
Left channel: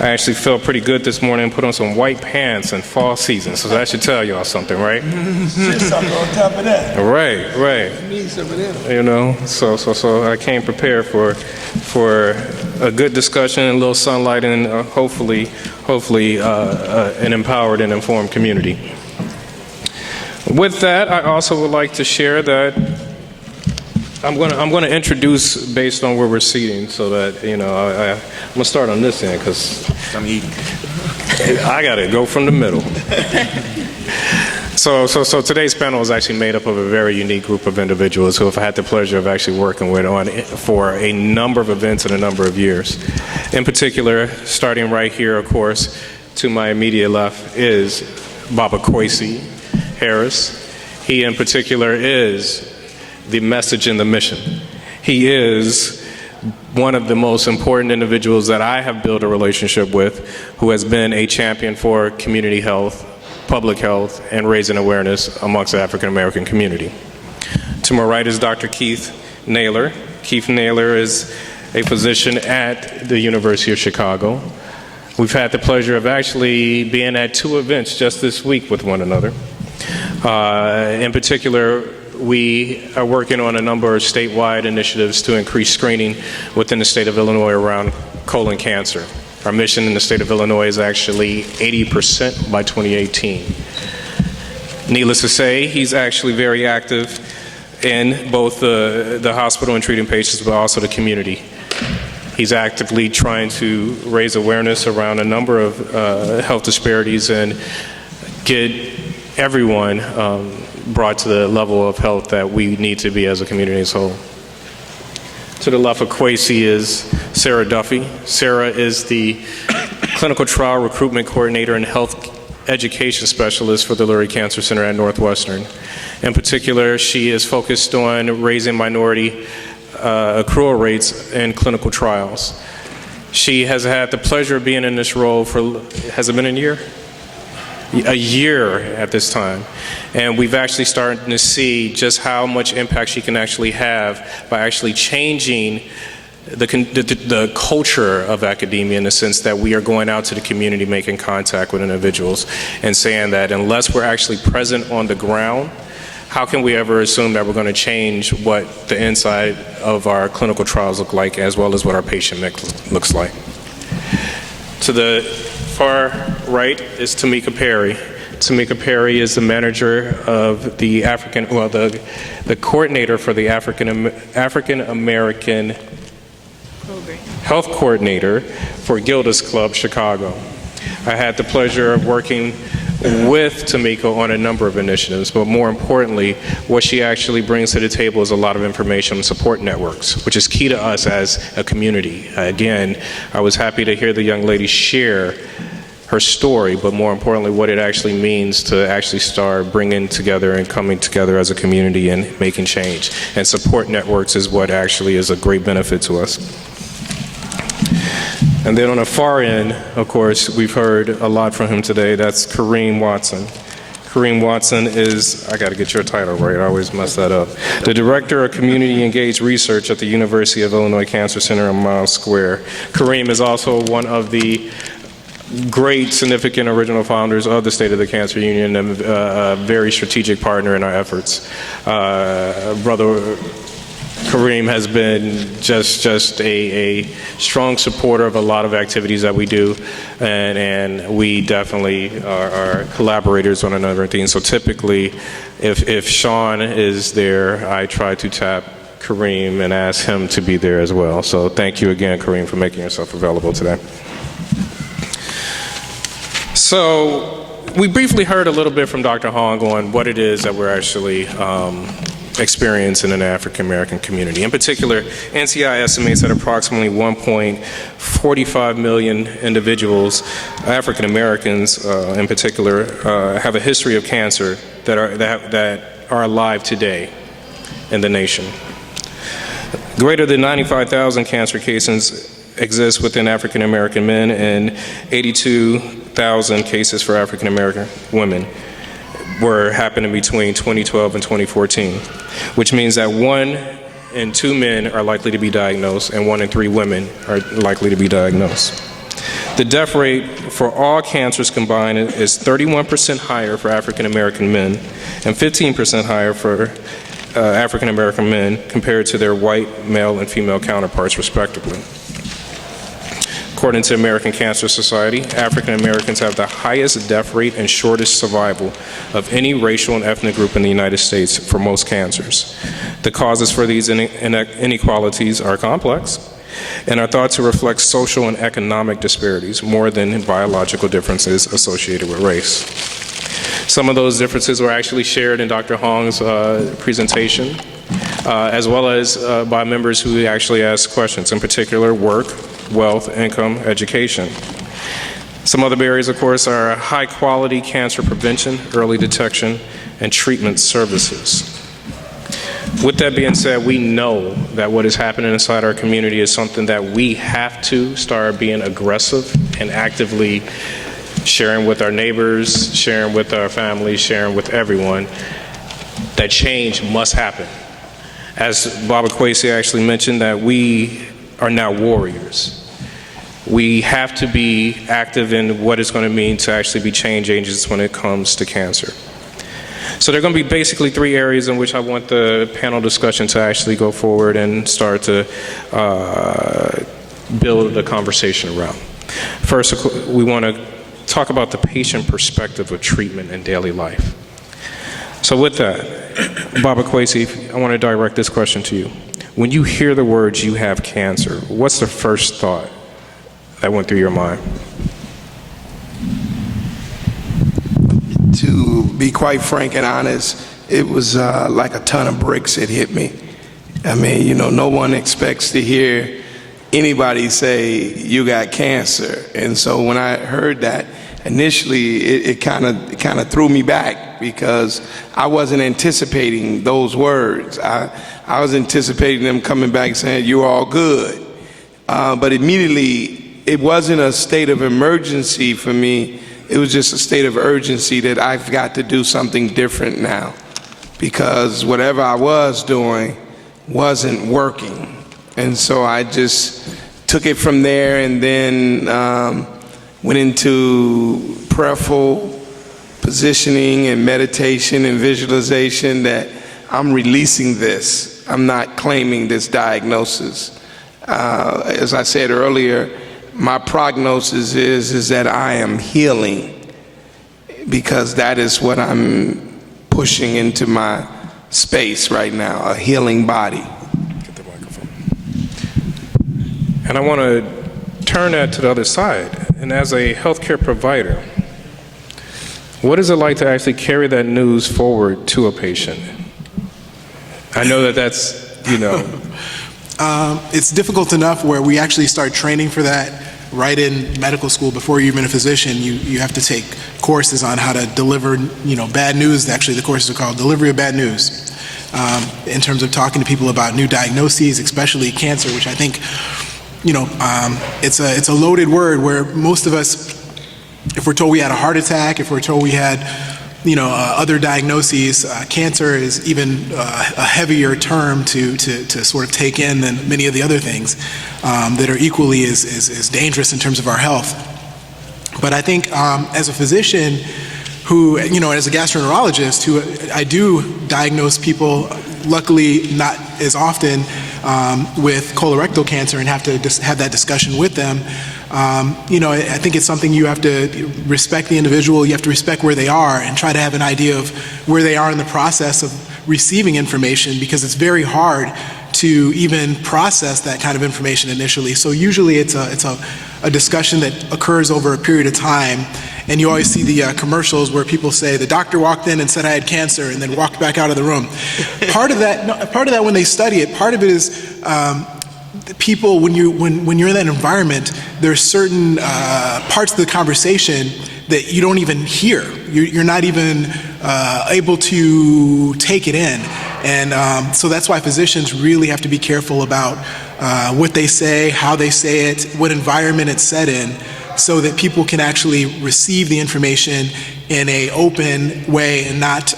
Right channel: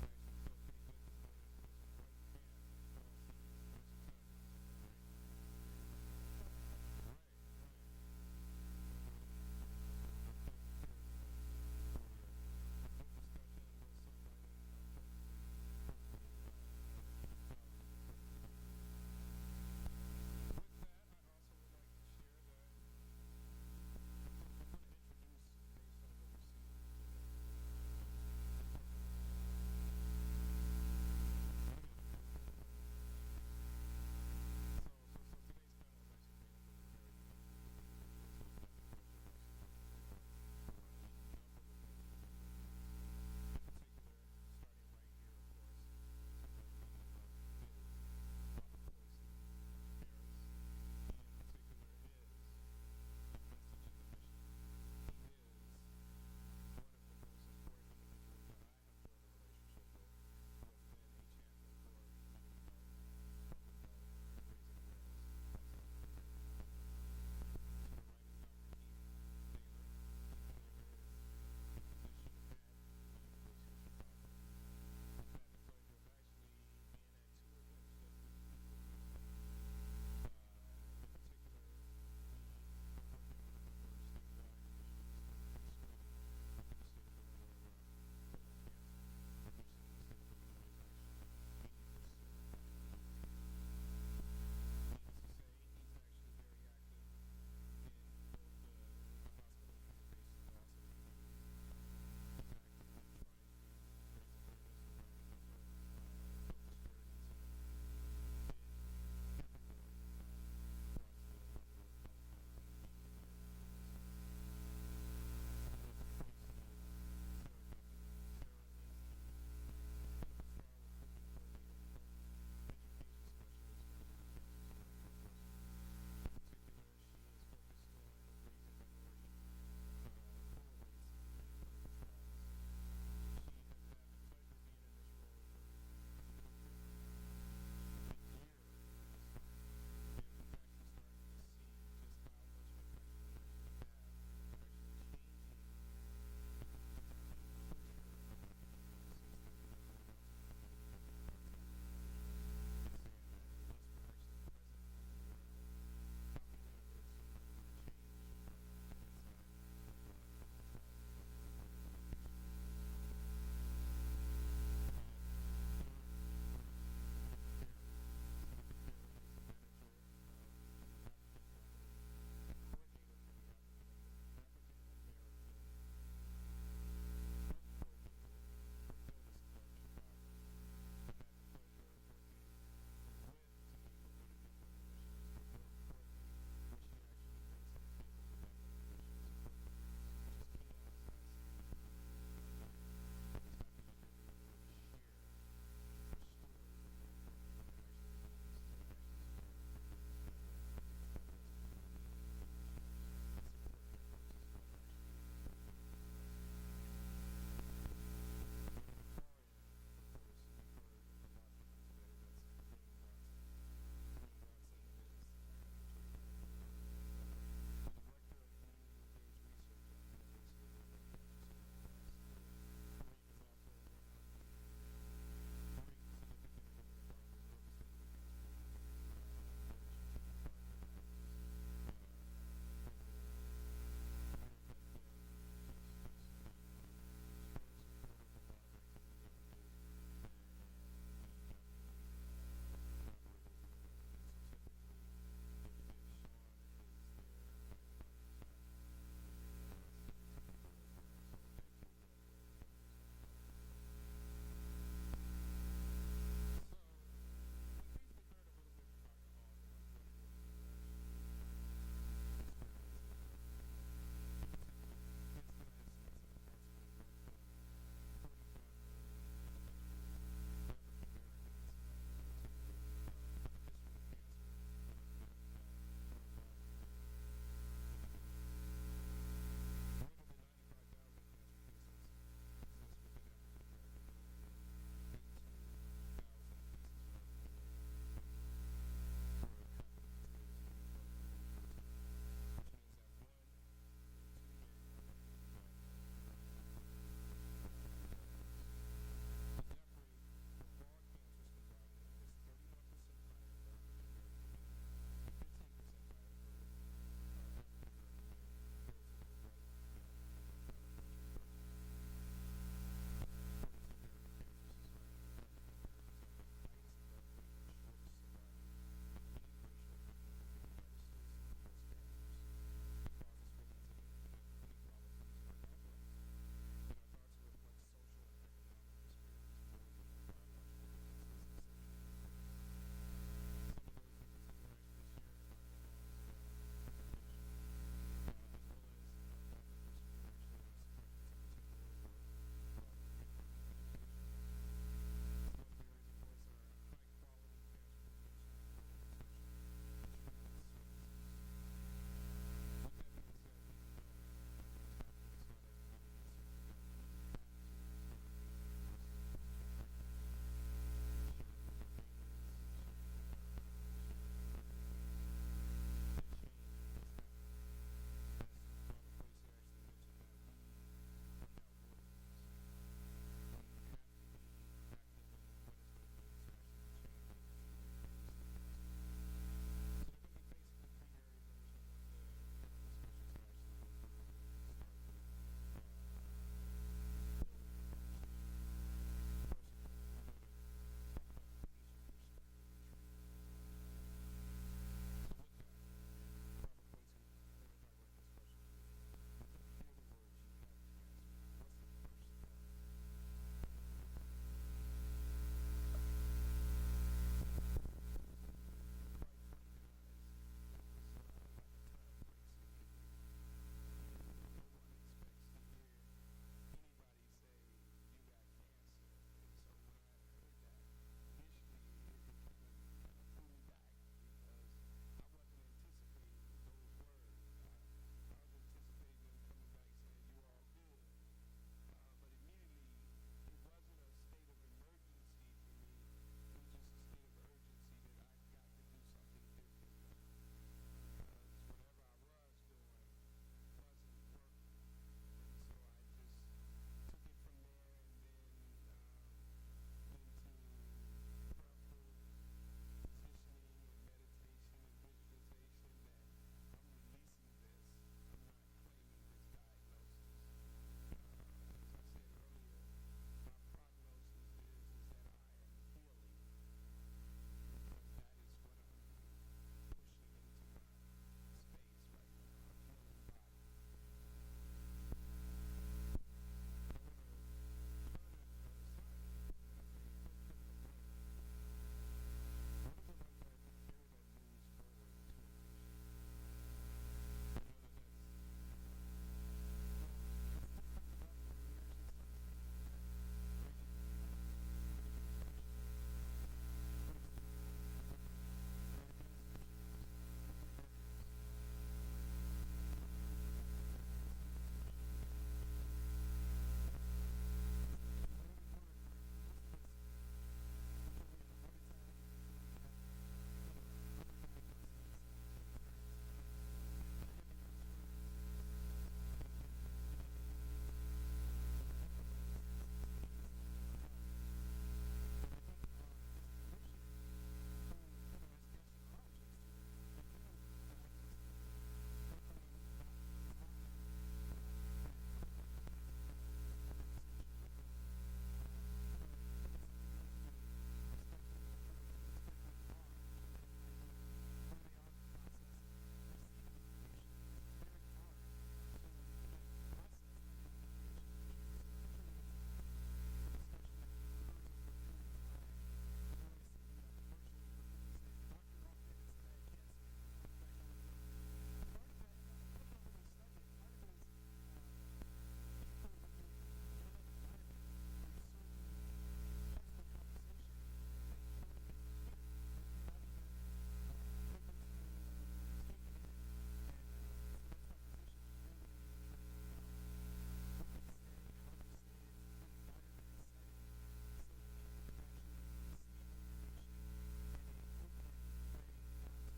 I actually felt pretty good this morning and put on some white pants in fall season, so that should tell y'all something, right? Just something on top of that. Right. Need some of them. So I came prepared for a good discussion, a little sunlight, and hopefully an empowered and informed community. With that, I also would like to share that I'm going to introduce based on where we're seating, so that I'm going to start on this end because I'm eating. I got to go from the middle. So today's panel is actually made up of a very unique group of individuals who I've had the pleasure of actually working with for a number of events in a number of years. In particular, starting right here, of course, to my immediate left is Baba Kwesi Harris. He in particular is the message and the mission. He is one of the most important individuals that I have built a relationship with, who has been a champion for community health, public health, and raising awareness amongst the African American community. To my right is Dr. Keith Naylor. Keith Naylor is a physician at the University of Chicago. We've had the pleasure of actually being at 2 events just this week with one another. In particular, we are working on a number of statewide initiatives to increase screening within the state of Illinois around colon cancer. Our mission in the state of Illinois is actually 80% by 2018. Needless to say, he's actually very active in both the hospital and treating patients, but also the community. He's actively trying to raise awareness around a number of health disparities and get everyone brought to the level of health that we need to be as a community as a whole. To the left of Kwesi is Sarah Duffy. Sarah is the clinical trial recruitment coordinator and health education specialist for the Lurie Cancer Center at Northwestern. In particular, she is focused on raising minority accrual rates in clinical trials. She has had the pleasure of being in this role for, has it been a year? A year at this time. And we've actually started to see just how much impact she can actually have by actually changing the culture of academia, in the sense that we are going out to the community, making contact with individuals, and saying that unless we're actually present on the ground, how can we ever assume that we're going to change what the inside of our clinical trials look like, as well as what our patient mix looks like? To the far right is Tamika Perry. Tamika Perry is the manager of the the coordinator for the African American Health Coordinator for Gilda's Club Chicago. I had the pleasure of working with Tamika on a number of initiatives, but more importantly, what she actually brings to the table is a lot of information and support networks, which is key to us as a community. Again, I was happy to hear the young lady share her story, but more importantly, what it actually means to actually start bringing together and coming together as a community and making change. And support networks is what actually is a great benefit to us. And then on the far end, of course, we've heard a lot from him today. That's Kareem Watson. Kareem Watson is, I got to get your title right, I always mess that up, the Director of Community Engaged Research at the University of Illinois Cancer Center in Miles Square. Kareem is also one of the great, significant original founders of the State of the Cancer Union, and a very strategic partner in our efforts. Brother Kareem has been just a strong supporter of a lot of activities that we do, and we definitely are collaborators on a number of things. So typically, if Sean is there, I try to tap Kareem and ask him to be there as well. So thank you again, Kareem, for making yourself available today. So we briefly heard a little bit from Dr. Hong on what it is that we're actually experiencing in the African American community. In particular, NCI estimates that approximately 1.45 million individuals, African Americans in particular, have a history of cancer that are alive today in the nation. Greater than 95,000 cancer cases exist within African American men, and 82,000 cases for African American women were happening between 2012 and 2014, which means that 1 in 2 men are likely to be diagnosed and 1 in 3 women are likely to be diagnosed. The death rate for all cancers combined is 31% higher for African American men and 15% higher for African American men compared to their white male and female counterparts, respectively. According to American Cancer Society, African Americans have the highest death rate and shortest survival of any racial and ethnic group in the United States for most cancers. The causes for these inequalities are complex and are thought to reflect social and economic disparities more than biological differences associated with race. Some of those differences were actually shared in Dr. Hong's presentation, as well as by members who actually asked questions, in particular work, wealth, income, education. Some other barriers, of course, are high quality cancer prevention, early detection, and treatment services. With that being said, we know that what is happening inside our community is something that we have to start being aggressive and actively sharing with our neighbors, sharing with our families, sharing with everyone, that change must happen. As Baba Kwesi actually mentioned, that we are now warriors. We have to be active in what it's going to mean to actually be change agents when it comes to cancer. So there are going to be basically 3 areas in which I want the panel discussion to actually go forward and start to build a conversation around. First, we want to talk about the patient perspective of treatment in daily life. So with that, Baba Kwesi, I want to direct this question to you. When you hear the words "you have cancer," what's the first thought that went through your mind? To be quite frank and honest, it was like a ton of bricks that hit me. I mean, you know, no one expects to hear anybody say you got cancer. And so when I heard that, initially it kind of threw me back because I wasn't anticipating those words. I was anticipating them coming back saying, "You're all good." But immediately, it wasn't a state of emergency for me. It was just a state of urgency that I've got to do something different now, because whatever I was doing wasn't working. And so I just took it from there, and then went into prayerful positioning and meditation and visualization that I'm releasing this. I'm not claiming this diagnosis. As I said earlier, my prognosis is that I am healing, because that is what I'm pushing into my space right now, a healing body. Get the microphone. And I want to turn that to the other side. And as a healthcare provider, what is it like to actually carry that news forward to a patient? I know that that's, you know. It's difficult enough where we actually start training for that right in medical school. Before you're even a physician, you have to take courses on how to deliver, bad news. Actually, the courses are called Delivery of Bad News, in terms of talking to people about new diagnoses, especially cancer, which I think, it's a loaded word where most of us, if we're told we had a heart attack, if we're told we had other diagnoses, cancer is even a heavier term to sort of take in than many of the other things that are equally as dangerous in terms of our health. But I think as a physician who, as a gastroenterologist, who I do diagnose people, luckily not as often, with colorectal cancer, and have to have that discussion with them. I think it's something you have to respect the individual, you have to respect where they are, and try to have an idea of where they are in the process of receiving information, because it's very hard to even process that kind of information initially. So usually it's a discussion that occurs over a period of time, and you always see the commercials where people say, "The doctor walked in and said I had cancer," and then walked back out of the room. Part of that when they study it, part of it is people, when you're in that environment, there's certain parts of the conversation that you don't even hear. You're not even able to take it in. And so that's why physicians really have to be careful about what they say, how they say it, what environment it's said in, so that people can actually receive the information in an open way, and not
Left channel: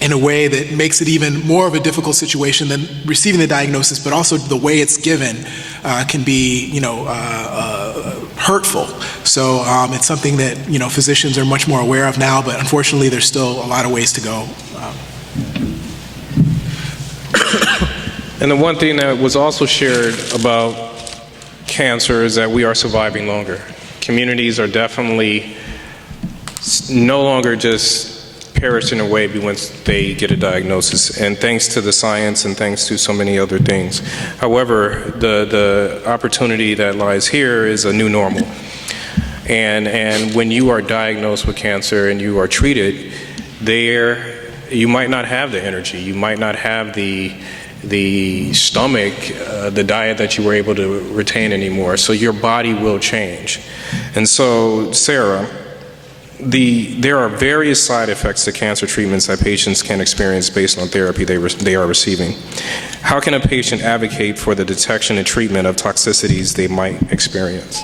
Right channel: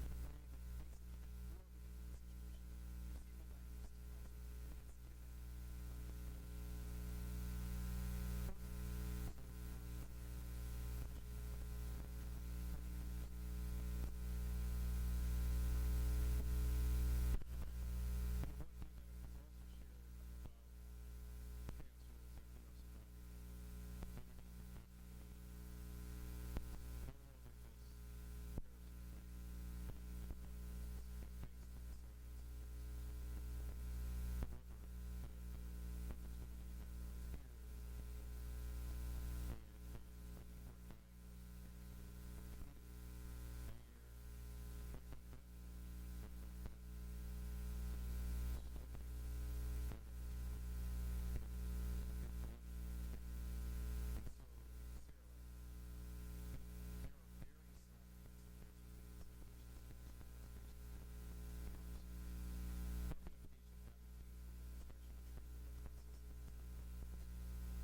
in a way that makes it even more of a difficult situation than receiving the diagnosis, but also the way it's given can be, hurtful. So it's something that, physicians are much more aware of now, but unfortunately there's still a lot of ways to go. And the one thing that was also shared about cancer is that we are surviving longer. Communities are definitely no longer just perishing away once they get a diagnosis, and thanks to the science and thanks to so many other things. However, the opportunity that lies here is a new normal. And when you are diagnosed with cancer and you are treated, you might not have the energy, you might not have the stomach, the diet that you were able to retain anymore. So your body will change. And so, Sarah, there are various side effects to cancer treatments that patients can experience based on therapy they are receiving. How can a patient advocate for the detection and treatment of toxicities they might experience?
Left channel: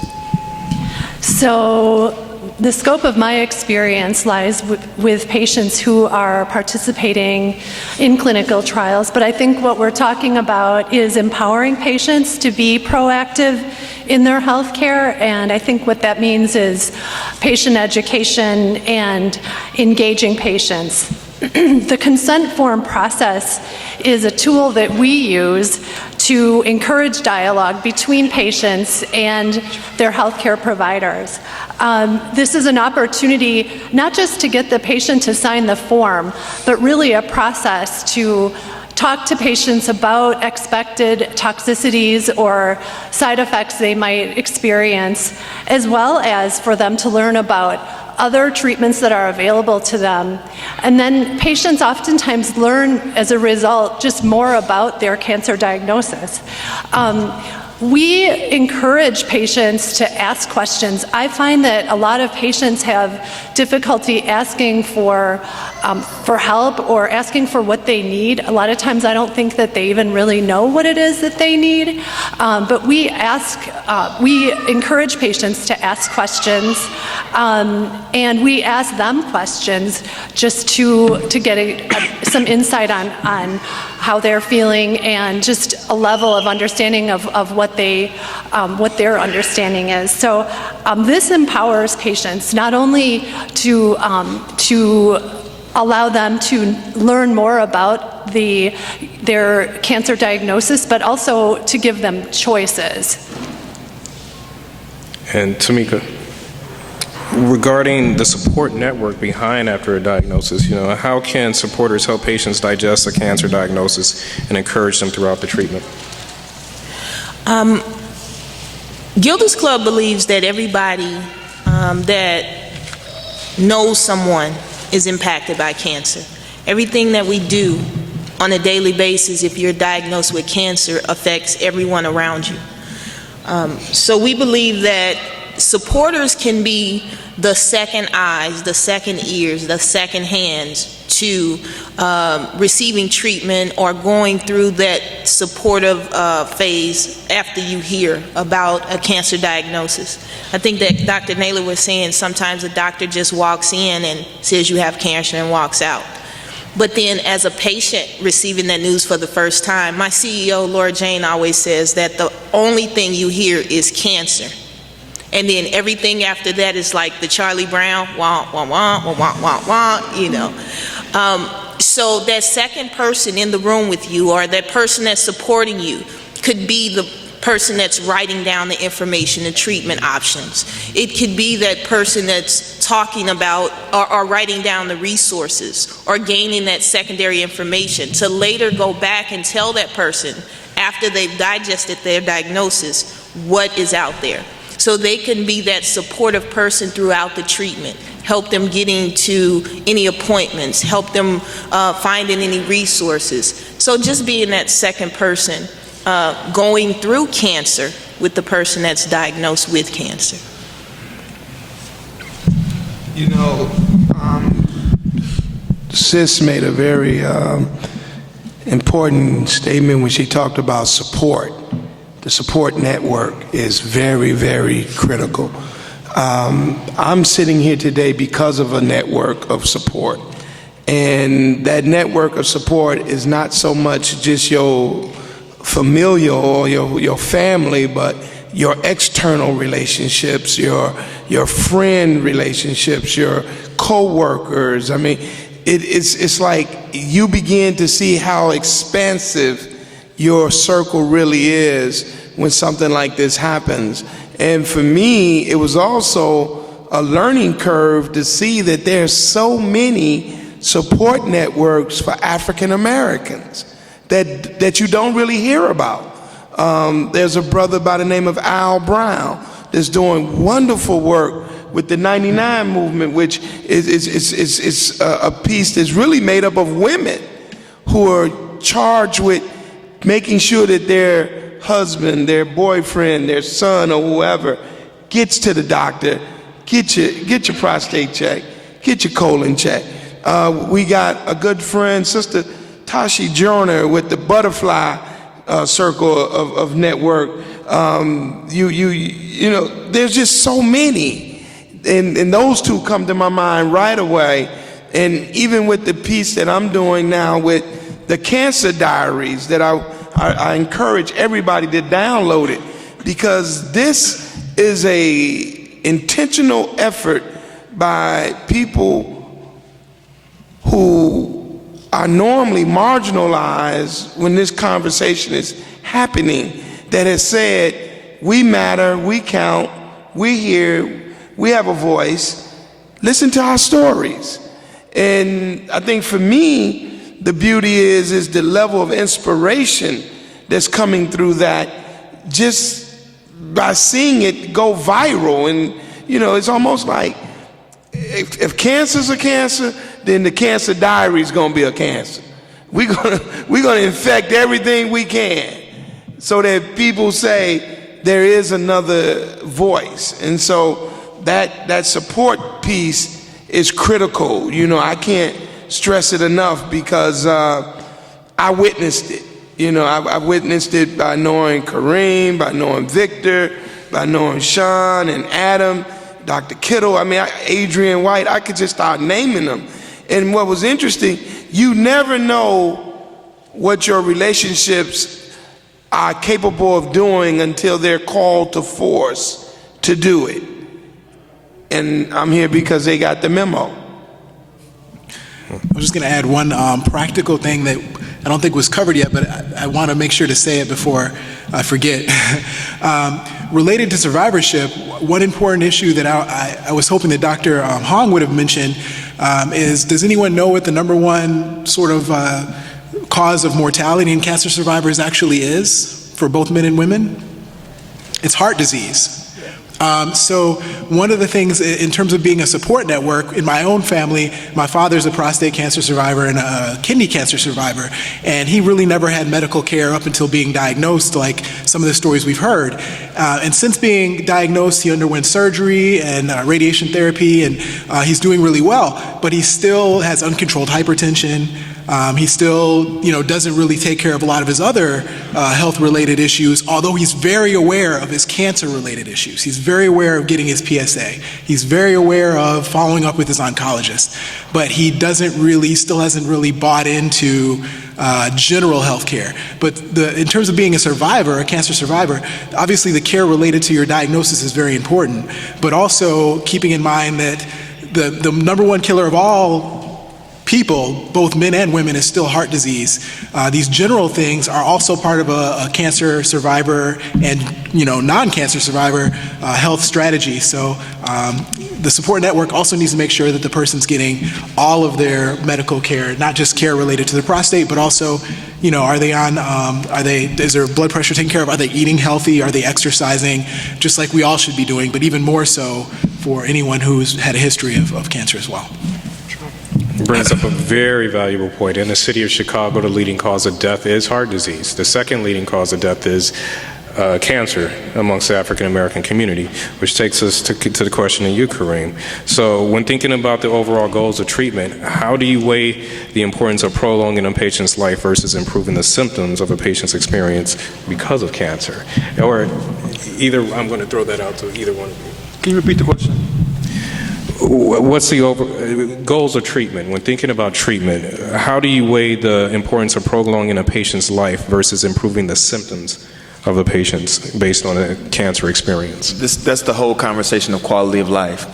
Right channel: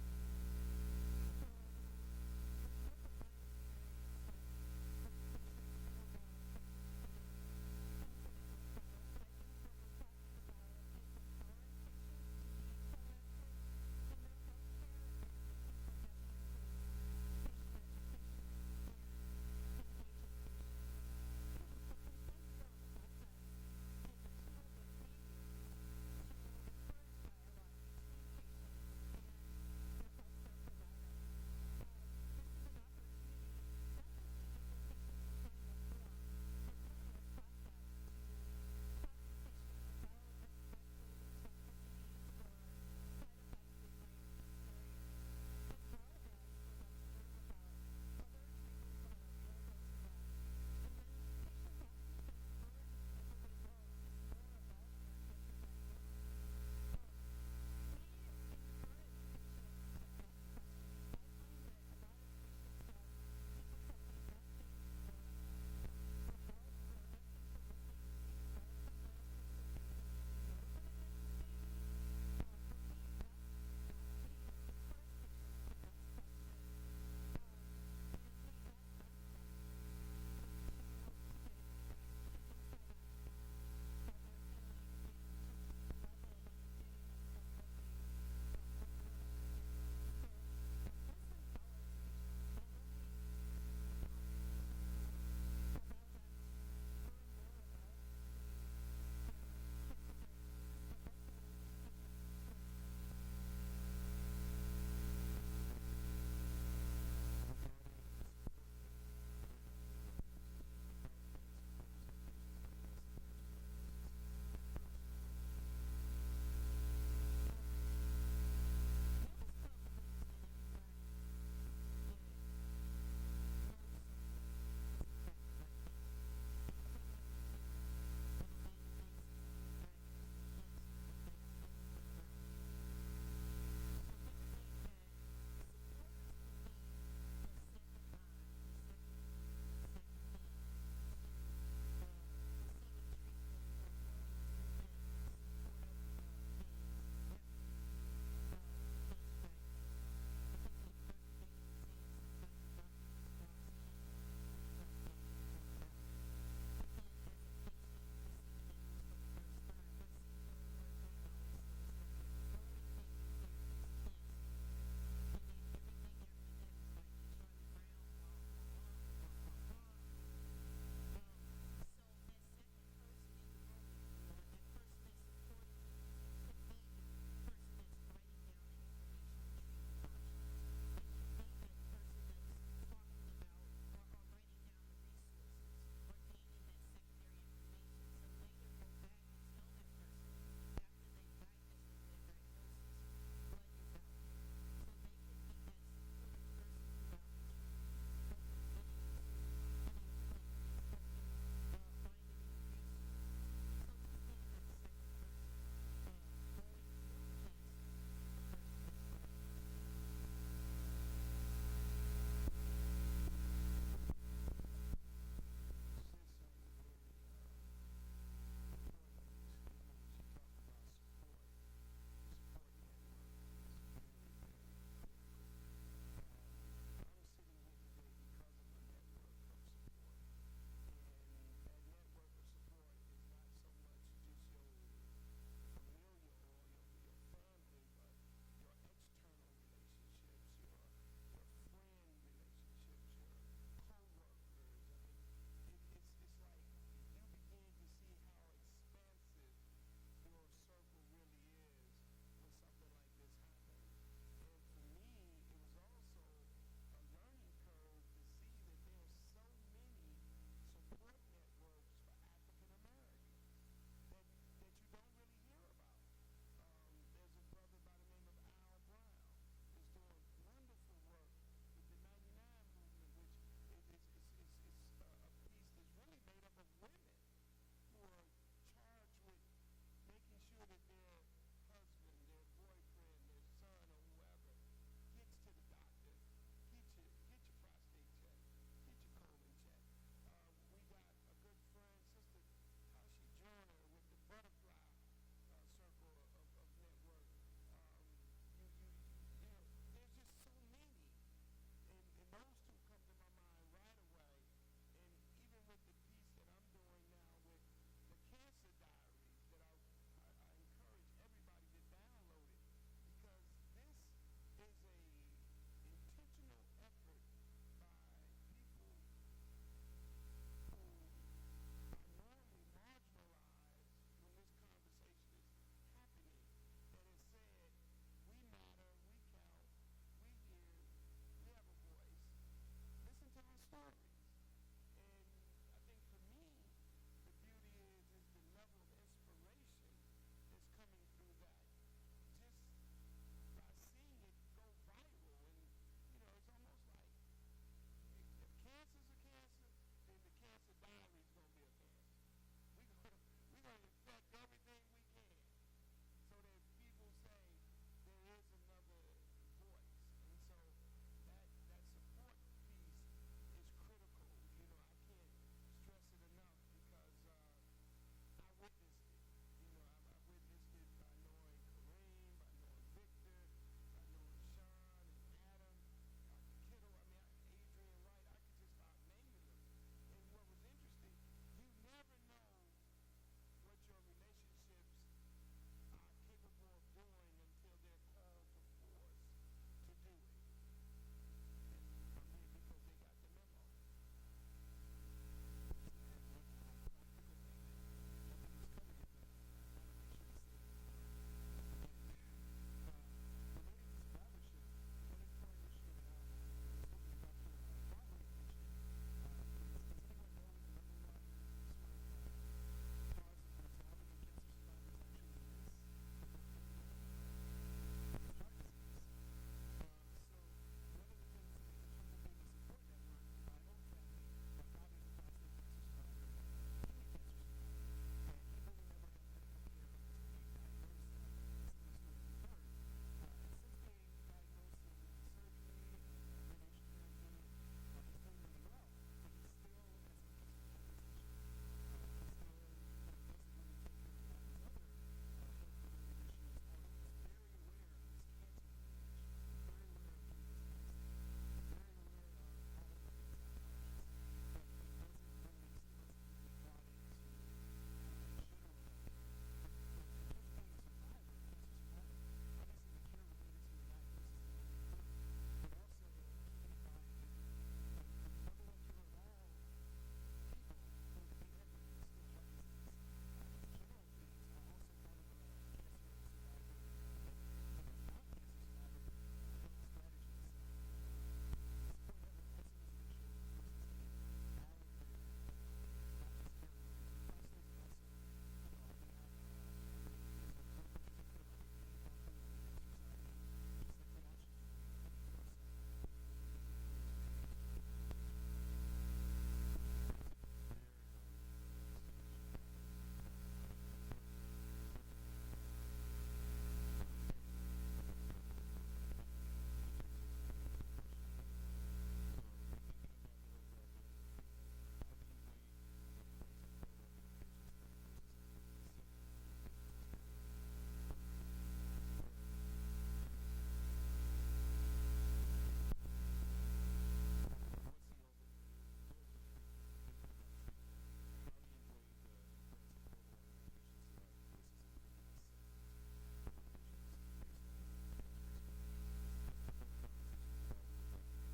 So the scope of my experience lies with patients who are participating in clinical trials, but I think what we're talking about is empowering patients to be proactive in their health care, and I think what that means is patient education and engaging patients. The consent form process is a tool that we use to encourage dialogue between patients and their healthcare providers. This is an opportunity not just to get the patient to sign the form, but really a process to talk to patients about expected toxicities or side effects they might experience, as well as for them to learn about other treatments that are available to them. And then patients oftentimes learn as a result just more about their cancer diagnosis. We encourage patients to ask questions. I find that a lot of patients have difficulty asking for help or asking for what they need. A lot of times I don't think that they even really know what it is that they need. But we encourage patients to ask questions, and we ask them questions just to get some insight on how they're feeling and just a level of understanding of what their understanding is. So this empowers patients not only to allow them to learn more about their cancer diagnosis, but also to give them choices. And Tamika, regarding the support network behind after a diagnosis, how can supporters help patients digest a cancer diagnosis and encourage them throughout the treatment? Gilda's Club believes that everybody that knows someone is impacted by cancer. Everything that we do on a daily basis, if you're diagnosed with cancer, affects everyone around you. So we believe that supporters can be the second eyes, the second ears, the second hands to receiving treatment or going through that supportive phase after you hear about a cancer diagnosis. I think that Dr. Naylor was saying sometimes a doctor just walks in and says you have cancer and walks out. But then as a patient receiving that news for the first time, my CEO, Laura Jane, always says that the only thing you hear is cancer. And then everything after that is like the Charlie Brown, wah, wah, wah, wah, wah, wah, wah, So that second person in the room with you or that person that's supporting you could be the person that's writing down the information and treatment options. It could be that person that's talking about or writing down the resources or gaining that secondary information to later go back and tell that person after they've digested their diagnosis what is out there. So they can be that supportive person throughout the treatment, help them getting to any appointments, help them finding any resources. So just being that second person going through cancer with the person that's diagnosed with cancer. Sis made a very important statement when she talked about support. The support network is very, very critical. I'm sitting here today because of a network of support. And that network of support is not so much just your familial or your family, but your external relationships, your friend relationships, your co-workers. I mean, it's like you begin to see how expansive your circle really is when something like this happens. And for me, it was also a learning curve to see that there's so many support networks for African Americans that you don't really hear about. There's a brother by the name of Al Brown that's doing wonderful work with the 99 movement, which is a piece that's really made up of women who are charged with making sure that their husband, their boyfriend, their son, or whoever gets to the doctor, get your prostate checked, get your colon checked. We got a good friend, Sister Tashi Joyner, with the Butterfly Circle of Network. You know, there's just so many, and those two come to my mind right away. And even with the piece that I'm doing now with the Cancer Diaries, that I encourage everybody to download it, because this is a intentional effort by people who are normally marginalized when this conversation is happening, that has said, we matter, we count, we hear, we have a voice, listen to our stories. And I think for me, the beauty is the level of inspiration that's coming through that, just by seeing it go viral. And, you know, it's almost like if cancer's a cancer, then the Cancer Diary is going to be a cancer. We're gonna infect everything we can so that people say there is another voice. And so that support piece is critical. You know, I can't stress it enough, because I witnessed it. You know, I witnessed it by knowing Kareem, by knowing Victor, by knowing Sean and Adam, Dr. Kittle, Adrian White. I could just start naming them. And what was interesting, you never know what your relationships are capable of doing until they're called to force to do it. And I'm here because they got the memo. I'm just going to add one practical thing that I don't think was covered yet, but I want to make sure to say it before I forget. Related to survivorship, one important issue that I was hoping that Dr. Hong would have mentioned is, does anyone know what the #1 sort of cause of mortality in cancer survivors actually is for both men and women? It's heart disease. So one of the things in terms of being a support network, in my own family, my father's a prostate cancer survivor and a kidney cancer survivor, and he really never had medical care up until being diagnosed, like some of the stories we've heard. And since being diagnosed, he underwent surgery and radiation therapy, and he's doing really well, but he still has uncontrolled hypertension. He still, doesn't really take care of a lot of his other health-related issues, although he's very aware of his cancer-related issues. He's very aware of getting his PSA. He's very aware of following up with his oncologist. But he still hasn't really bought into general health care. But in terms of being a survivor, a cancer survivor, obviously the care related to your diagnosis is very important, but also keeping in mind that the #1 killer of all people, both men and women, is still heart disease. These general things are also part of a cancer survivor and non-cancer survivor health strategy. So the support network also needs to make sure that the person's getting all of their medical care, not just care related to the prostate, but also, are they on? Is their blood pressure taken care of? Are they eating healthy? Are they exercising? Just like we all should be doing, but even more so for anyone who's had a history of cancer as well. Brings up a very valuable point. In the city of Chicago, the leading cause of death is heart disease. The second leading cause of death is cancer amongst the African American community, which takes us to the question of you, Kareem. So when thinking about the overall goals of treatment, how do you weigh the importance of prolonging a patient's life versus improving the symptoms of a patient's experience because of cancer? Or either, I'm going to throw that out to either one of you. Can you repeat the question? What's the goals of treatment? When thinking about treatment, how do you weigh the importance of prolonging a patient's life versus improving the symptoms of the patients based on a cancer experience? That's the whole conversation of quality of life.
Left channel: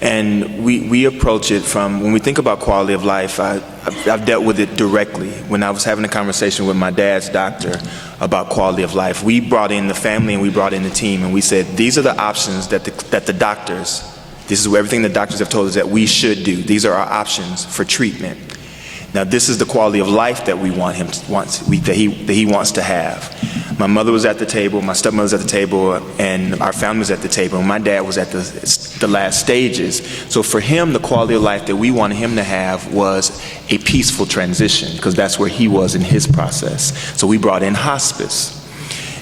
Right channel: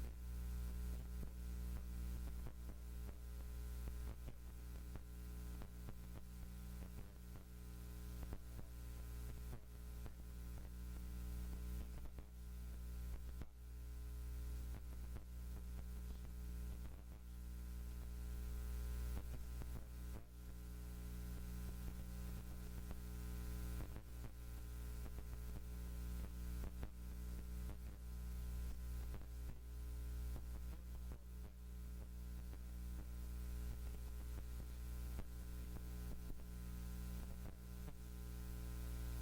And we approach it from, when we think about quality of life, I've dealt with it directly. When I was having a conversation with my dad's doctor about quality of life, we brought in the family and we brought in the team, and we said, these are the options that the doctors, this is everything the doctors have told us that we should do. These are our options for treatment. Now, this is the quality of life that we want him that he wants to have. My mother was at the table, my stepmother was at the table, and our family was at the table, and my dad was at the last stages. So for him, the quality of life that we wanted him to have was a peaceful transition, because that's where he was in his process. So we brought in hospice.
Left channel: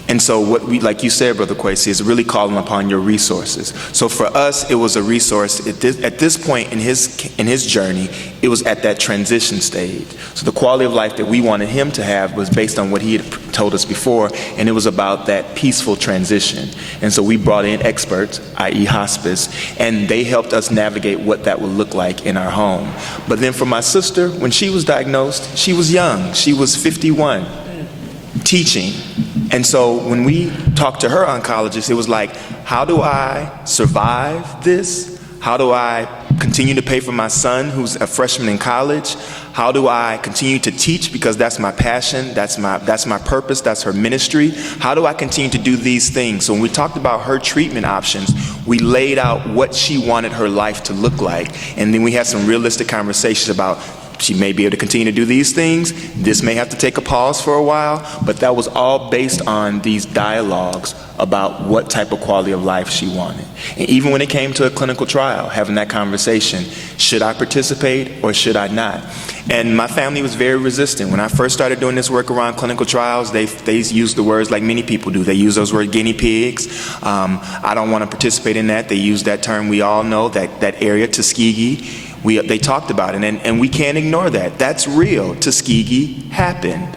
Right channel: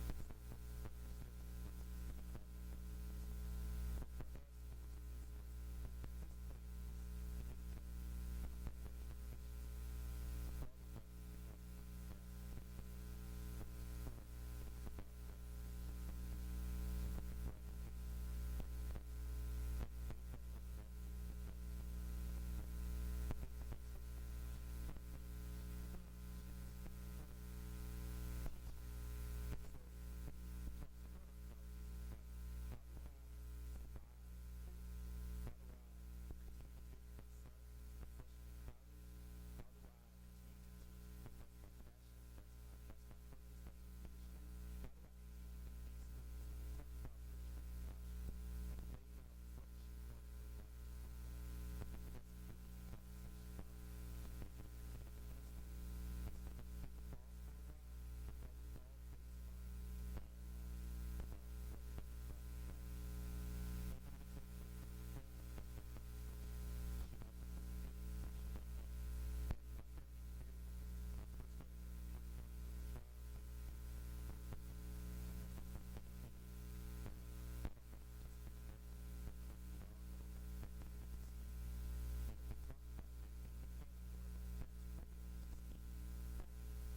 And so what we, like you said, Brother Kwesi, is really calling upon your resources. So for us, it was a resource. At this point in his journey, it was at that transition stage. So the quality of life that we wanted him to have was based on what he had told us before, and it was about that peaceful transition. And so we brought in experts, i.e. hospice, and they helped us navigate what that would look like in our home. But then for my sister, when she was diagnosed, she was young. She was 51, teaching. And so when we talked to her oncologist, it was like, how do I survive this? How do I continue to pay for my son who's a freshman in college? How do I continue to teach, because that's my passion, that's my purpose, that's her ministry? How do I continue to do these things? So when we talked about her treatment options, we laid out what she wanted her life to look like. And then we had some realistic conversations about she may be able to continue to do these things. This may have to take a pause for a while, but that was all based on these dialogues about what type of quality of life she wanted. And even when it came to a clinical trial, having that conversation, should I participate or should I not? And my family was very resistant. When I first started doing this work around clinical trials, they used the words like many people do. They use those words, guinea pigs. I don't want to participate in that. They use that term we all know, that area, Tuskegee. They talked about it, and we can't ignore that. That's real. Tuskegee happened.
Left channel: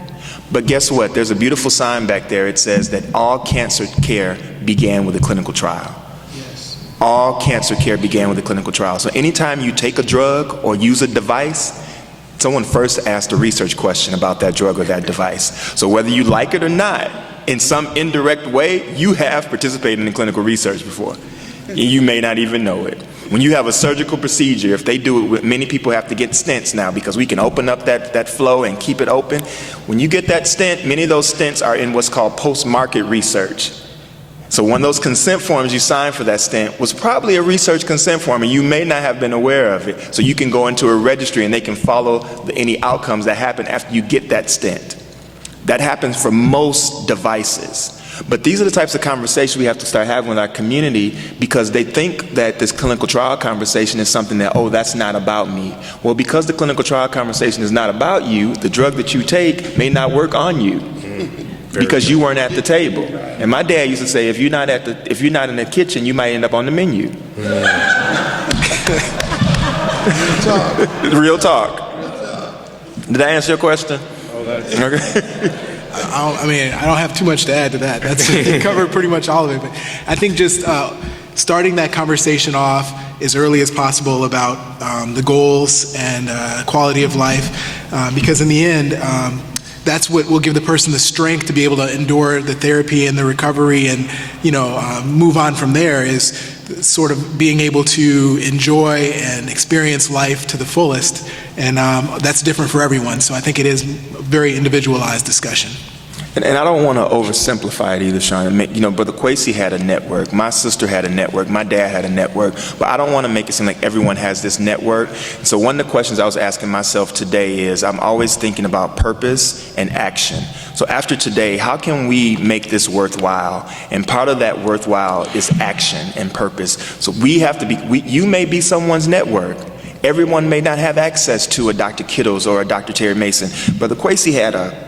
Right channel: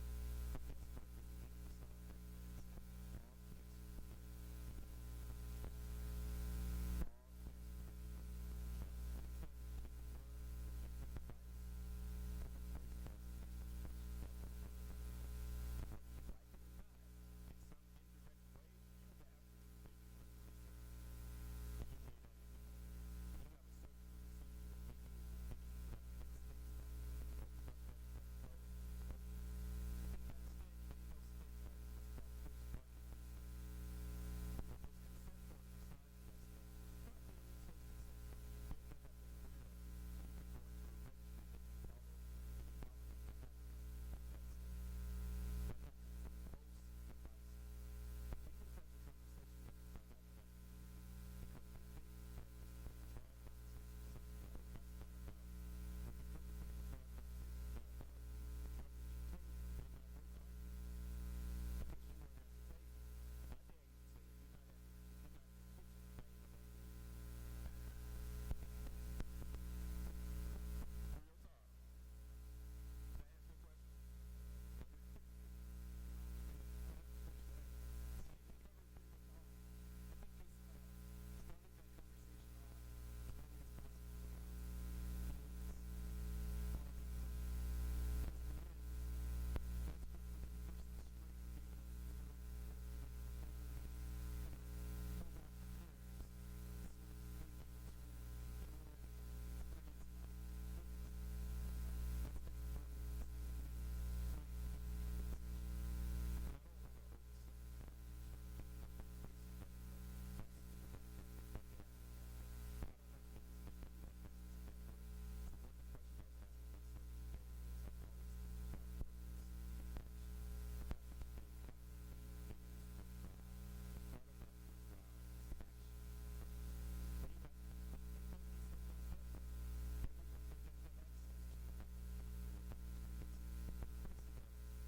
But guess what? There's a beautiful sign back there. It says that all cancer care began with a clinical trial. Yes. All cancer care began with a clinical trial. So anytime you take a drug or use a device, someone first asked a research question about that drug or that device. So whether you like it or not, in some indirect way, you have participated in clinical research before. You may not even know it. When you have a surgical procedure, if they do it, many people have to get stents now because we can open up that flow and keep it open. When you get that stent, many of those stents are in what's called post-market research. So one of those consent forms you signed for that stent was probably a research consent form, and you may not have been aware of it. So you can go into a registry and they can follow any outcomes that happen after you get that stent. That happens for most devices. But these are the types of conversations we have to start having with our community, because they think that this clinical trial conversation is something that, oh, that's not about me. Well, because the clinical trial conversation is not about you, the drug that you take may not work on you because you weren't at the table. And my dad used to say, if you're not in the kitchen, you might end up on the menu. Real talk. Did I answer your question? Oh, that's okay. I don't have too much to add to that. That's covered pretty much all of it. But I think just starting that conversation off as early as possible about the goals and quality of life, because in the end, that's what will give the person the strength to be able to endure the therapy and the recovery and, move on from there, is sort of being able to enjoy and experience life to the fullest. And that's different for everyone. So I think it is a very individualized discussion. And I don't want to oversimplify it either, Sean. Brother Kwesi had a network. My sister had a network. My dad had a network. But I don't want to make it seem like everyone has this network. So one of the questions I was asking myself today is, I'm always thinking about purpose and action. So after today, how can we make this worthwhile? And part of that worthwhile is action and purpose. So we have to be, you may be someone's network. Everyone may not have access to a Dr. Kittles or a Dr. Terry Mason. Brother Kwesi had a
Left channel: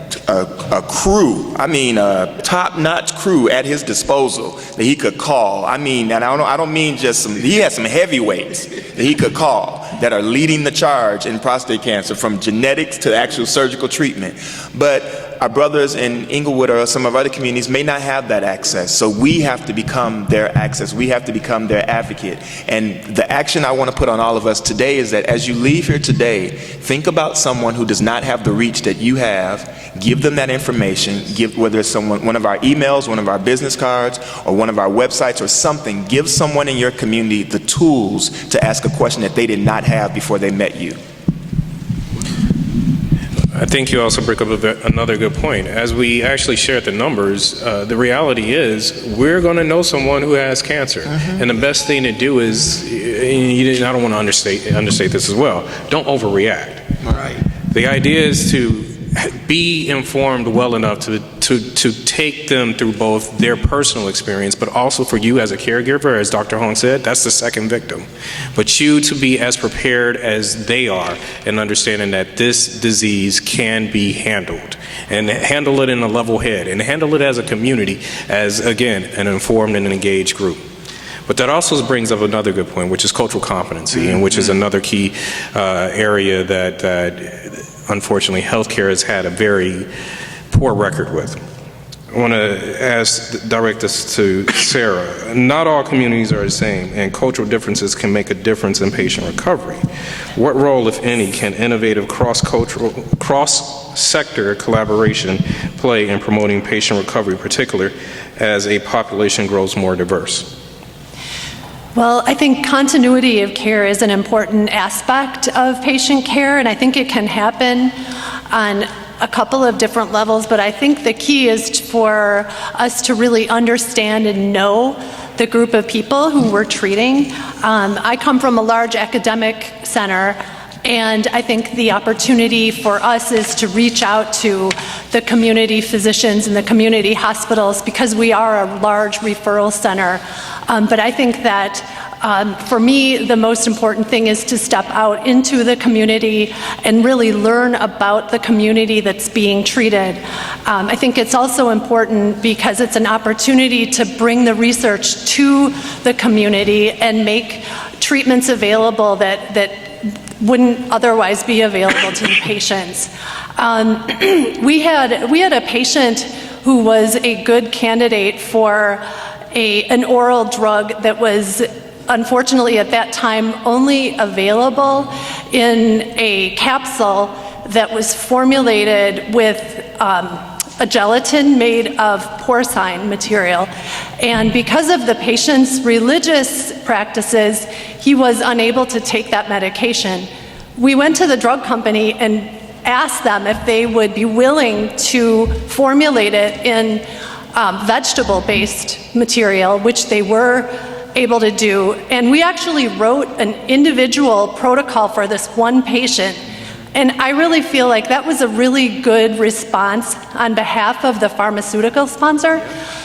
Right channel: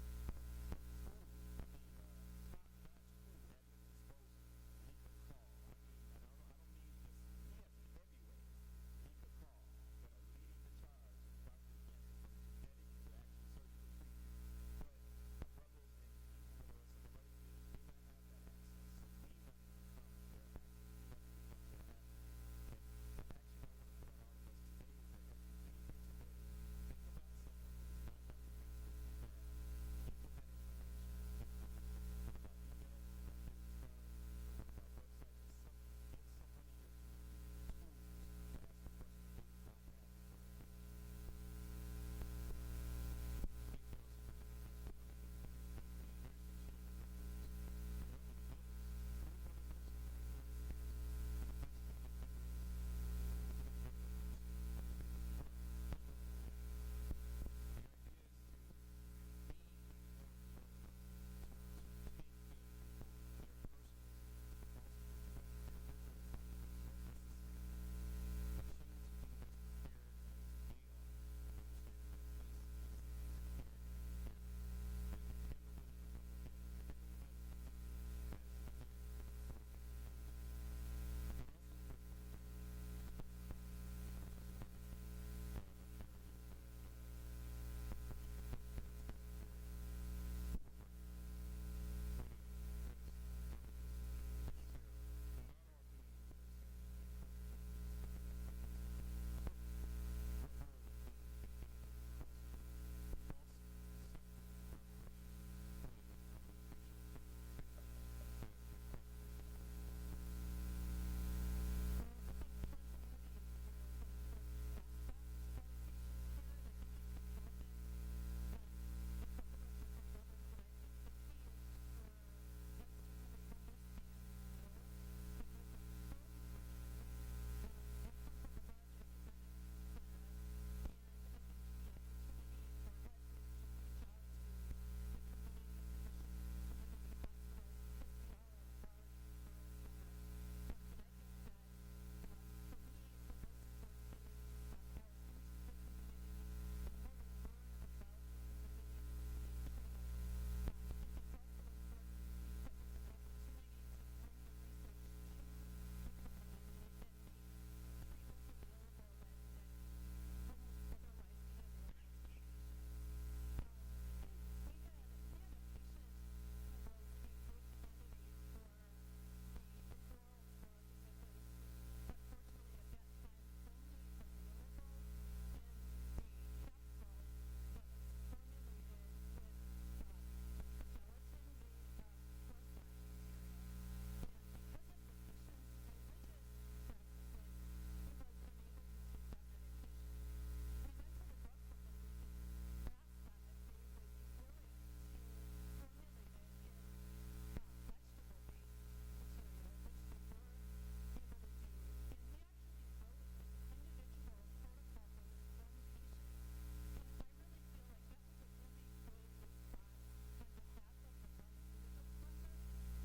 crew, a top-notch crew at his disposal that he could call. And I don't mean just he had some heavyweights that he could call that are leading the charge in prostate cancer, from genetics to actual surgical treatment. But our brothers in Inglewood or some of our other communities may not have that access. So we have to become their access. We have to become their advocate. And the action I want to put on all of us today is that as you leave here today, think about someone who does not have the reach that you have. Give them that information. Whether it's one of our emails, one of our business cards, or one of our websites or something, give someone in your community the tools to ask a question that they did not have before they met you. I think you also bring up another good point. As we actually shared the numbers, the reality is we're going to know someone who has cancer. Mm-hmm. And the best thing to do is, and I don't want to understate this as well, don't overreact. Right. The idea is to be informed well enough to to take them through both their personal experience, but also for you as a caregiver, as Dr. Hong said, that's the second victim. But you to be as prepared as they are and understanding that this disease can be handled, and handle it in a level head, and handle it as a community, as, again, an informed and an engaged group. But that also brings up another good point, which is cultural competency, and which is another key area that unfortunately healthcare has had a very poor record with. I want to direct this to Sarah. Not all communities are the same, and cultural differences can make a difference in patient recovery. What role, if any, can innovative cross-cultural, cross-sector collaboration play in promoting patient recovery, particularly as a population grows more diverse? Well, I think continuity of care is an important aspect of patient care, and I think it can happen on a couple of different levels, but I think the key is for us to really understand and know the group of people who we're treating. I come from a large academic center, and I think the opportunity for us is to reach out to the community physicians and the community hospitals, because we are a large referral center. But I think that for me, the most important thing is to step out into the community and really learn about the community that's being treated. I think it's also important because it's an opportunity to bring the research to the community and make treatments available that wouldn't otherwise be available to the patients. We had a patient who was a good candidate for an oral drug that was unfortunately at that time only available in a capsule that was formulated with a gelatin made of porcine material. And because of the patient's religious practices, he was unable to take that medication. We went to the drug company and asked them if they would be willing to formulate it in vegetable-based material, which they were able to do. And we actually wrote an individual protocol for this one patient. And I really feel like that was a really good response on behalf of the pharmaceutical sponsor.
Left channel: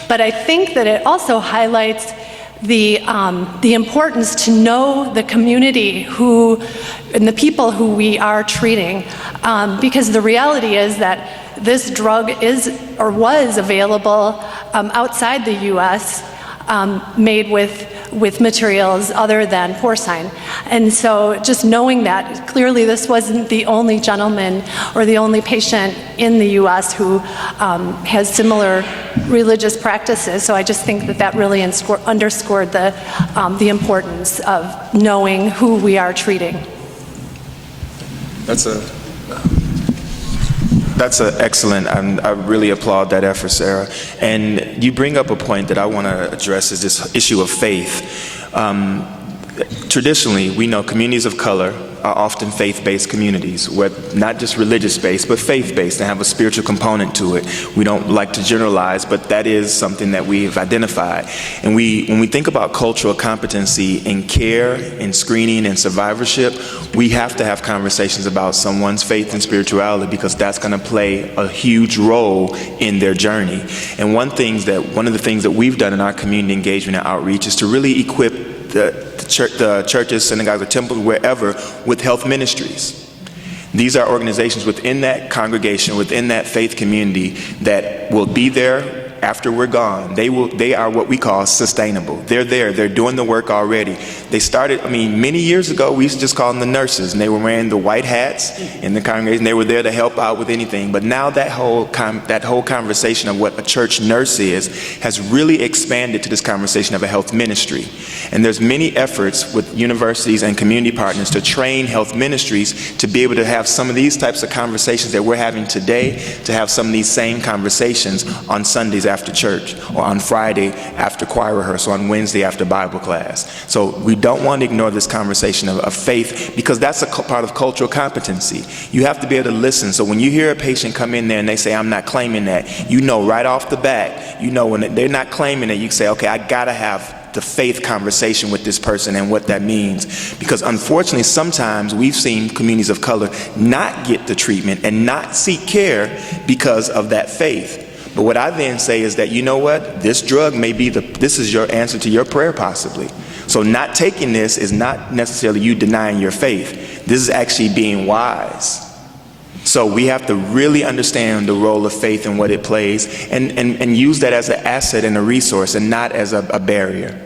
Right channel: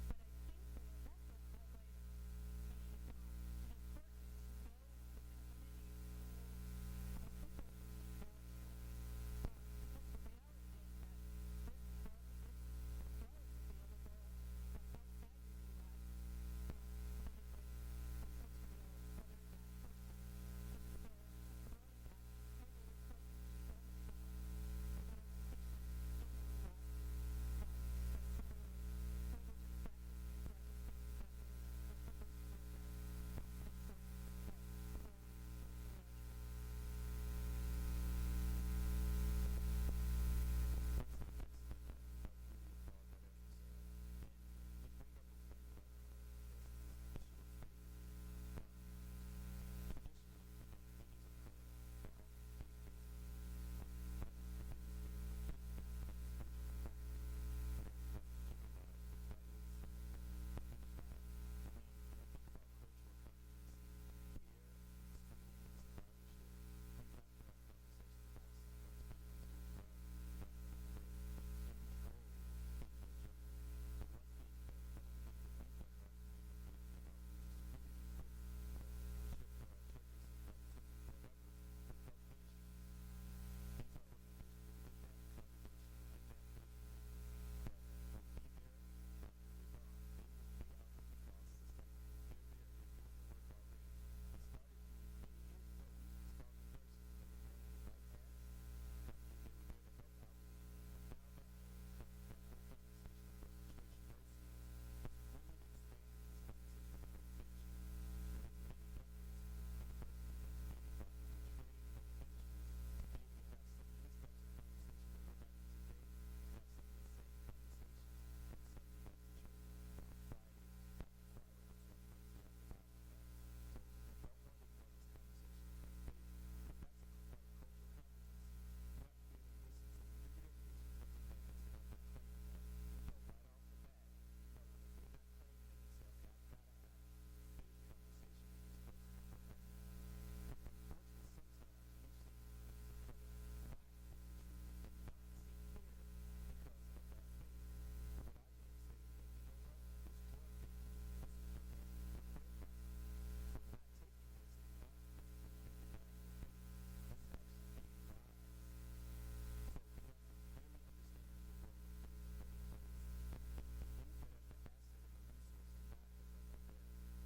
But I think that it also highlights the importance to know the community and the people who we are treating. Because the reality is that this drug is or was available outside the U.S., made with materials other than porcine. And so just knowing that, clearly this wasn't the only gentleman or the only patient in the U.S. who has similar religious practices. So I just think that really underscored the importance of knowing who we are treating. That's excellent. I really applaud that effort, Sarah. And you bring up a point that I want to address, is this issue of faith. Traditionally, we know communities of color are often faith-based communities, not just religious-based, but faith-based, and have a spiritual component to it. We don't like to generalize, but that is something that we've identified. And when we think about cultural competency in care, in screening, and survivorship, we have to have conversations about someone's faith and spirituality, because that's going to play a huge role in their journey. And one of the things that we've done in our community engagement and outreach is to really equip the churches, synagogues, or temples, wherever, with health ministries. These are organizations within that congregation, within that faith community, that will be there after we're gone. They are what we call sustainable. They're there. They're doing the work already. They started, many years ago, we used to just call them the nurses, and they were wearing the white hats in the congregation. They were there to help out with anything. But now that whole conversation of what a church nurse is has really expanded to this conversation of a health ministry. And there's many efforts with universities and community partners to train health ministries to be able to have some of these types of conversations that we're having today, to have some of these same conversations on Sundays after church, or on Friday after choir rehearsal, on Wednesday after Bible class. So we don't want to ignore this conversation of faith, because that's a part of cultural competency. You have to be able to listen. So when you hear a patient come in there and they say, "I'm not claiming that," you know right off the bat, when they're not claiming it, you say, okay, I gotta have the faith conversation with this person and what that means. Because unfortunately, sometimes we've seen communities of color not get the treatment and not seek care because of that faith. But what I then say is that, you know what, this drug may be this is your answer to your prayer possibly. So not taking this is not necessarily you denying your faith. This is actually being wise. So we have to really understand the role of faith and what it plays, and use that as an asset and a resource and not as a barrier.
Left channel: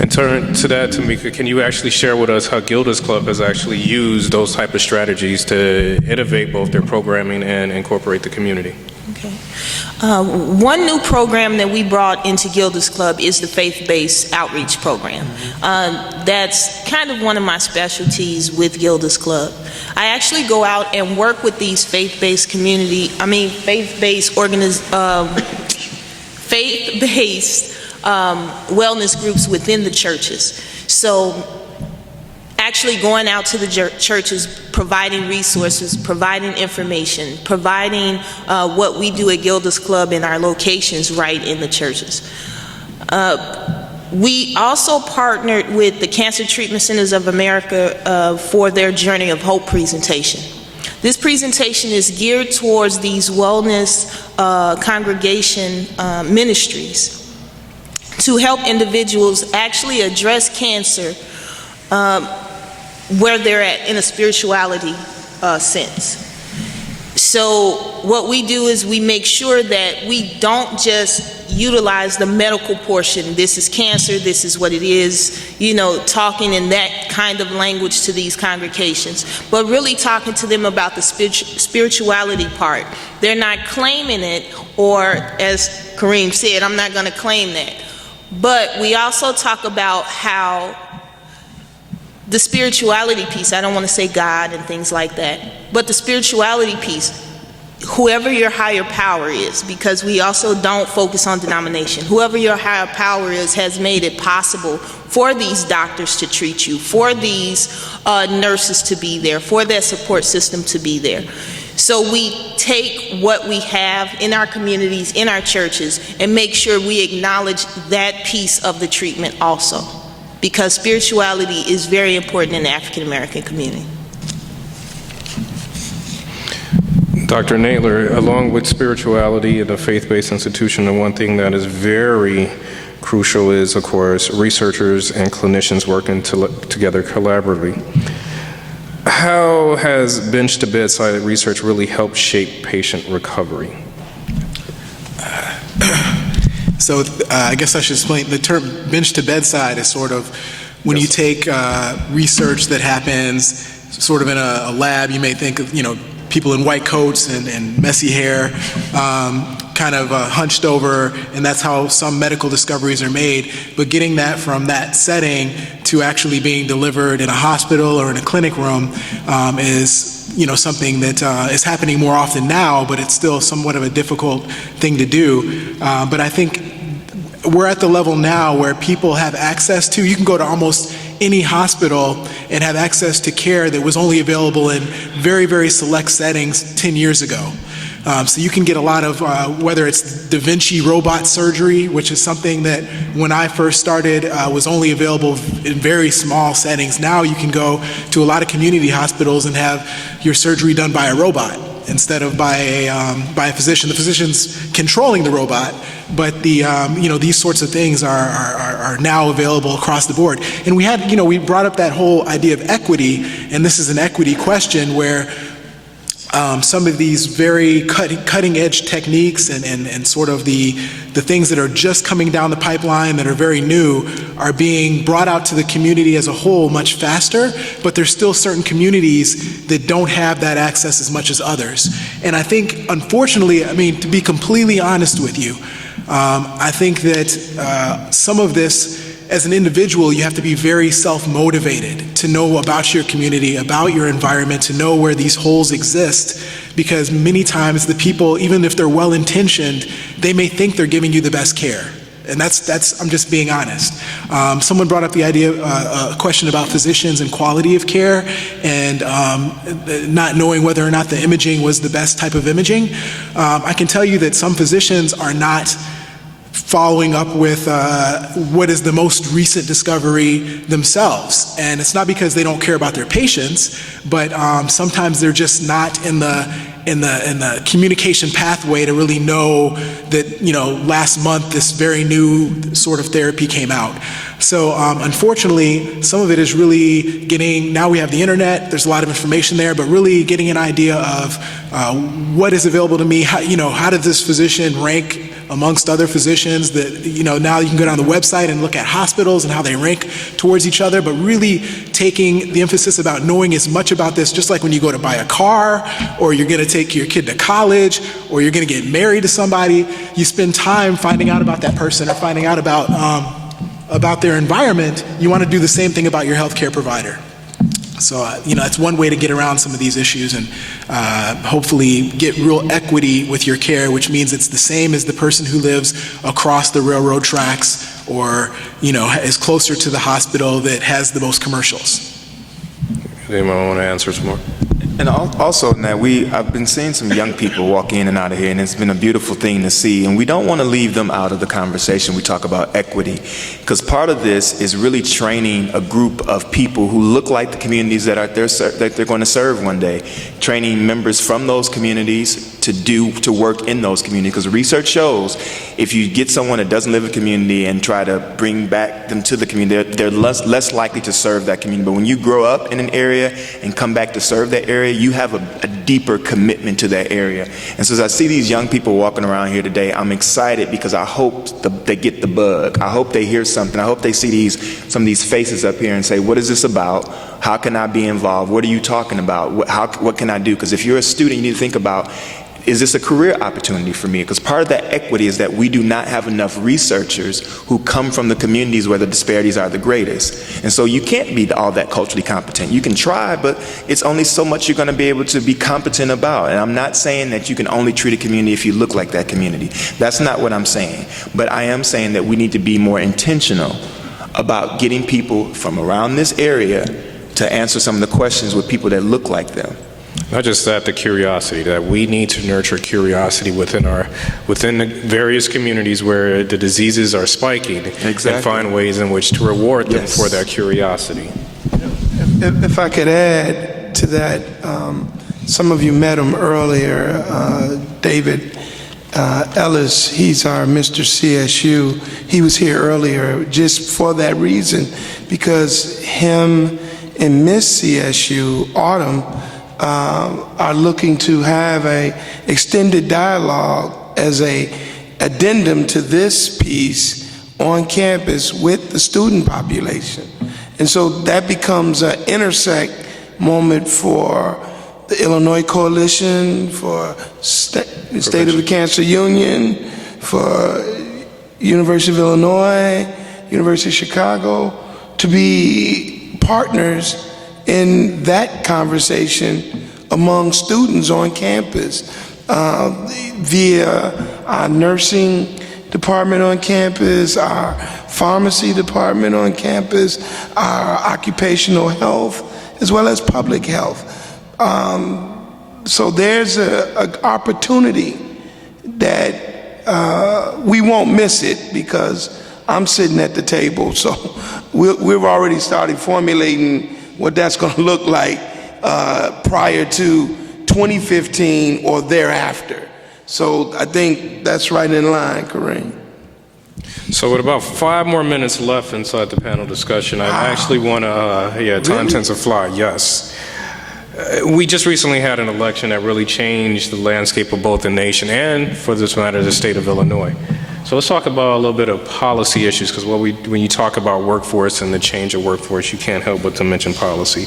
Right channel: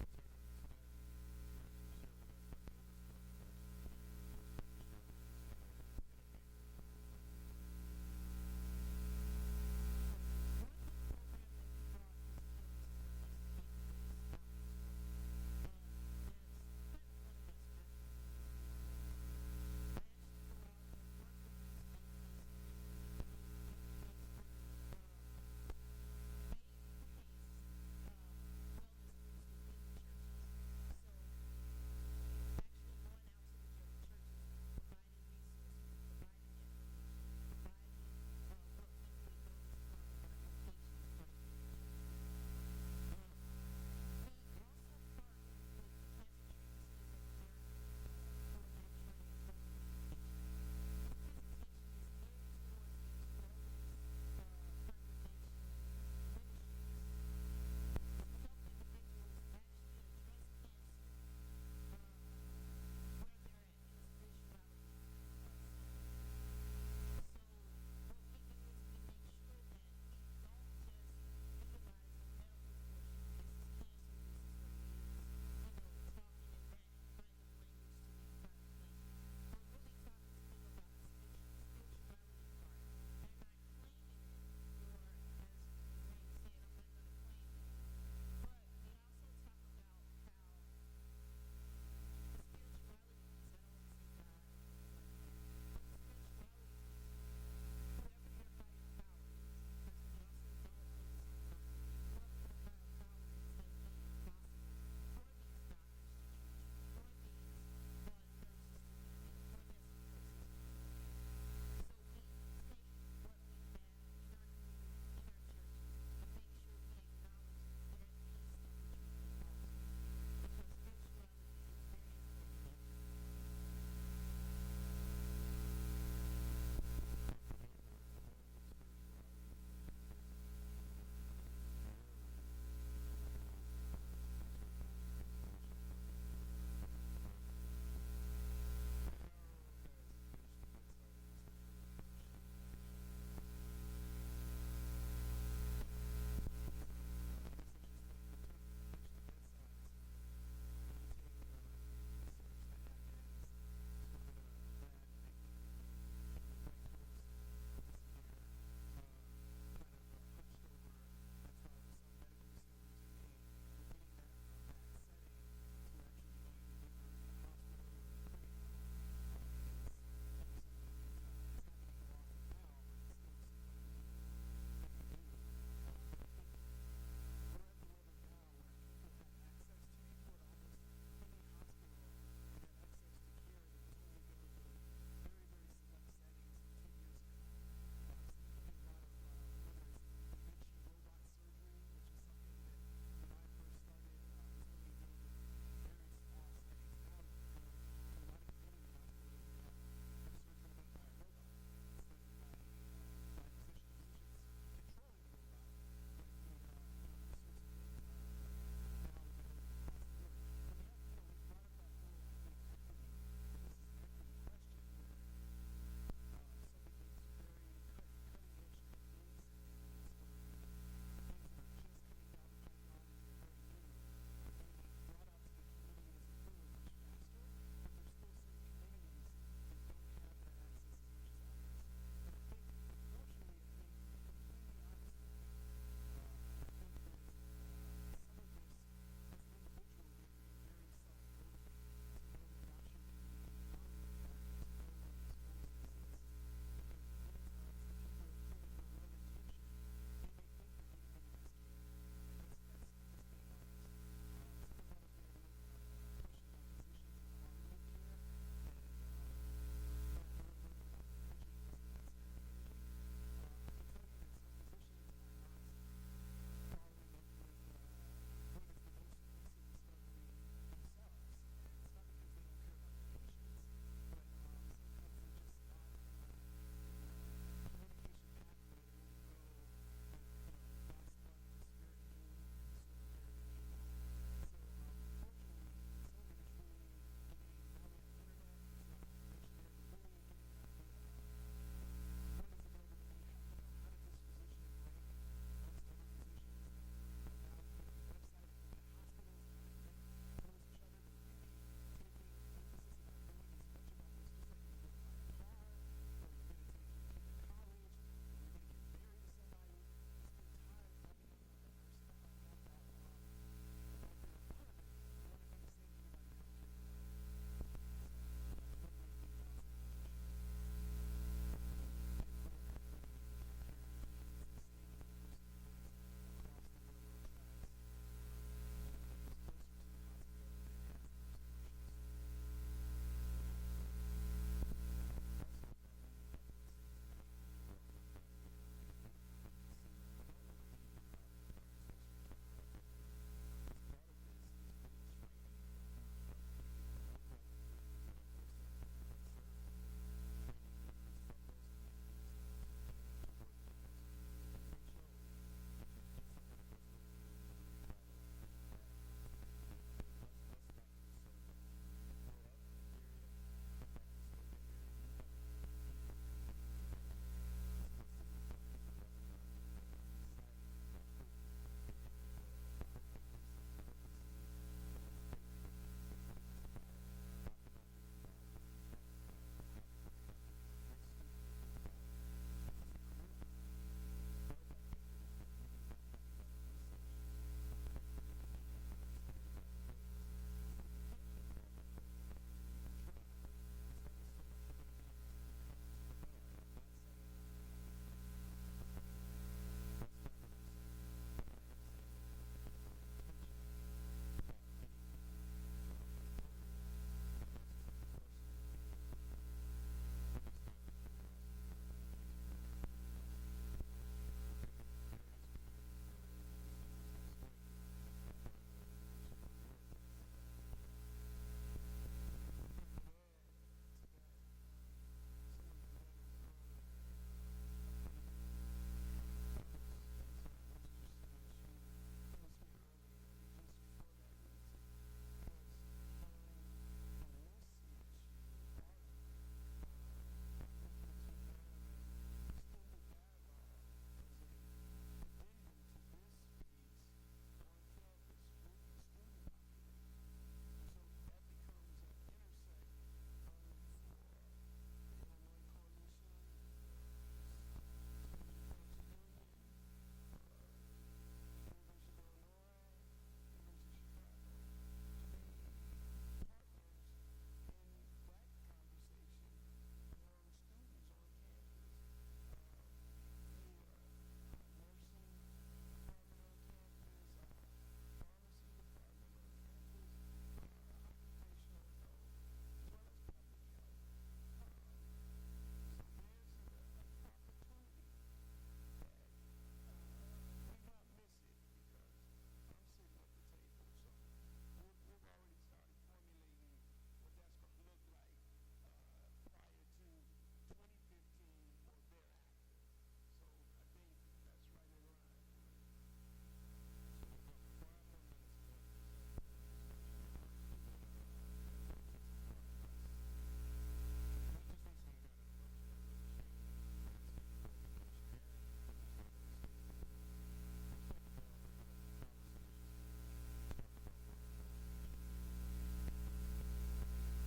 And turn to that, Tamika, can you actually share with us how Gilda's Club has actually used those type of strategies to innovate both their programming and incorporate the community? Okay. One new program that we brought into Gilda's Club is the faith-based outreach program. That's kind of one of my specialties with Gilda's Club. I actually go out and work with these faith-based wellness groups within the churches. So actually going out to the churches, providing resources, providing information, providing what we do at Gilda's Club in our locations right in the churches. We also partnered with the Cancer Treatment Centers of America for their Journey of Hope presentation. This presentation is geared towards these wellness congregation ministries to help individuals actually address cancer where they're at in a spirituality sense. So what we do is we make sure that we don't just utilize the medical portion. This is cancer, this is what it is, talking in that kind of language to these congregations, but really talking to them about the spirituality part. They're not claiming it, or as Kareem said, I'm not going to claim that. But we also talk about how the spirituality piece, I don't want to say God and things like that, but the spirituality piece, whoever your higher power is, because we also don't focus on denomination, whoever your higher power is has made it possible for these doctors to treat you, for these nurses to be there, for that support system to be there. So we take what we have in our communities, in our churches, and make sure we acknowledge that piece of the treatment also, because spirituality is very important in the African American community. Dr. Naylor, along with spirituality and a faith-based institution, the one thing that is very crucial is, of course, researchers and clinicians working together collaboratively. How has bench-to-bedside research really helped shape patient recovery? So I guess I should explain, the term bench-to-bedside is sort of when you take research that happens sort of in a lab. You may think of, people in white coats and messy hair, kind of hunched over, and that's how some medical discoveries are made. But getting that from that setting to actually being delivered in a hospital or in a clinic room is something that is happening more often now, but it's still somewhat of a difficult thing to do. But I think we're at the level now where people have access to, you can go to almost any hospital and have access to care that was only available in very, very select settings 10 years ago. So you can get a lot of, whether it's Da Vinci robot surgery, which is something that when I first started was only available in very small settings. Now you can go to a lot of community hospitals and have your surgery done by a robot instead of by a physician. The physician's controlling the robot, but these sorts of things are now available across the board. And we brought up that whole idea of equity, and this is an equity question where some of these very cutting edge techniques and sort of the things that are just coming down the pipeline that are very new are being brought out to the community as a whole much faster, but there's still certain communities that don't have that access as much as others. And I think, unfortunately, to be completely honest with you, I think that some of this, as an individual, you have to be very self-motivated to know about your community, about your environment, to know where these holes exist, because many times the people, even if they're well-intentioned, they may think they're giving you the best care. And that's I'm just being honest. Someone brought up the idea, a question about physicians and quality of care, and not knowing whether or not the imaging was the best type of imaging. I can tell you that some physicians are not following up with what is the most recent discovery themselves. And it's not because they don't care about their patients, but sometimes they're just not in the communication pathway to really know that, last month this very new sort of therapy came out. So unfortunately, some of it is really now we have the internet, there's a lot of information there, but really getting an idea of what is available to me, how did this physician rank amongst other physicians that, now you can go down the website and look at hospitals and how they rank towards each other, but really taking the emphasis about knowing as much about this, just like when you go to buy a car, or you're gonna take your kid to college, or you're gonna get married to somebody, you spend time finding out about that person or finding out about their environment. You wanna do the same thing about your healthcare provider. So, that's one way to get around some of these issues and hopefully get real equity with your care, which means it's the same as the person who lives across the railroad tracks or, is closer to the hospital that has the most commercials. Anyone want to answer some more? And also, now I've been seeing some young people walk in and out of here, and it's been a beautiful thing to see. And we don't want to leave them out of the conversation. We talk about equity, because part of this is really training a group of people who look like the communities that they're going to serve one day. Training members from those communities to work in those communities, because research shows if you get someone that doesn't live in a community and try to bring back them to the community, they're less likely to serve that community. But when you grow up in an area and come back to serve that area, you have a deeper commitment to that area. And so as I see these young people walking around here today, I'm excited because I hope they get the bug. I hope they hear something. I hope they see some of these faces up here and say, what is this about? How can I be involved? What are you talking about? What can I do? Because if you're a student, you need to think about, is this a career opportunity for me? Because part of that equity is that we do not have enough researchers who come from the communities where the disparities are the greatest. And so you can't be all that culturally competent. You can try, but it's only so much you're going to be able to be competent about. And I'm not saying that you can only treat a community if you look like that community. That's not what I'm saying. But I am saying that we need to be more intentional about getting people from around this area to answer some of the questions with people that look like them. Not just that, the curiosity, that we need to nurture curiosity within the various communities where the diseases are spiking. Exactly. And find ways in which to reward them for that curiosity. If I could add to that, some of you met him earlier, David Ellis. He's our Mr. CSU. He was here earlier just for that reason, because him and Miss CSU, Autumn, are looking to have a extended dialogue as a addendum to this piece on campus with the student population. And so that becomes an intersect moment for the Illinois Coalition, for the State of the Cancer Union, for University of Illinois, University of Chicago, to be partners in that conversation among students on campus via our nursing department on campus, our pharmacy department on campus, our occupational health, as well as public health. So there's an opportunity that we won't miss it, because I'm sitting at the table. So we've already started formulating what that's going to look like prior to 2015 or thereafter. So I think that's right in line, Kareem. So with about 5 more minutes left inside the panel discussion, I actually want to, time tends to fly, yes. We just recently had an election that really changed the landscape of both the nation and, for this matter, the state of Illinois. So let's talk about a little bit of policy issues, because when you talk about workforce and the change of workforce, you can't help but to mention policy.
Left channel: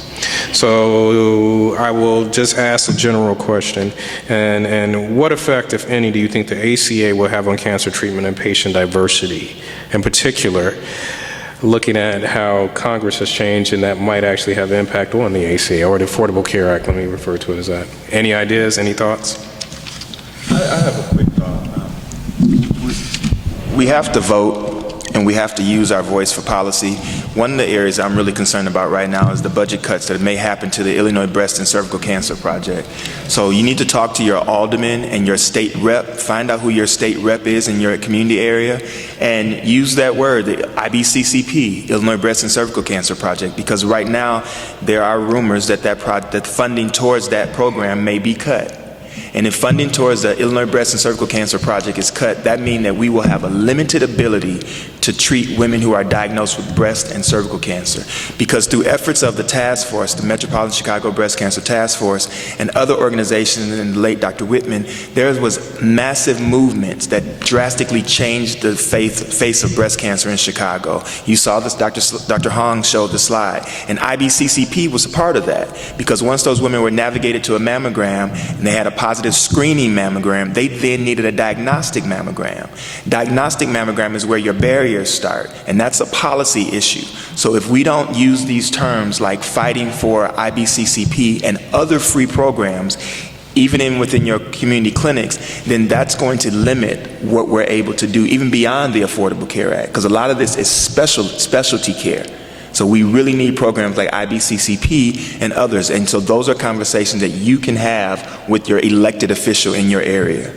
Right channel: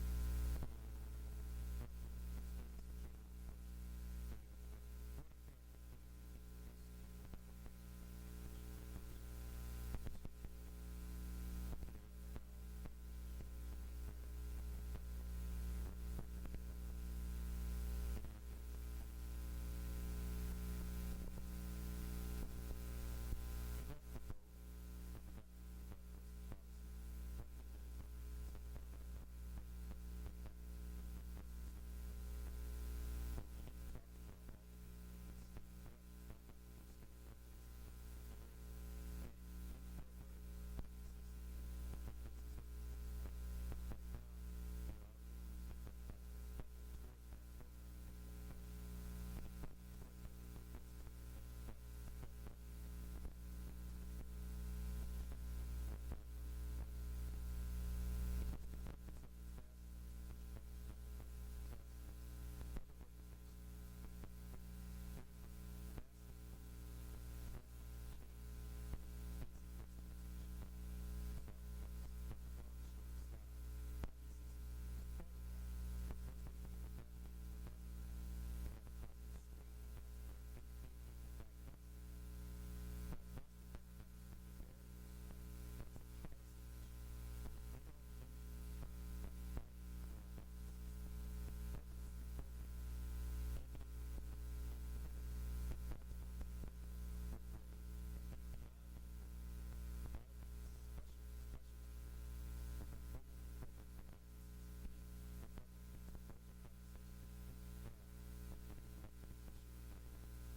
So I will just ask a general question, and what effect, if any, do you think the ACA will have on cancer treatment and patient diversity? In particular, looking at how Congress has changed, and that might actually have impact on the ACA, or the Affordable Care Act, let me refer to it as that. Any ideas, any thoughts? I have a quick thought. We have to vote, and we have to use our voice for policy, one of the areas I'm really concerned about right now is the budget cuts that may happen to the Illinois Breast and Cervical Cancer Project. So you need to talk to your alderman and your state rep, find out who your state rep is in your community area, and use that word, the IBCCP, Illinois Breast and Cervical Cancer Project, because right now there are rumors that that funding towards that program may be cut. And if funding towards the Illinois Breast and Cervical Cancer Project is cut, that means that we will have a limited ability to treat women who are diagnosed with breast and cervical cancer. Because through efforts of the task force, the Metropolitan Chicago Breast Cancer Task Force, and other organizations, and the late Dr. Whitman, there was massive movements that drastically changed the face of breast cancer in Chicago. You saw this, Dr. Hong showed the slide, and IBCCP was a part of that, because once those women were navigated to a mammogram, and they had a positive screening mammogram, they then needed a diagnostic mammogram. Diagnostic mammogram is where your barriers start, and that's a policy issue. So if we don't use these terms like fighting for IBCCP and other free programs, even within your community clinics, then that's going to limit what we're able to do, even beyond the Affordable Care Act, because a lot of this is specialty care. So we really need programs like IBCCP and others. And so those are conversations that you can have with your elected official in your area.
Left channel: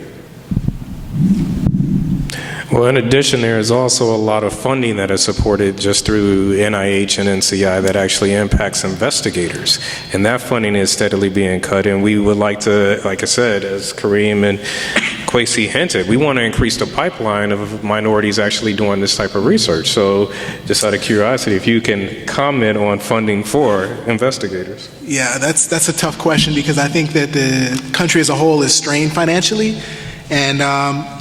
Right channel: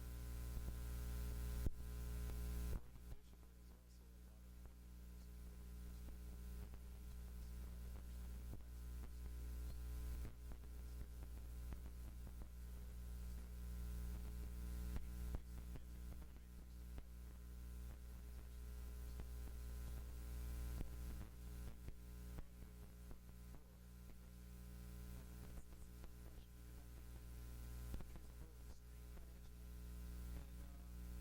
Well, in addition, there is also a lot of funding that is supported just through NIH and NCI that actually impacts investigators. And that funding is steadily being cut. And we would like to, like I said, as Kareem and Kwesi hinted, we want to increase the pipeline of minorities actually doing this type of research. So just out of curiosity, if you can comment on funding for investigators. Yeah, that's a tough question, because I think that the country as a whole is strained financially. And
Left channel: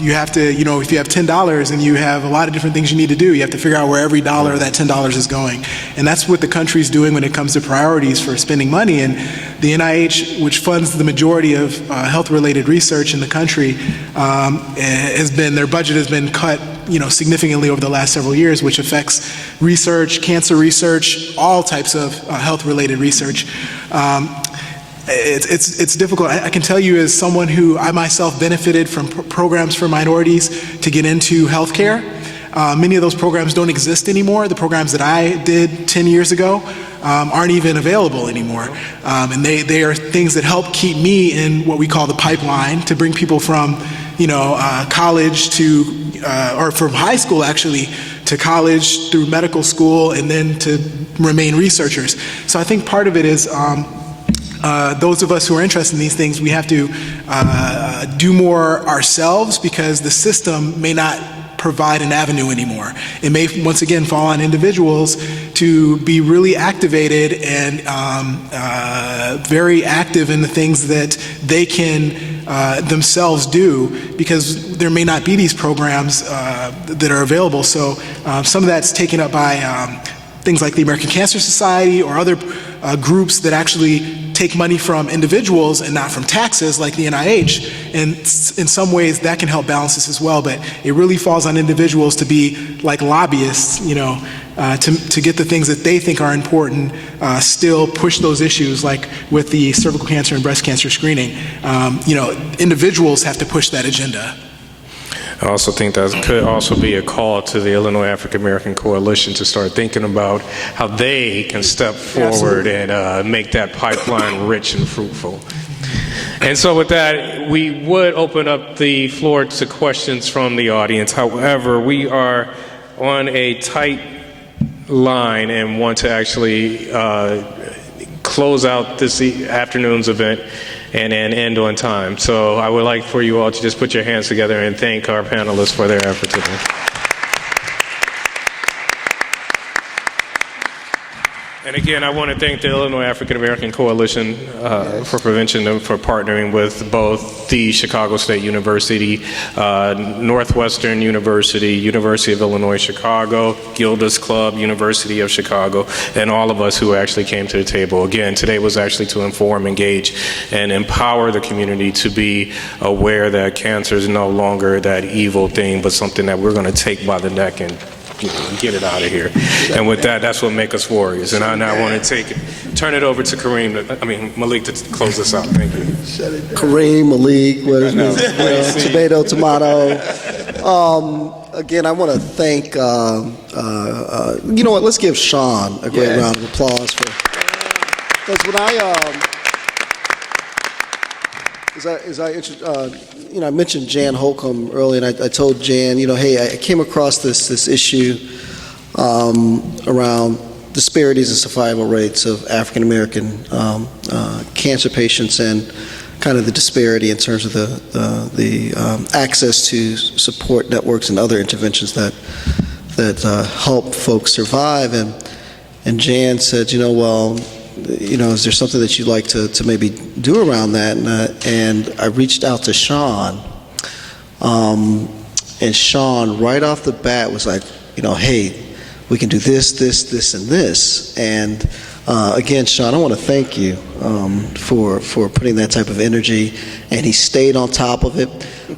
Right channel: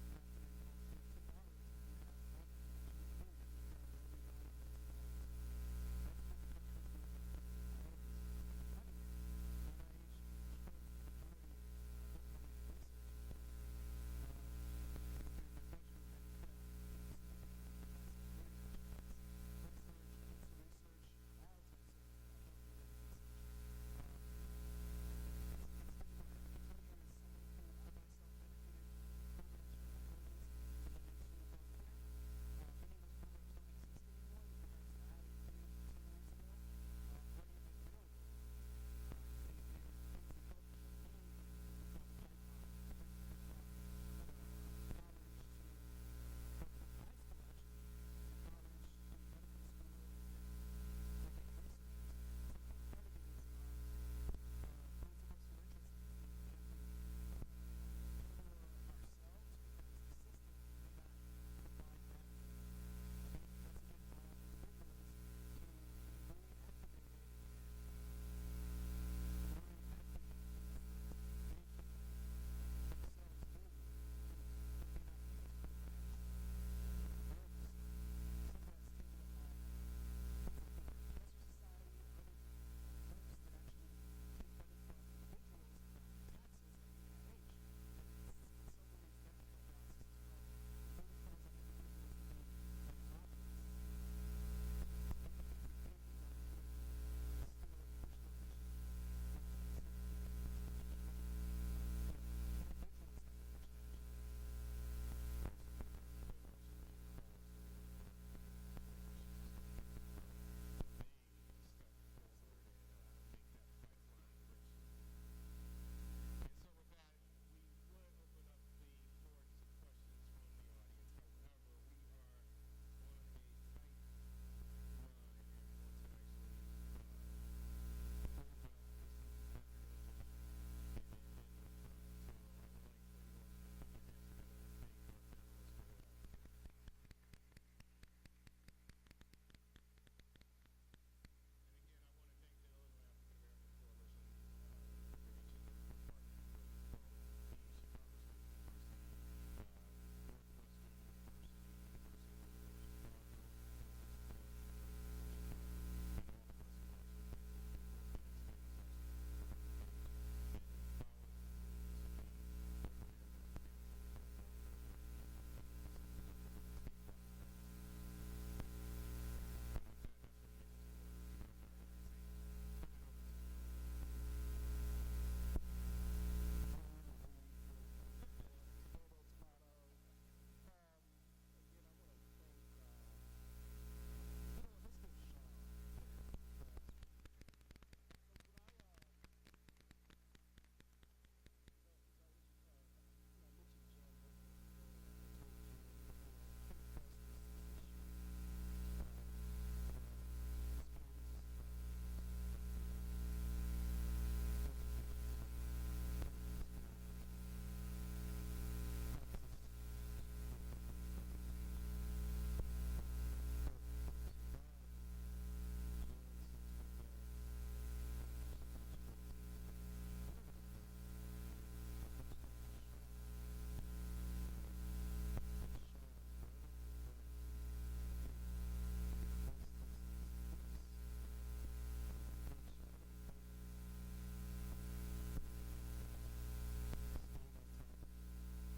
you have to, if you have $10 and you have a lot of different things you need to do, you have to figure out where every dollar of that $10 is going. And that's what the country's doing when it comes to priorities for spending money. And the NIH, which funds the majority of health-related research in the country, their budget has been cut significantly over the last several years, which affects research, cancer research, all types of health-related research. It's difficult. I can tell you, as someone who I myself benefited from programs for minorities to get into healthcare, many of those programs don't exist anymore. The programs that I did 10 years ago aren't even available anymore. And they are things that help keep me in what we call the pipeline, to bring people from college to, or from high school actually, to college, through medical school, and then to remain researchers. So I think part of it is those of us who are interested in these things, we have to do more ourselves, because the system may not provide an avenue anymore. It may once again fall on individuals to be really activated and very active in the things that they can themselves do, because there may not be these programs that are available. So some of that's taken up by things like the American Cancer Society or other groups that actually take money from individuals and not from taxes, like the NIH. And in some ways that can help balance this as well, but it really falls on individuals to be like lobbyists, to get the things that they think are important, still push those issues, like with the cervical cancer and breast cancer screening. Individuals have to push that agenda. I also think that could also be a call to the Illinois African American Coalition to start thinking about how they can step forward and make that pipeline rich and fruitful. And so with that, we would open up the floor to questions from the audience. However, we are on a tight line and want to actually close out this afternoon's event and end on time. So I would like for you all to just put your hands together and thank our panelists for their efforts today. And again, I want to thank the Illinois African American Coalition for Prevention and for partnering with both the Chicago State University, Northwestern University, University of Illinois Chicago, Gilda's Club, University of Chicago, and all of us who actually came to the table. Again, today was actually to inform, engage, and empower the community to be aware that cancer is no longer that evil thing, but something that we're going to take by the neck and get it out of here. And with that, that's what makes us warriors. And I now want to turn it over to Malik to close this out. Thank you. Kareem, Malik, tomato. Again, I want to thank, you know what, let's give Sean a great round of applause for, because when you know, I mentioned Jan Holcomb earlier, and I told Jan, you know, hey, I came across this issue around disparities in survival rates of African American cancer patients, and kind of the disparity in terms of the access to support networks and other interventions that help folks survive. And Jan said, you know, well, you know, is there something that you'd like to maybe do around that? And I reached out to Sean, and Sean right off the bat was like, you know, hey, we can do this, and this. And again, Sean, I want to thank you for putting that type of energy, and he stayed on top of it.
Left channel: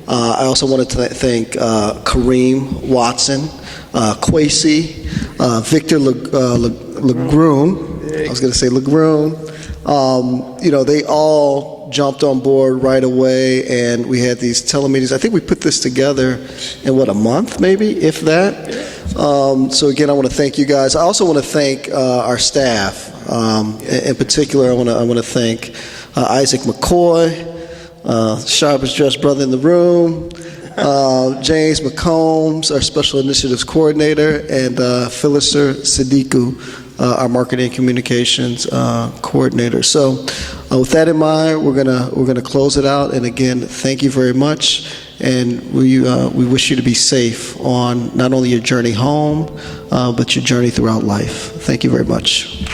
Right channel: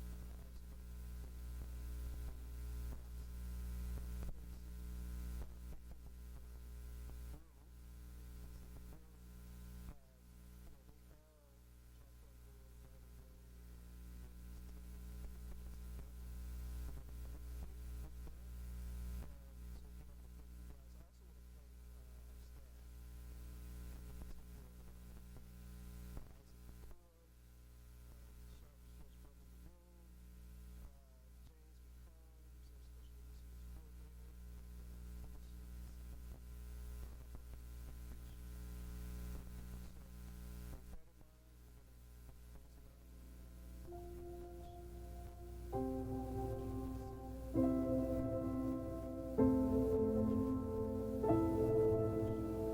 I also wanted to thank Kareem Watson, Kwesi, Victor Legrune. I was going to say Legrune. You know, they all jumped on board right away, and we had these telemeetings. I think we put this together in, what, a month maybe, if that? So again, I want to thank you guys. I also want to thank our staff. In particular, I want to thank Isaac McCoy, sharpest dressed brother in the room, James McCombs, our Special Initiatives Coordinator, and Phyllis Sadiku, our Marketing and Communications Coordinator. So with that in mind, we're gonna close it out. And again, thank you very much. And we wish you to be safe on not only your journey home, but your journey throughout life. Thank you very much.